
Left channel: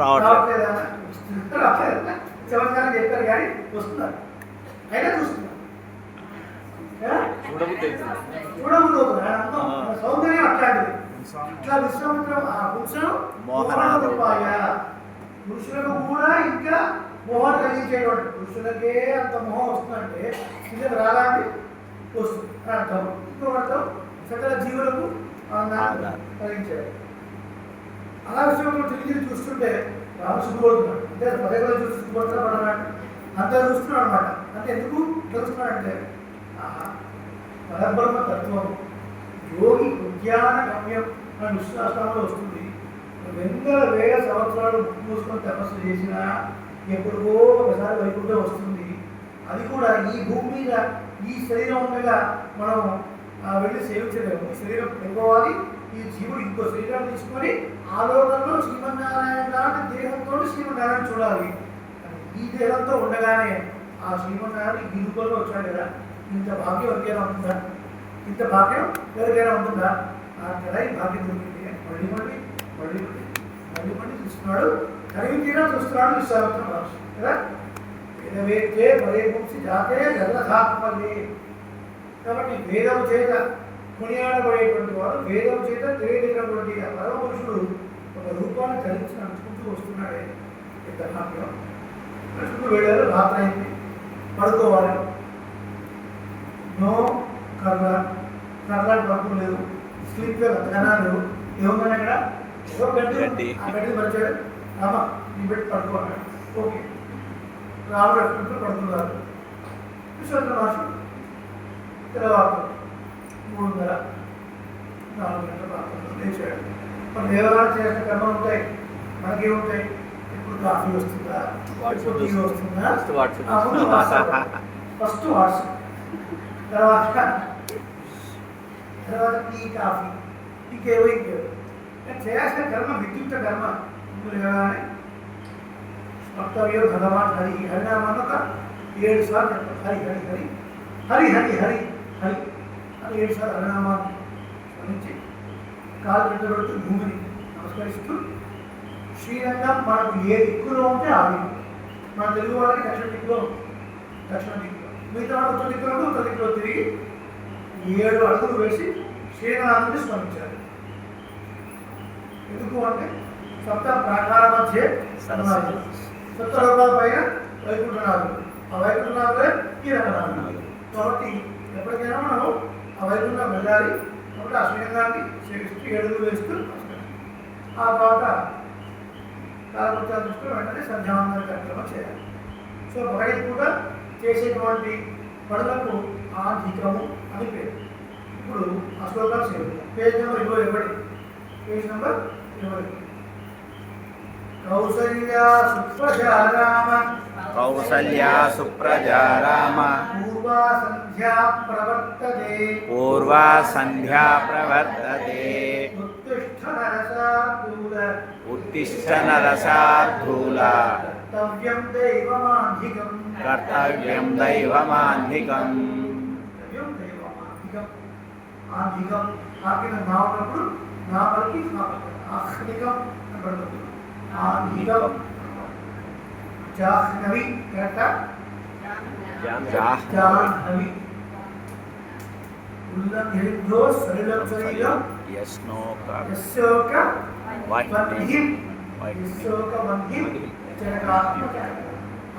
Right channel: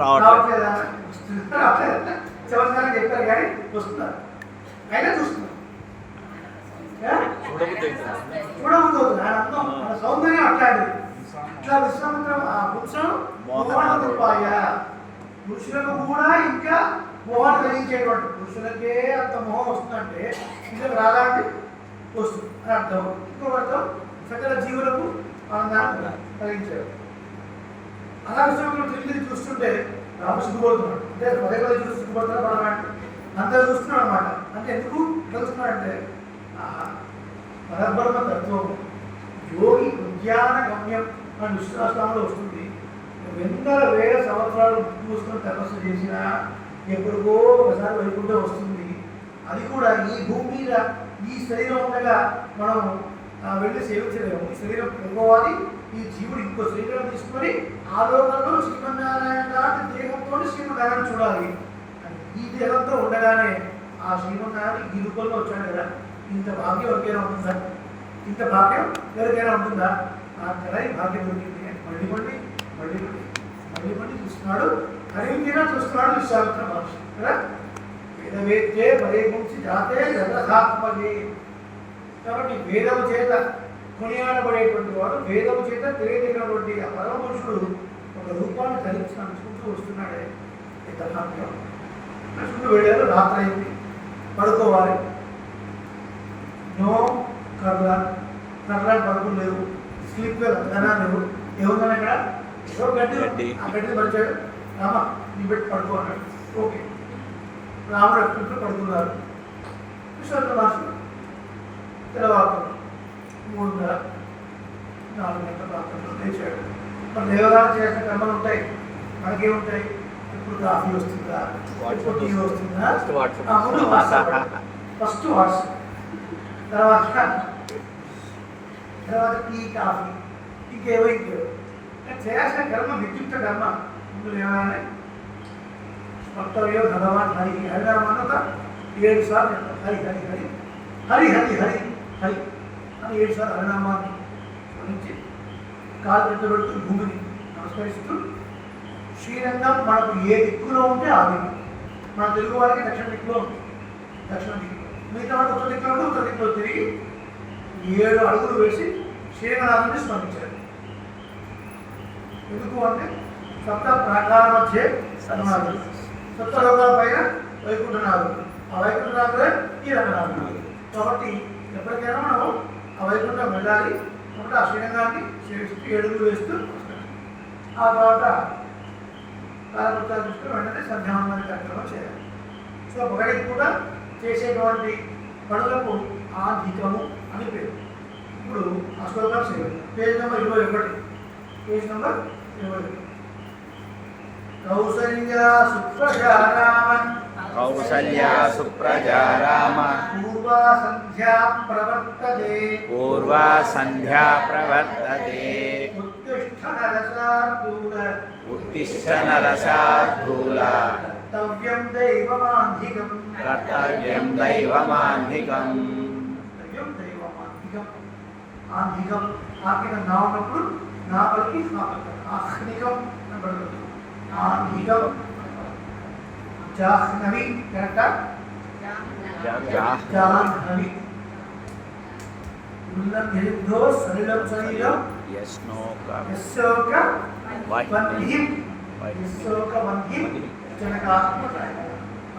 రావట్లేదా? చమత్కారం చెప్పారు కానీ వస్తున్నారు. అయినా చూస్తున్నారు. చూడబుద్ధి అవుతుంది. ఆయన అందం, ఆయన సౌందర్యం అట్లాంటిది. ఇట్లా విశ్వామిత్ర ఆ పురుషం మోహనరూపాయ, పురుషులకు కూడా ఇంకా మోహన కలిగించేటువంటి, పురుషులకే అంత మోహం వస్తుందంటే ఇది రాలాంటి వస్తుంది అని అర్థం. ఇంకొక అర్థం సకల జీవులకు ఆనందాన్ని కలిగించారు. అలా విశ్వామిత్రుడు తిరిగి చూస్తుంటే రాముడు సిగ్గుపడుతున్నాడు. అంటే పదే చూసి సిగ్గుపడుతున్నా పడమాడు అంతా చూస్తున్నాడు అనమాట. అంటే ఎందుకు చూస్తున్నాడంటే పరబ్రహ్మ తత్వం యోగి ఉద్యాన గమ్యం అని విశ్వాసంలో వస్తుంది. 100,000 సంవత్సరాలు మూసుకొని తపస్సు చేసినా ఎప్పుడుకో ఒకసారి వైకుంఠం వస్తుంది. అది కూడా ఈ భూమి మీద ఈ శరీరం ఉండగా మనం వెళ్ళి సేవించలేము. ఈ శరీరం పెట్టుకోవాలి. ఈ జీవుడు ఇంకో శరీరాన్ని తీసుకొని ఆ లోకంలో శ్రీమన్నారాయణ లాంటి దేహంతో శ్రీమన్నారాయణ చూడాలి. ఈ దేహంతో ఉండగానే ఆ శ్రీమన్నారాయణ ఈ రూపంలో వచ్చాడు కదా. ఇంత భాగ్యం ఎవరికైనా ఉంటుందా? ఇంత భాగ్యం ఎవరికైనా ఉంటుందా? కదా ఈ భాగ్యం దొరికింది. మళ్ళీ చూస్తున్నాడు. కలిగి తీరా చూస్తున్నాడు విశ్వామిత్ర మహర్షి కదా. వేదవేత్తే పదే గుంసి జాతే జగదాత్మలే. కాబట్టి వేదము చేత కొనియాడబడేటువంటి వాడు, వేదము చేత తెలియజేసినటువంటి ఆ పరమ పురుషుడు ఒక రూపాన్ని ధరించి నడుచుకుంటూ వస్తున్నాడే. ఎంత భాగ్యం. నడుచుకుంటూ వెళ్ళారు. రాత్రి అయింది, పడుకోవాలి. నో కర్లాలు పడుకులు లేవు, స్లీప్ గనా లేవు. ఏముందని అక్కడ ఏదో గడ్డి, ఆ గడ్డి పరిచాడు. రామ నీ పెట్టి పడుకో అన్నాడు. ఓకే, రాముడు ఎప్పుడు పడుకున్నారు. విశ్వామిత్ర మహర్షి తెల్లవారు 3:30, 4 గంటల ప్రాంతంలో లేచాడు. మన దేవరాలు చేసిన కర్మలు ఉంటాయి, మనకేముంటాయి? ఎప్పుడు కాఫీ వస్తుందా, ఎప్పుడు టీ వస్తుందా, ముందు ఫస్ట్ వాట్సాప్, తర్వాత టీ కాఫీ, ఇంకేవో చేయాల్సిన కర్మ విద్యుక్త కర్మ. ముందు లేవగానే వక్తవ్యో భగవాన్ హరి, హరినామాన్ని ఒక 7 సార్లు చెప్తాం. హరి హరి హరి హరి హరి హరి హరి అని 7 సార్లు హరినామాన్ని స్మరించి కాలు పెట్టుబడుతూ భూమిని నమస్కరిస్తూ శ్రీరంగం మనకు ఏ దిక్కులో ఉంటే ఆ దిక్కు. మన తెలుగు వాళ్ళకి దక్షిణ దిక్కులో ఉంటుంది. దక్షిణ దిక్కులో, మిగతా వాళ్ళు ఉత్తర దిక్కులో ఉంటే ఉత్తర దిక్కులో తిరిగి 7 అడుగులు వేసి శ్రీరంగనాథుని స్మరించారు. ఎందుకు అంటే సప్త ప్రాకార మధ్య సన్నాదులు, సప్త లోకాల పైన వైకుంఠనాథుడు, ఆ వైకుంఠనాథుడే ఈ రంగనాథుడు. కాబట్టి ఎప్పటికైనా మనం ఆ వైకుంఠం వెళ్ళాలి. కాబట్టి ఆ శ్రీరంగాన్ని సేవిస్తూ 7 అడుగులు వేస్తూ ఆ తర్వాత కాలకృతాలు చూస్తూ వెంటనే సంధ్యావందన కార్యక్రమం చేయాలి. సో పగటి పూట చేసేటువంటి పనులకు ఆధికము అని పేరు. ఇప్పుడు ఆ శ్లోకం సేవిద్దాం. Page number 21. Page number 21. Kausalya సుప్రజా రామ కౌసల్యా సుప్రజా రామ పూర్వా సంధ్యా ప్రవర్తతే పూర్వా సంధ్యా ప్రవర్తతే ఉత్తిష్ఠ నరసార్దూల ఉత్తిష్ఠ నరసార్ధూల కర్తవ్యం దైవమాంధికం కర్తవ్యం దైవమాంధికం ఆంధికం ఆకిన నా ఉన్నప్పుడు నా పలికి నా పలికి ఆహ్నికం అని పడుతుంది. ఆంధికం జాహ్నవి కరెక్టా? జాహ్నవి ఉల్లంఘితో శరీరం శరీరం యశోక వంధి యశోక వంధి జనకాత్మకాయ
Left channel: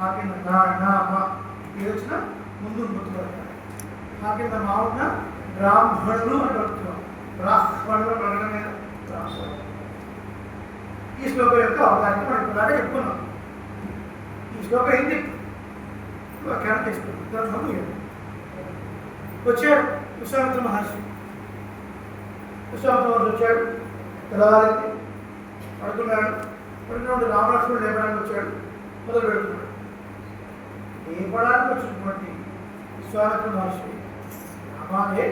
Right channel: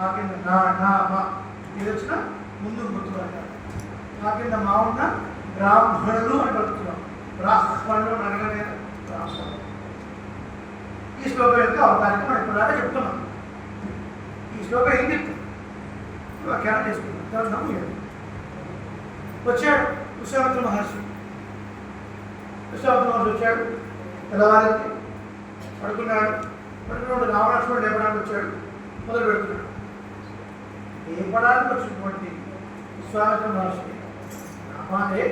ఆకిన నా నా మా ఇది వచ్చిన ముందు గుర్తుపడతారు. ఆకింద మా ఉన్న బ్రాహ్మణులు అని పడుతున్నాం. బ్రాహ్మణులు అనగానే బ్రాహ్మణులు. ఈ శ్లోకం యొక్క అవతారం మనం ఇప్పటిదాకా చెప్పుకున్నాం. ఈ శ్లోకం ఏం చెప్తుంది? వ్యాఖ్యానం చేసుకున్నాం. గ్రంథము వచ్చాడు విశ్వామిత్ర మహర్షి. విశ్వామిత్ర మహర్షి వచ్చాడు. తెల్లవారికి పడుకున్నాడు. పడుకున్నప్పుడు రామలక్ష్మణుడు లేపడానికి వచ్చాడు. మొదలు పెడుతున్నాడు. లేపడానికి వచ్చినటువంటి విశ్వామిత్ర మహర్షి రామాలే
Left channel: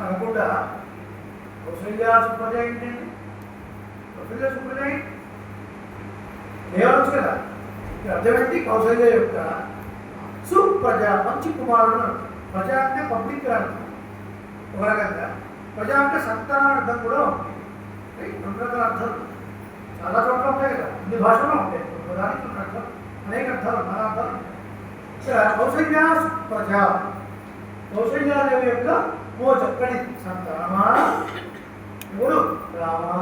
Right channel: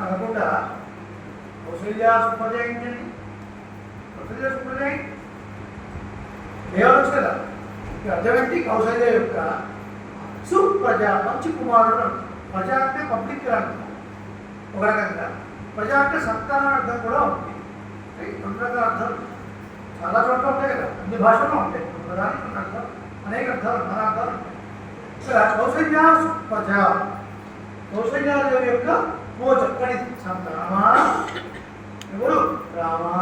అనకుండా కౌసల్యా సుప్రజ ఏంటండి? కౌసల్యా సుప్రజ లేవచ్చు కదా. అర్థం ఏంటి? కౌసల్య యొక్క సుప్రజ మంచి కుమారుడు. ప్రజ అంటే పబ్లిక్ అంటాం ఒక రకంగా. ప్రజ అంటే సంతానం అర్థం కూడా ఉంది. రెండు రకాల అర్థాలు చాలా చోట్ల ఉంటాయి కదా. అన్ని భాషల్లో ఉంటాయి. ప్రధానికి కొన్ని అర్థం, అనేక అర్థాలు, మన అర్థాలు ఉంటాయి. ఇక్కడ కౌసల్యా సుప్రజ, కౌసల్యాదేవి యొక్క ఓ చక్కని సంతానమా ఎవరు? రామా.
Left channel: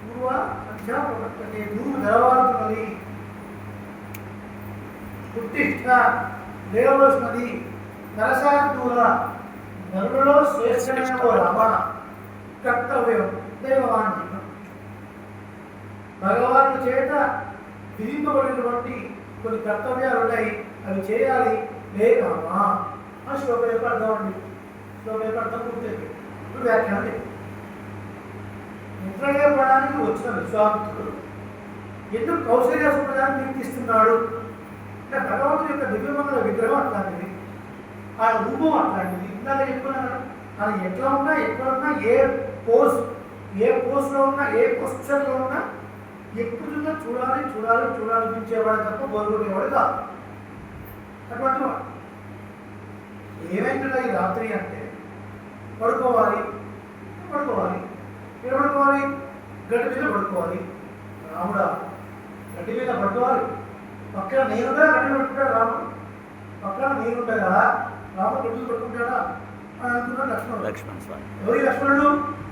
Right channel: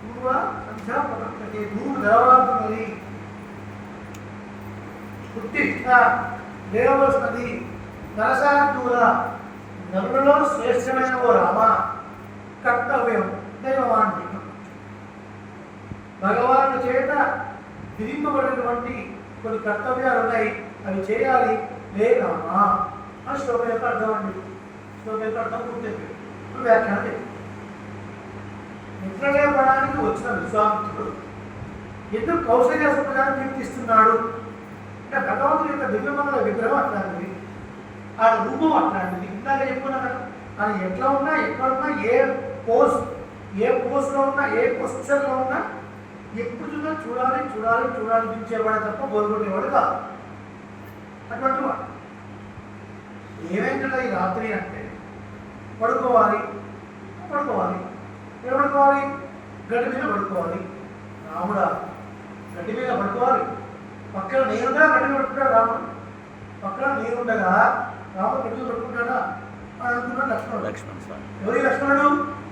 పూర్వ సంధ్యా ప్రవర్తతే, గురువు తెలవారుతున్నది. ఉత్తిష్ట లేవలసినది. నరసార్దూల నరులలో శ్రేష్టమైన ఓ రామ. కర్తవ్యం దైవమాంధికం, భగవాను చేత విధింపబడినటువంటి కొన్ని కర్తవ్యాలు ఉన్నాయి, అవి చేయాలి. లే రామా అని శ్లోకం యొక్క అర్థం అండి. శ్లోకం యొక్క అర్థం పూర్తి. ఇప్పుడు వ్యాఖ్యానం లేదు. నిద్రలేపడానికి వచ్చిన విశ్వామిత్రుడు ఎందుకు కౌసల్య సుప్రజాన్ని కీర్తిస్తున్నాడు అంటే భగవంతుడి యొక్క దివ్యమంగళ విగ్రహం అట్లాంటిది, ఆయన రూపం అట్లాంటిది. ఇందాక చెప్పుకున్నాం కదా. ఆయన ఎట్లా ఉన్నా, ఎక్కడున్నా, ఏ పోస్ట్లో ఉన్నా, ఏ పొజిషన్లో ఉన్నా ఎప్పుడు చూసినా చూడాలి చూడాలి చూడాలనిపించేవాడు తప్ప బోరుకొట్టేవాడు కాదు. అటువంటి వాడు ఏమైందా ఈ రాత్రి అంటే పడుకోవాలి. ఏం పడుకోవాలి? గడ్డి మీద పడుకోవాలి. రాముడా గడ్డి మీద పడుకోవాలి. పక్కన నేనుగా గడ్డి మీద పడుకుంటాడు రాముడు. పక్కన నేనుండగా రాముడు గడ్డి మీద పడుకుంటాడా అని అనుకున్నాడు లక్ష్మణుడు. ఎవరి లక్ష్మణుడు?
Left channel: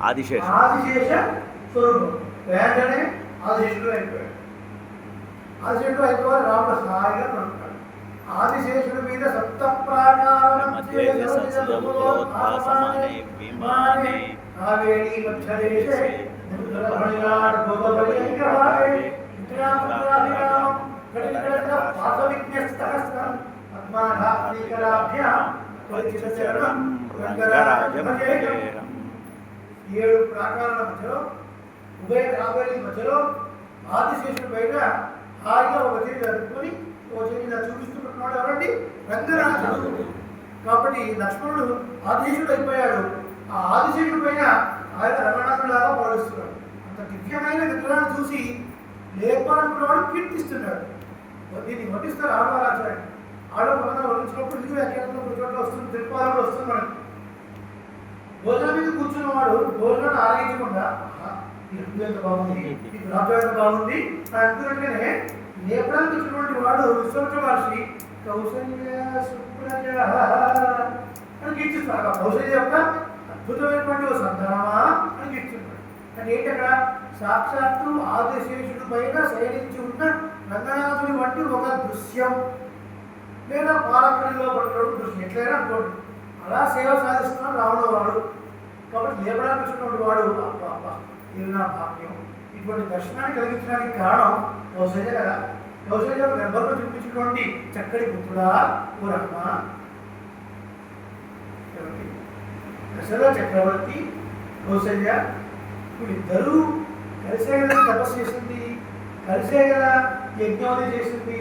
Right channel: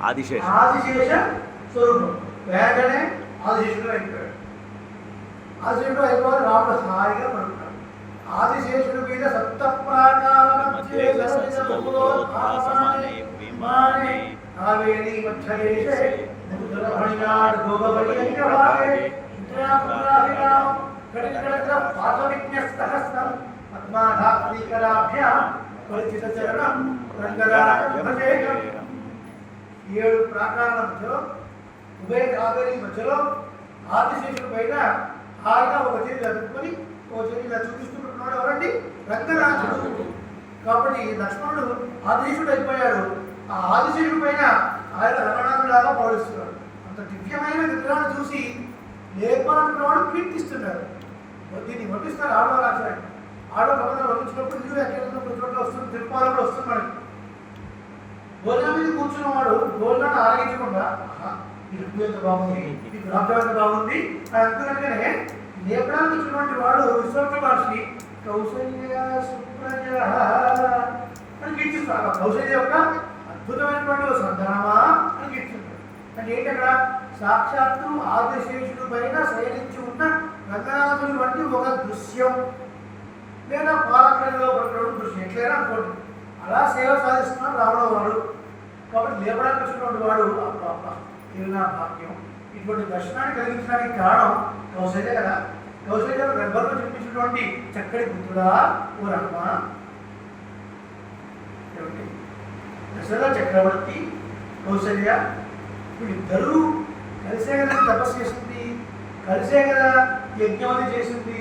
ఆదిశేష స్వరూపం. వెంటనే ఆదిశేషుడు అయిపోయాడు. ఆదిశేషుడు అయిపోవాలి. రాముడు హాయిగా పడుకుంటాడు. ఆదిశేషుడి మీద సప్త ప్రాకార ఏడు ప్రాకారాల మధ్యలో ఉభయ కావేరీ మధ్యలో ఆదిశేషుడి పైన హాయిగా ఒక చేతి అదుపుకొని ఒక చేతి ఇలా చూపిస్తున్నట్టున్నాడు. ఎవరండి? రంగనాథుడు. కాబట్టి లక్ష్మణుడు ఆదిశేషుడు అయిపోయాడు. ఆ ఆదిశేషుడి పైన ఆయన రంగనాథులాగా పౌడిస్తున్నాడు. అంత దివ్యమైన విగ్రహాన్ని చూసి లేపాలనుకున్నవాడు కీర్తిస్తున్నాడు. దీన్ని వడ్డిస్తారు ఆడవాళ్ళు ఆచార్యుడు. ఆడవాళ్ళు పక్కన వడ్డించినప్పుడు ఇల్లు వ్యాఖ్యానం కొన్ని చోట్ల వస్తుంది, తిరుపాలు కూడా వస్తుంది. మనకి భోజనం మీద కూర్చున్నవాడు భోజనాన్ని ఆరగించకుండా ఈ రుచి ఎంత బాగుంది, ఈ గులాబ్ ఎంత బాగుంది అని అనుకున్నట్టుగానే లేపడానికి వచ్చినటువంటి వాడు విశ్వామిత్ర మహర్షి కౌసల్య సుప్రజ అని కీర్తిస్తాడు. కౌసల్య యొక్క అద్భుతమైనటువంటి ఒక సంతానమా అని కీర్తిస్తున్నాడు. అంటే ఏంటి? అక్కడ సాక్షాత్తు ఆదిశేషుడి పైన శయనించి ఉన్న రంగనాథుడి వంటి ఒక దృశ్యం లేదా పాలకడిలో పడుతున్న దృశ్యం ఎట్లయినా అనుకోండి. అలా సేవ సాధిస్తున్నాడు రావణ వాడు. కాబట్టి లేపడానికి వచ్చినటువంటి వాడు ఇది నా భాగ్యం. ఇటువంటి దర్శనాన్ని కలిగించడానికి కారణం కౌశల్య కదా. కౌశల్య గర్భంలో చూపించినటువంటి చక్కటి పుత్రుడా ఓ రమ్మ. దశరథ చక్రవర్తి కౌశల్య వీళ్ళిద్దరూ కలిసే కదా తపస్సు చేసింది, కలిసే కదా యజ్ఞాలు చేసింది.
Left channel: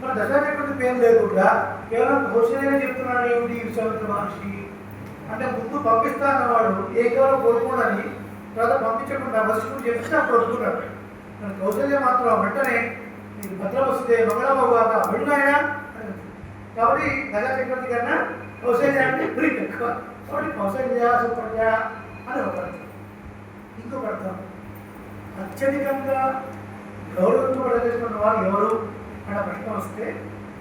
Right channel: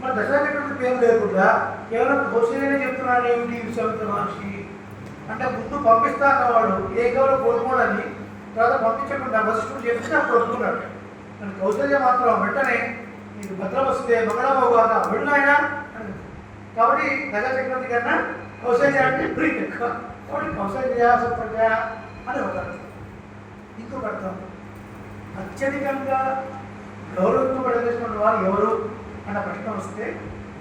మరి దశరథ చక్రవర్తి పేరు లేకుండా కేవలం కౌశల్యనే చెప్తున్నాడు ఏమిటి విశ్వామిత్ర మహర్షి అంటే ముందు పంపిస్తా అన్నవాడు ఏ కేవలం కోరుకోడని తర్వాత పంపించకుండా వశిష్ఠుడు చెప్తే అప్పుడు ఒప్పుకున్నాడు. కానీ కౌశల్య మాత్రం వెంటనే నీకు భద్రం వస్తే మంగళమవుగాక వెళ్ళు ఆయన అని. కాబట్టి దశరథ చక్రవర్తి కన్నా కౌశల్య అంటే ప్రీతి ఎక్కువ. కాబట్టి కౌశల్య సుప్రజ అని ఒక అర్థం. ఇంకొక అర్థం అత్యధికంగా గౌరవించబడేటువంటి వారు ఎవరు అన్న ప్రశ్న వస్తే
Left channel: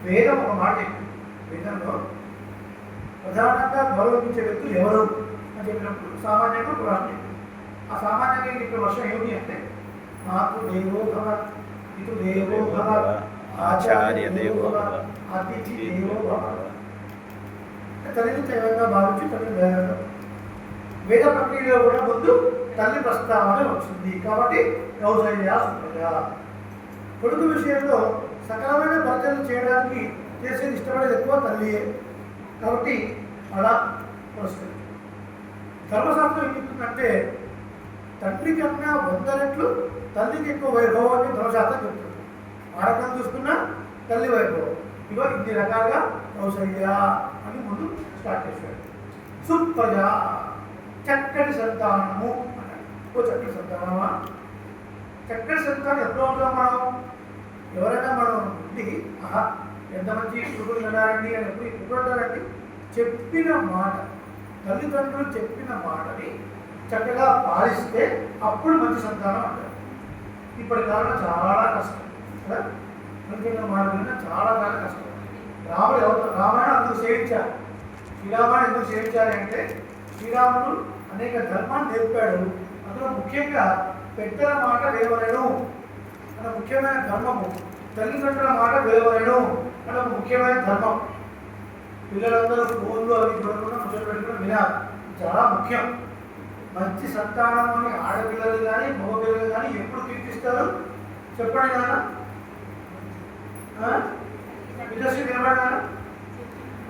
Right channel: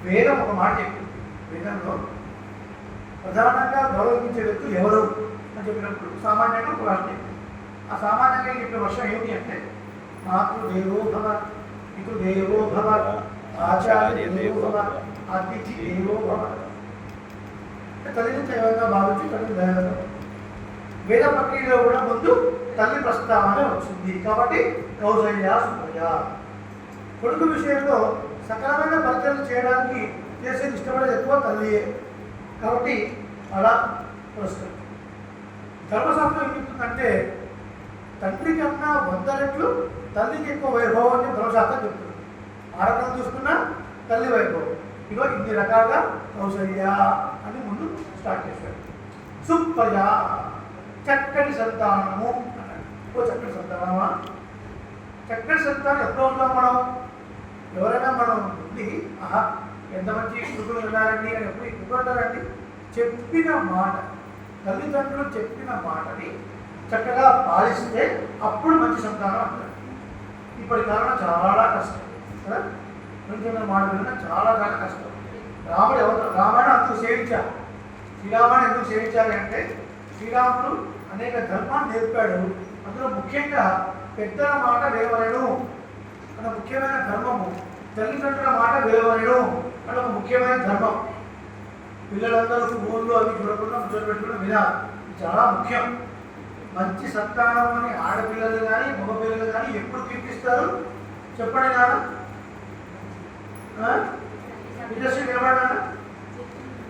వేదం ఒక మాట చెప్పింది. వేదంలో ప్రధానంగా గౌరవించే వ్యక్తులు ఎవరు అని చెప్పినప్పుడు సామాన్యంగా పురాణం చెప్పింది. ఆ సామాన్యంగా చెప్పే వర్షం ఏమిటి అంటే మాతృదేవో భవ, పితృదేవో భవ, ఆచార్య దేవో భవ, అతిథి దేవో భవ. తల్లిని దైవంగా భావించి తల్లిని దైవంగా వేద ప్రక్రియలో కూడా ముందు తల్లి ప్రస్తావన వచ్చింది. కాబట్టి కౌశల్య సుప్రజ. కొడుకు విషయంలో సకలమైన పరిచయం చేయడానికి చేసేది ఇష్టపడేది ఎక్కువ తల్లియే. కాబట్టి అలా పురస్కరించింది. ధర్మశాస్త్రం ఏం చెప్తుందంటే తండ్రి కన్నా 100 రెట్లు తల్లికి ఎక్కువ వైభవం అని ధర్మశాస్త్రం చెప్తుంది. ఆ రకంగా చూసుకున్నా తల్లి వైభవం. ఇగో ఇన్ని రకాలుగా కౌశల్య అని ముందు స్టార్ట్ చేశాడు. సుప్రజ చక్కటి సంతానము అన్నాడు. ఓ చక్కటి సంతానమా? చక్కటి సంతానం ఎప్పుడు ఉంటాం మనం? ఎవరైనా మనం ఉండి ఆహా ఎంత మంచి కుటుంబం ఉన్నారండి అని ఎప్పుడు అంటారండి? చెప్పిన మాట, తల్లిదండ్రులు చెప్పిన మాటని చక్కగా పాలిస్తే అప్పుడు మంచి సంతానం అంటారు. ఇప్పటి కాలంలో చాలా కష్టం కదా. తల్లిదండ్రుల మాట విన్నా చాలా చాలా కష్టం. రాముడు ఎవరు రామాయణం అందుకు సేవించారు. శ్రీరామాయణం ఎందుకు సేవించాలంటే శ్రీరాముడు అనేక ధర్మాన్ని నేర్పాడు. అందులో ముఖ్యంగా పెద్దల మాట వేవలేను అన్న ముఖ్యమైన ధర్మము, తల్లిదండ్రుల మాట వేవలేను అన్న ఒక ముఖ్యమైన ధర్మం. పిల్లలందరూ ఫోన్లు అవి చూడకుండా ముచ్చట పెట్టుకోవడం వినాలి, చాలా ముఖ్యం. మంచి సంతానం అని ఆడపిల్లలు కానీ మగపిల్లలు కానీ ఎప్పుడు కీర్తిస్తారు చెప్పండి నాన్న. ఇండస్ట్రీ నిలబడ్డా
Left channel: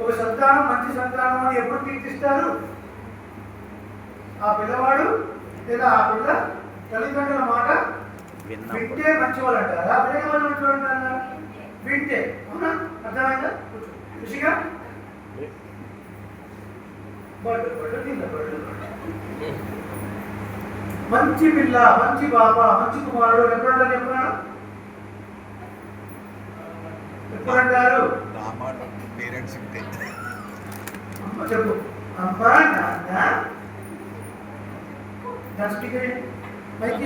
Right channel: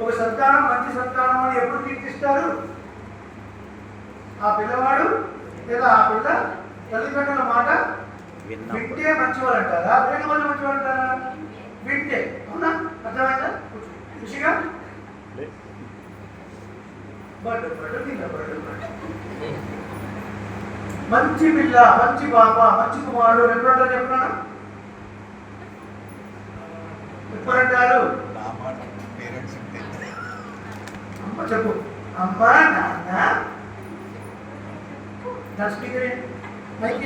ఒక సంతానం మంచి సంతానం అని ఎప్పుడు కీర్తిస్తారు? ఆ పిల్లవాడు లేదా ఆ పిల్ల తల్లిదండ్రుల మాట వింటే మంచివాళ్ళు అంటారా, వేరే వాళ్ళు మంచివాళ్ళు అంటారా? వింటే. అవునా? అర్థమైందా? ఖుషిగా మంచి పిల్ల, మంచి పాప, మంచి కుమారుడు ఎప్పుడంటారు చెప్పినాడు? ఎప్పుడంటారు? అమ్మ చెప్పు. అమ్మ నాన్న స్పీకర్ మైక్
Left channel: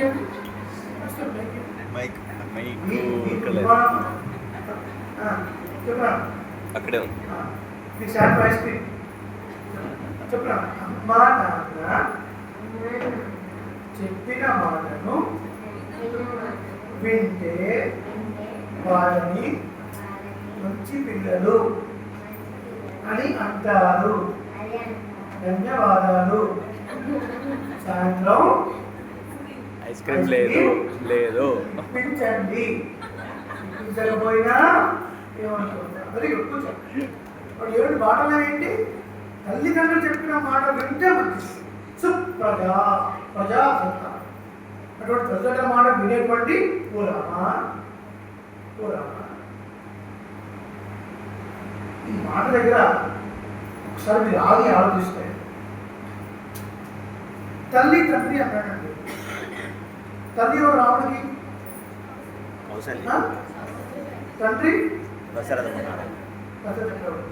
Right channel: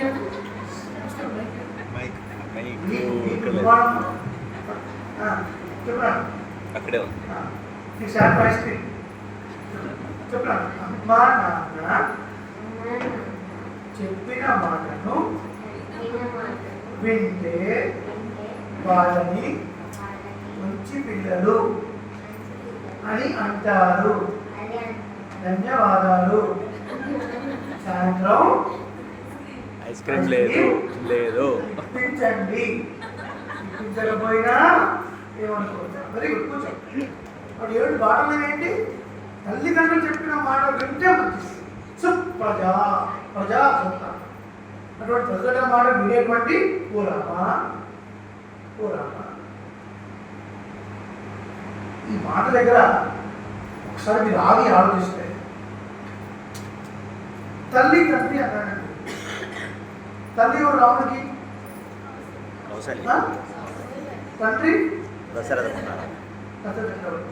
చెప్పరా అక్కడే చెప్పరా. అమ్మ నాన్న చెప్పిన మాటను వింటే వాళ్ళని మంచి పిల్లలు అని అంటారు. ధన్యవాదాలు. సాయంత్రం ఐస్ క్రీమ్ లేదు లేదు ఇప్పించండి. ఇప్పించకపోయినా ఏమనుకుంటారు? Very good. కూర్చో. వాడు 7 మాటలు ఏంటి? తల్లిదండ్రులు చెప్పిన మాట వింటే మంచి సుప్రజ, ప్రజా సంతానం. అటువంటి ప్రజల మాట వినేటువంటి ఓ రామా, ఓ రామా. ఈ మాట దగ్గర ఒకసారి మీరు ఆగి ఆలోచిస్తే తల్లి తండ్రి అన్నాడండి. తల్లి ఎవరు రాముడికి? కౌశల్య. తండ్రి దశరథ మహారాజు. దశరథ చక్రవర్తి.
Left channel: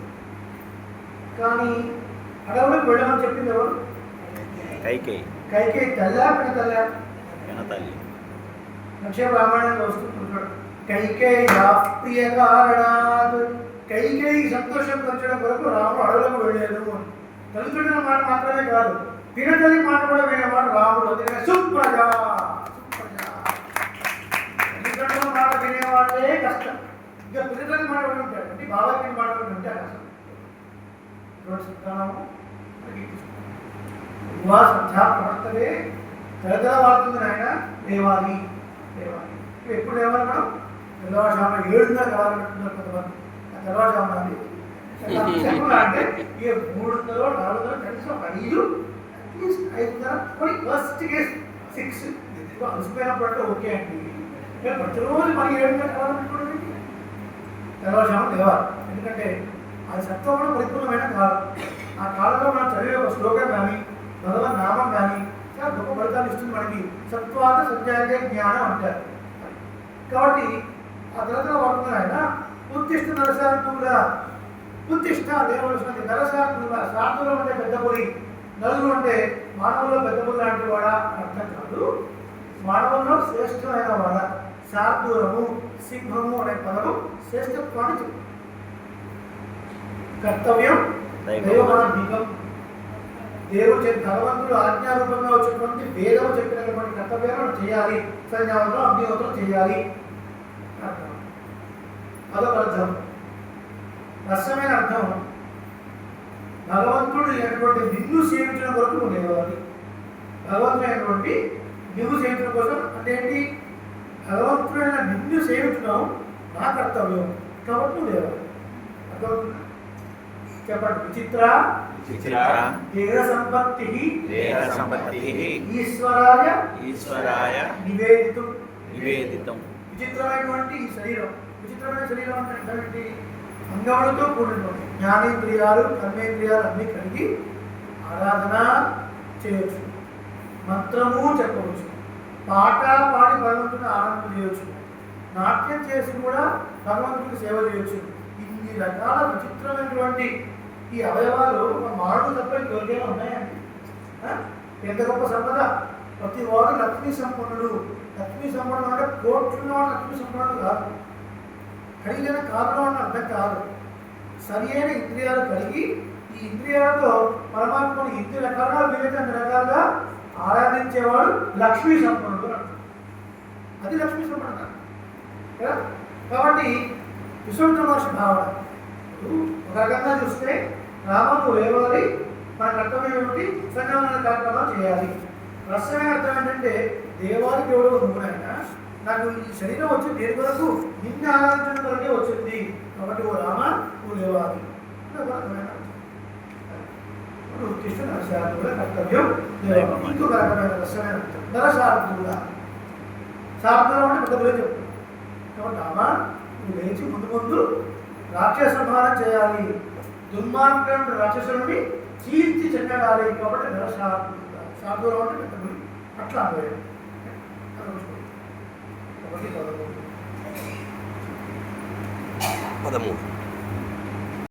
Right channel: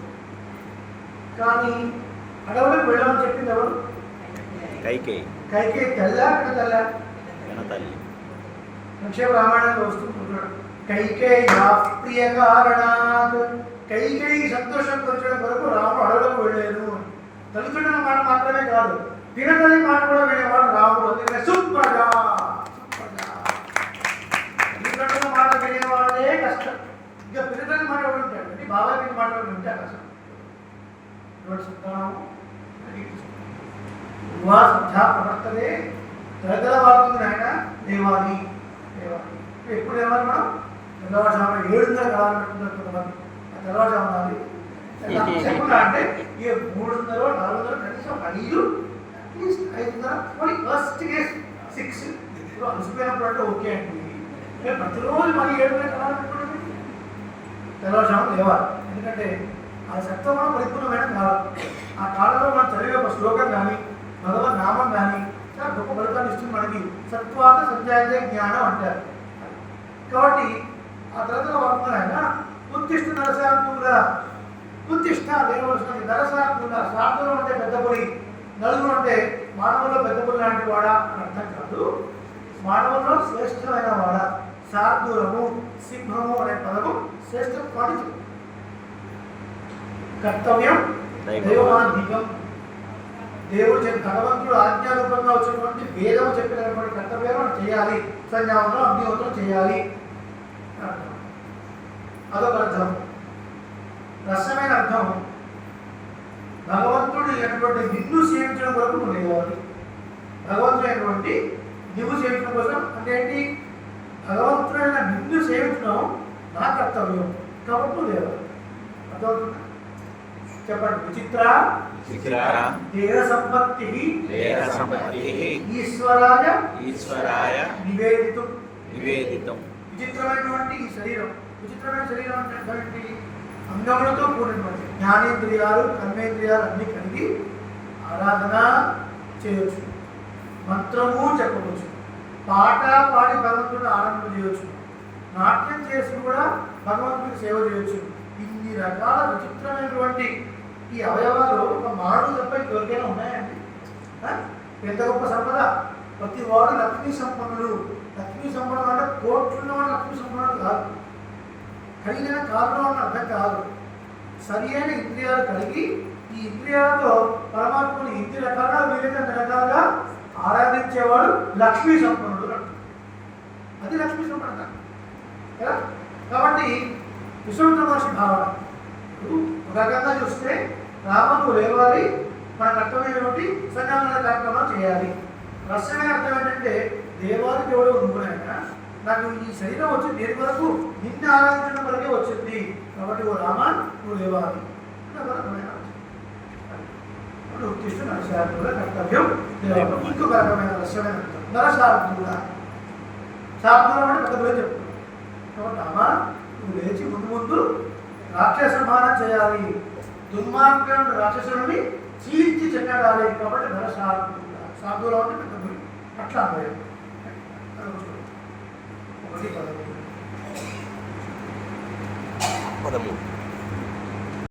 కానీ అడవులకు వెళ్ళమని చెప్పింది ఎవరు? కైకేయి. కైకేయి తల్లా తల్లా? తల్లి. లక్ష్మీ రామాయణంలో వస్తుంటాడు. కైకేయి ప్రియ కారణాత్, కైకేయి సంతోషం పరచడం కొరకు రాముడు అడవులకు వెళ్ళాను. తల్లిదండ్రుల మాట మాత్రమే కాదు, పినతల్లి మాట కూడా వినేవాడు రాముడు. అందుకనే సుప్రజ, సుప్రజ మాట వినేవాడే కష్టం. ఇంకా పిల్లలని మాట కూడా ఉంటాడు అంటే బాబాయ్ పిల్లి మాట కూడా ఉంటే కష్టం. ఇటువంటి సంతానము సంధ్యా ప్రవర్తనే తరతర వాడుతుంది ఆయన దేవాలి దేవాలి. ఎప్పుడు లేవాలి మనం తెల్లవారుజామున 7:30 కలాలంటున్నారు కొంతమంది. ఆ తెల్లవారుజామున అంటే ఇక 3:30 4:30 కనీసం 5 అట్లీస్ట్ 5:30 ఫస్ట్ కేస్ 6 ఇప్పుడు అలసిపోయినప్పుడు అంటే ఓకే అండి. ప్రతిరోజు మరి 7:30 కలాలంటున్నది తెల్లవారుజామున లేవాలి. ఎందుకంటే అది సత్వగుణ పరిపూర్ణమైన కాలం. ఆ కాలంలో మనం చదివే ఒక శ్లోకం కానీ భగవన్ నామం కానీ చాలా గొప్ప ఫలితాలు ఇస్తుంది మనకి. సత్వాత సత్యాగే జ్ఞానం అంటారు. కాబట్టి ఆ తర్వాత వాడుతున్నారు ఆయన ఉత్తిష్ట నరసార్థుల ఉత్తిష్ట లేవలసినది నరసార్థుల. సార్థులం అంటే పెద్ద పొడి, నలుగురు అంటే మానవుల్లో పెద్ద పొడి లాంటి వాడా అని అర్థం కాదు. మానవుల్లో శ్రేష్టమైన వాడ. శార్దూలము సింహము అనే పదము శ్రేష్టత్వాన్ని చెప్తుంది. కర్తవ్యం దైవమాధికం. దేవుడు భగవంతుడు ఆజ్ఞారూపంగా వచ్చేటువంటి వేదము చెప్పినటువంటి కర్తవ్యాన్ని మనం చేయాలి. సంధ్యావంతం అగ్నివంతం చేయాలి. అదొక అర్థం. రసమైన అర్థం భగవంతుడు అయినటువంటి నిన్ను సేవించడం కొరకు నువ్వు లేవాలి. భగవంతుడు అయినటువంటి నువ్వు సేవించడం కోసం అంటే ఏంటి? భగవంతుడైన నిన్ను సేవించడం నా కర్తవ్యం కాబట్టి నువ్వు లేవాలి. అర్థమవుతుందా? చెప్పండి. విచిత్ర దేహ సంపత్తి ఈశ్వరాయ నివేదితం. విచిత్రమైనటువంటి ఈ శరీరం, విచిత్రమైన శరీరం అంటే అంగములతో కూడినటువంటి జ్ఞానేంద్రియాలు కర్మేంద్రియాలు అన్నీ కలిగి ఆరాధన చేయవచ్చు, మంత్రము చెప్పవచ్చు, పాట పాడి భగవంతుడిని ఆనందం చేయవచ్చు, నాట్యం చేసి కూడా భగవంతుడికి సేవ చేయవచ్చు. ఇన్ని రకాల విచిత్రమైనటువంటి ఈ అవయవాలు ఒక మానవుడు తప్ప ఇంకెవరికైనా ఉన్నాయండి? ఎంత గొప్ప సంపద! ప్రతి వాడు లక్ష్మీ సంపన్నుడు. లక్ష్మీ సంపన్నుడు అంటే కోట్లున్న వాడు లక్ష్మీ సంపన్నుడు కాదు, ఖరీదైన కారులో ఉన్న అర్థం కాదు. సరి అయిన ఇంద్రియాలు కలిగి ఈ ఇంద్రియాలతో పరమాత్మని ఎన్ని రకాలుగా వీలైతే అన్ని రకాలుగా ఆరాధించేవాడు లక్ష్మీ సంపన్నుడు అంటారు. అది లక్ష్మీ సంపన్నుడు కదా. కాబట్టి విశ్వమిత్ర మహర్షి భావన ఒక రకంగా చూస్తే రామను లేవాలి, మన కర్తవ్యం ఏమిటి? సంధ్యావందన కార్యక్రమాలు చేయాలి. రసమైన అర్థం ఏంటంటే దేవాది దేవుడు నువ్వునైనా నాకు ఈ శరీరం వచ్చి దేని వరకు నిన్ను ఆరాధించడం వరకే వచ్చింది కాబట్టి ఓ రామ నువ్వు లేవాలి. ఉత్తిష్ట నరసార్థుల కర్తవ్యం. ఇంకొక రకమైన రసమైన అర్థం నరసార్థుల. శార్థులం అంటే పెద్ద పేరు చెప్తున్నాను కాబట్టి రామ నువ్వు లేచి ముందు ముందు రాక్షస సంహారం చేయాలి, దుర్మార్గం రాక్షసుని చీల్చి చెండాలి కాబట్టి నరసార్థుల. శార్థులం అంటే పెద్ద పేరు అట్లా అన్నారు. ఒకటి 13